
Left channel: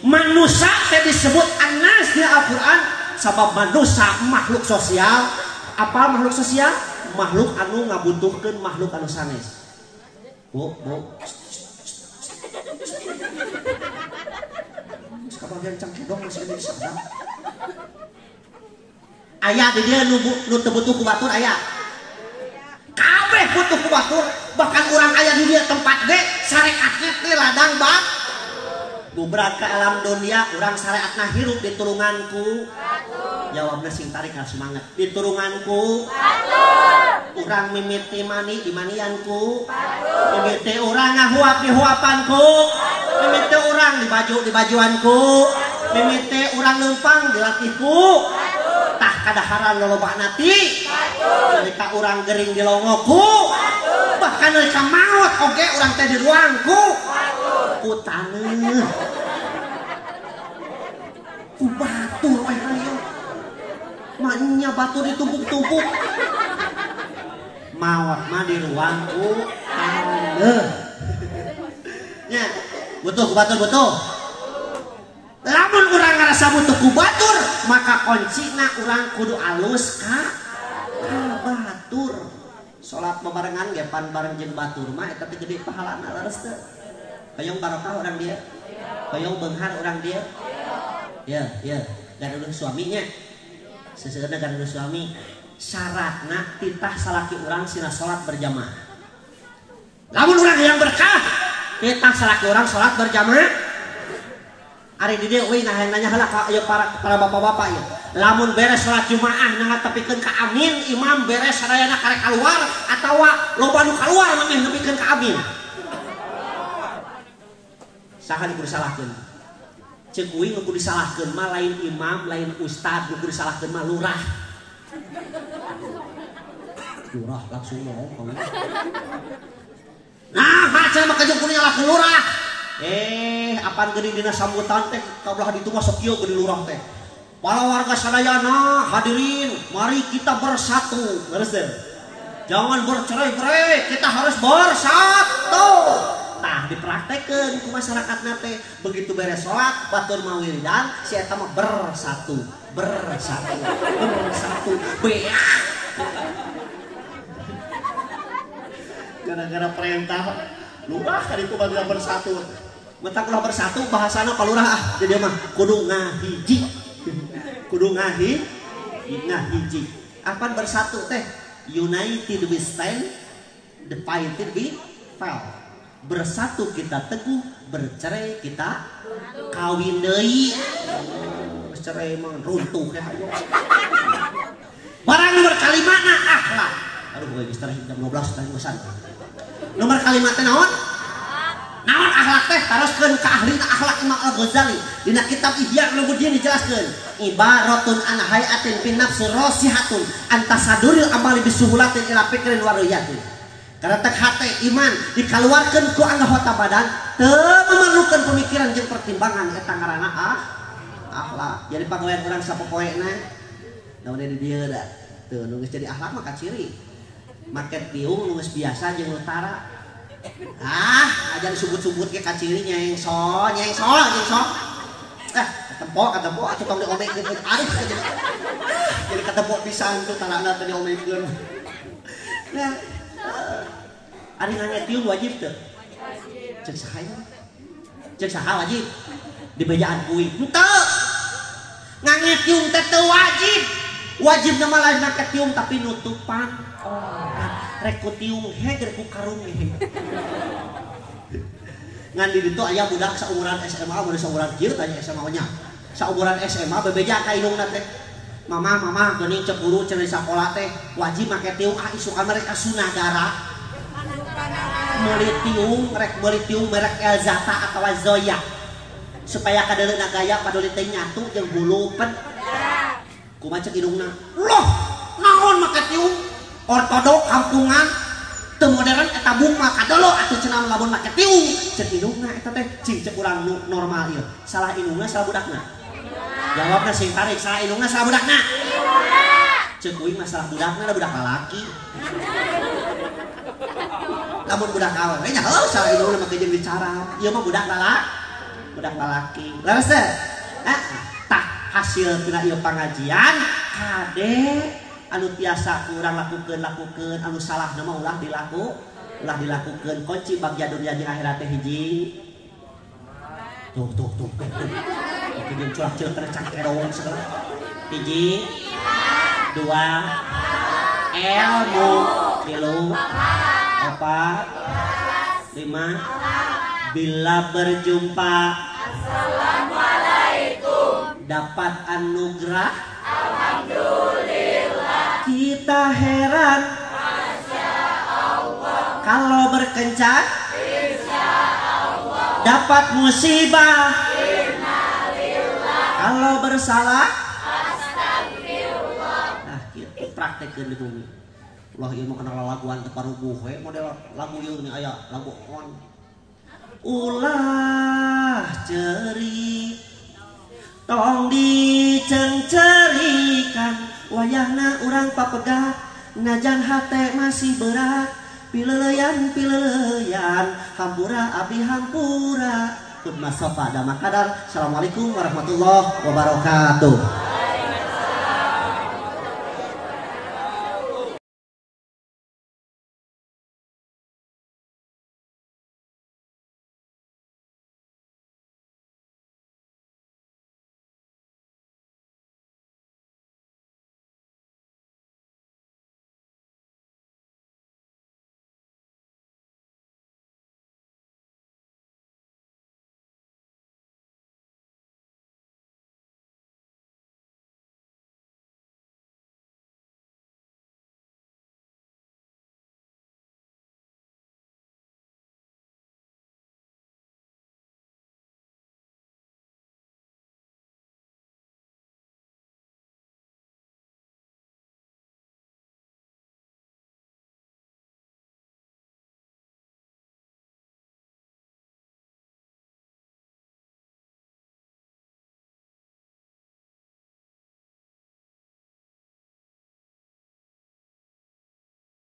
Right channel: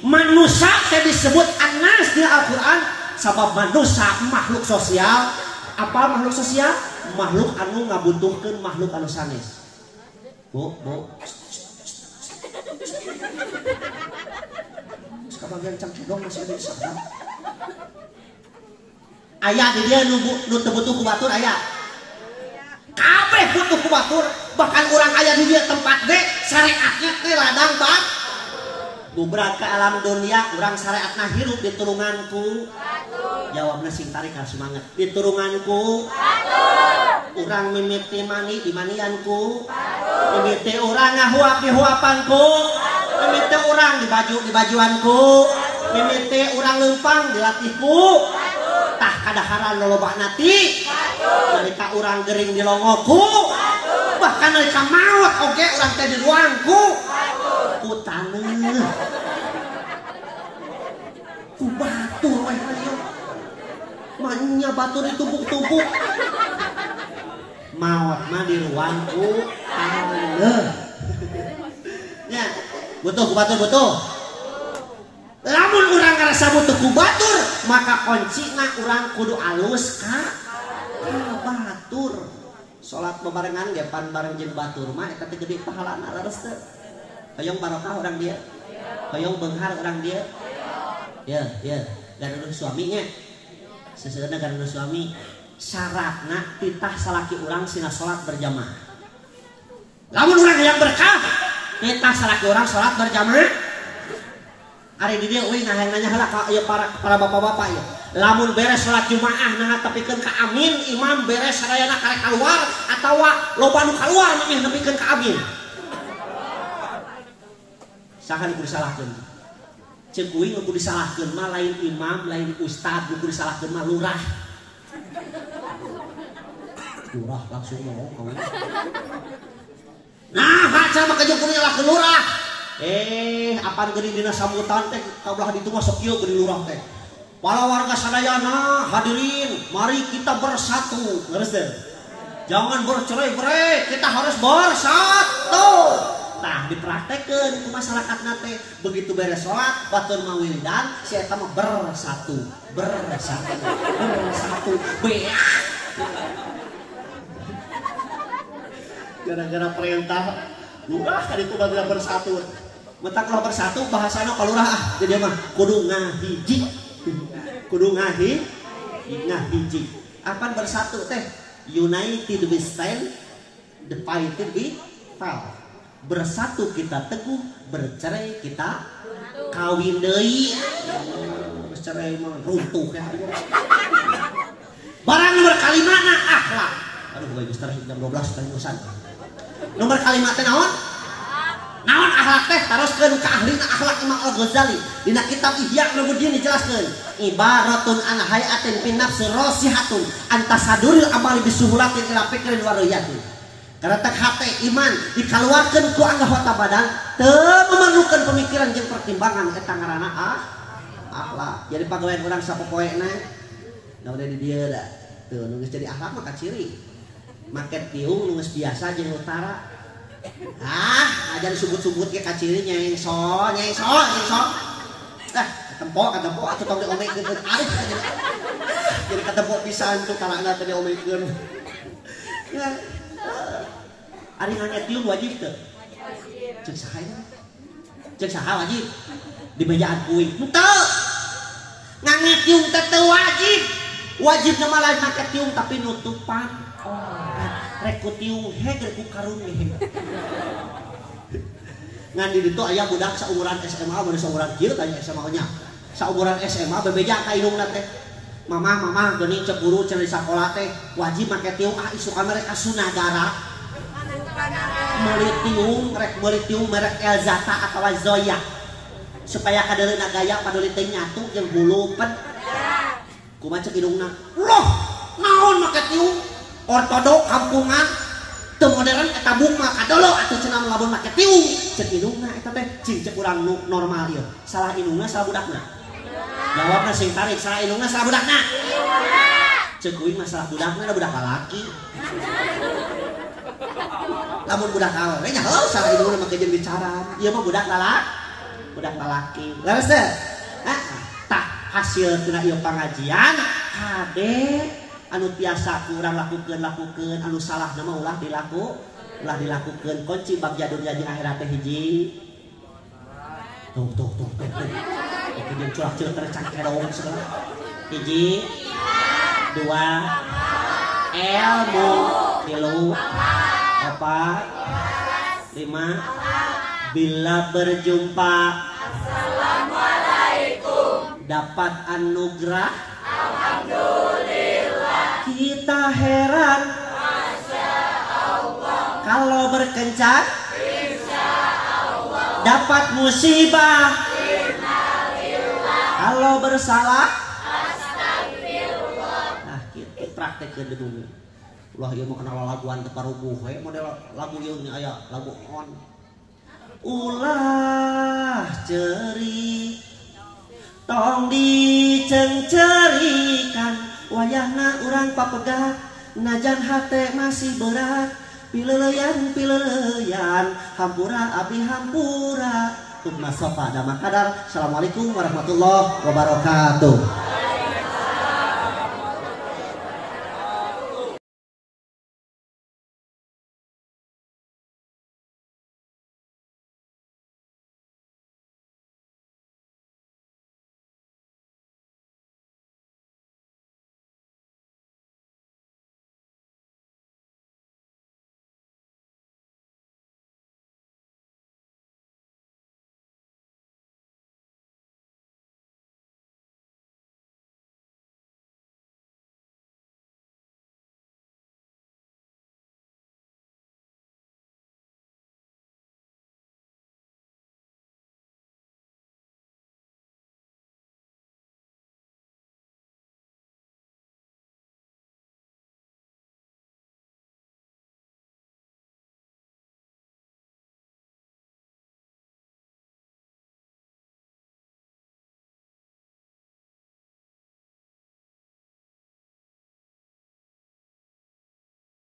Manusia teh disebut anas di Al-Qur'an sabab manusia makhluk sosial. Apa makhluk sosial? Makhluk anu ngabutuhkeun makhluk anu sanes. Bu. Kabagian cangcudong masih ada sadar. Aya di dia nu teu butuh ku batur aya. Kabeh butuh ku batur, bahkan urang aya di dia tempat ge syariatna teh ladang bab. Bubrag ke alam dunia urang syariatna hirup di turunganku. Jawabna sing tarik semangat. Di turunganku. Urang mimiti mani di manianku. Mimiti urang ngahuap di huapanku. Mimiti urang di bajuanku. Mimiti urang lempang di latihku. Tah kadaharan lolobana ti. Nalika urang gering di longoku. Bahkan nalika maot oge urang teh di ruangku. Ku taneuh. Ku batur we hayang. Manya batur ditumpuk-tumpuk. Maot mah di ruangku taneuh. Nya, butuh ku batur butuh. Lamun urang ngarasa butuh ku batur, maka kuncina urang kudu alus ka batur. Salat bebarengan ge pan bareng jeung batur mah eta teh gede pahalana laras teh. Hoyong barokah urang dia. Hoyong beunghar urang dia. Ya, gaduh suaminya. Seseuna gaduh suami. Syaratna titah salaki urang sina salat berjamaah. Lamun urang yang berkah, titah salaki urang salat berjamaah. Ari di dieu euy nanya heula ka para bapak-bapak ieu. Lamun beres salat Jumaah nyaha tepikeun ka amin, imam beres sadayana karek kaluar atawa loba nu kaluar mah nepikeun ka amin. Saha nu kudu disalahkeun? Ceuk uing nu kudu disalahkeun mah lain imam, lain ustad, nu kudu disalahkeun mah lurah. Lurah langsung ngomong. Nah, baca mah kajeng kudu nyalahkeun lurah. Apaan gede dina sambutan teh kabelah ditu mah sok kieu gede lurah teh. Para warga sadayana hadirin, mari kita bersatu. Ngeus teh. Jangan bercerai-berai, kita harus bersatu. Tah dipraktekeun ku masyarakatna teh begitu beres salat batur mawilidan si eta mah bersatu. Beak. Gara-gara perintah lurah kali itu bagian bersatu. Mentak lah bersatu bahasana kalurah jadi mah kudu ngahiji. Apa bersatu teh? United we stand, divided we fall. Bersatu kita teguh, bercerai kita kawin deui. Bercerai mah runtuh ya. Barang nomor kalimatna akhlak. Aduh gue geus tareh jam 12 tadi bosan. Nomor kalimatnya naon? Naon akhlak teh haruskeun ka ahlina akhlak Imam Al-Ghazali. Dina kitab Ihya Ulumuddin dijelaskeun, ibaratun an hayatin fi nafsi rasihatun antasaduril amali bisuhulatin ila fikrin wa riyatin. Karena teh hate iman dikaluarkeun ku anggota badan teu memerlukeun pemikiran jeung pertimbangan eta ngaranna akhlak. Jadi pagawean urang sapopoena naon di dieu da. Teu nu geus jadi akhlak mah kaciri. Market biung nu geus biasa jeung utara. Aja disebut-sebut ke kaciri nyeng so. Ketempo atuh tong diomekeun arif aja. Jadi ketempo pisan tuh tanahna teh diomekeun. Ya. Ari ngangetium wajib teu? Ceuk saha wajib? Di bejaan kuing. Henteu. Ngangetium teh teu wajib. Wajib nama lain ngangetium tapi nutupan. Rekutium heger ku karung he. Ngan di ditu aya budak saumuran SMA mun saumuran kieu tanya SMA nya. Saumuran SMA bebeja ka indungna teh. Mama geuning cek guru cenah di sakola teh wajib make tiung isu ka mereka sunadara. meuli tiung merek Elzata atau Zoya supaya kadereuna gaya paduli teh nyatu jeung hulupen kumaha cek hidungna loh naon make tiung ortodok kampungan teu modern eta bungma kadolo atuh cenah lamun make tiung cek hidungna eta teh cing cek urang normal ieu salah indungna salah budakna jawabna sing tarik salah indungna salah budakna cek uing masalah budakna budak lalaki lamun budak awewe nya heuh salah indungna make jeung bicara ieu mah budak lalaki leres teh tak hasil tina ieu pangajian kade anu biasa kurang lakukeun anu salah nama ulah dilakukeun kunci bab jadur jadi akhirat teh hiji tuh kieu curah-curah terecak kerong segala hiji dua ilmu tilu opat lima bila berjumpa assalamualaikum dapat anugerah alhamdulillah kita heran masya Allah kalau berkencan insya Allah dapat musibah innalillah kalau bersalah astagfirullah nah kita praktekkeun di bumi ulah ieu mah kana laguan teu parubuh we model lagu ieu nya aya lagu on ulah ceuri tong dicengcerikan wayahna urang papegah najan hate masih berat pileuyan hampura abdi hampura Tuma Sofa Damakadar. Assalamualaikum warahmatullahi wabarakatuh.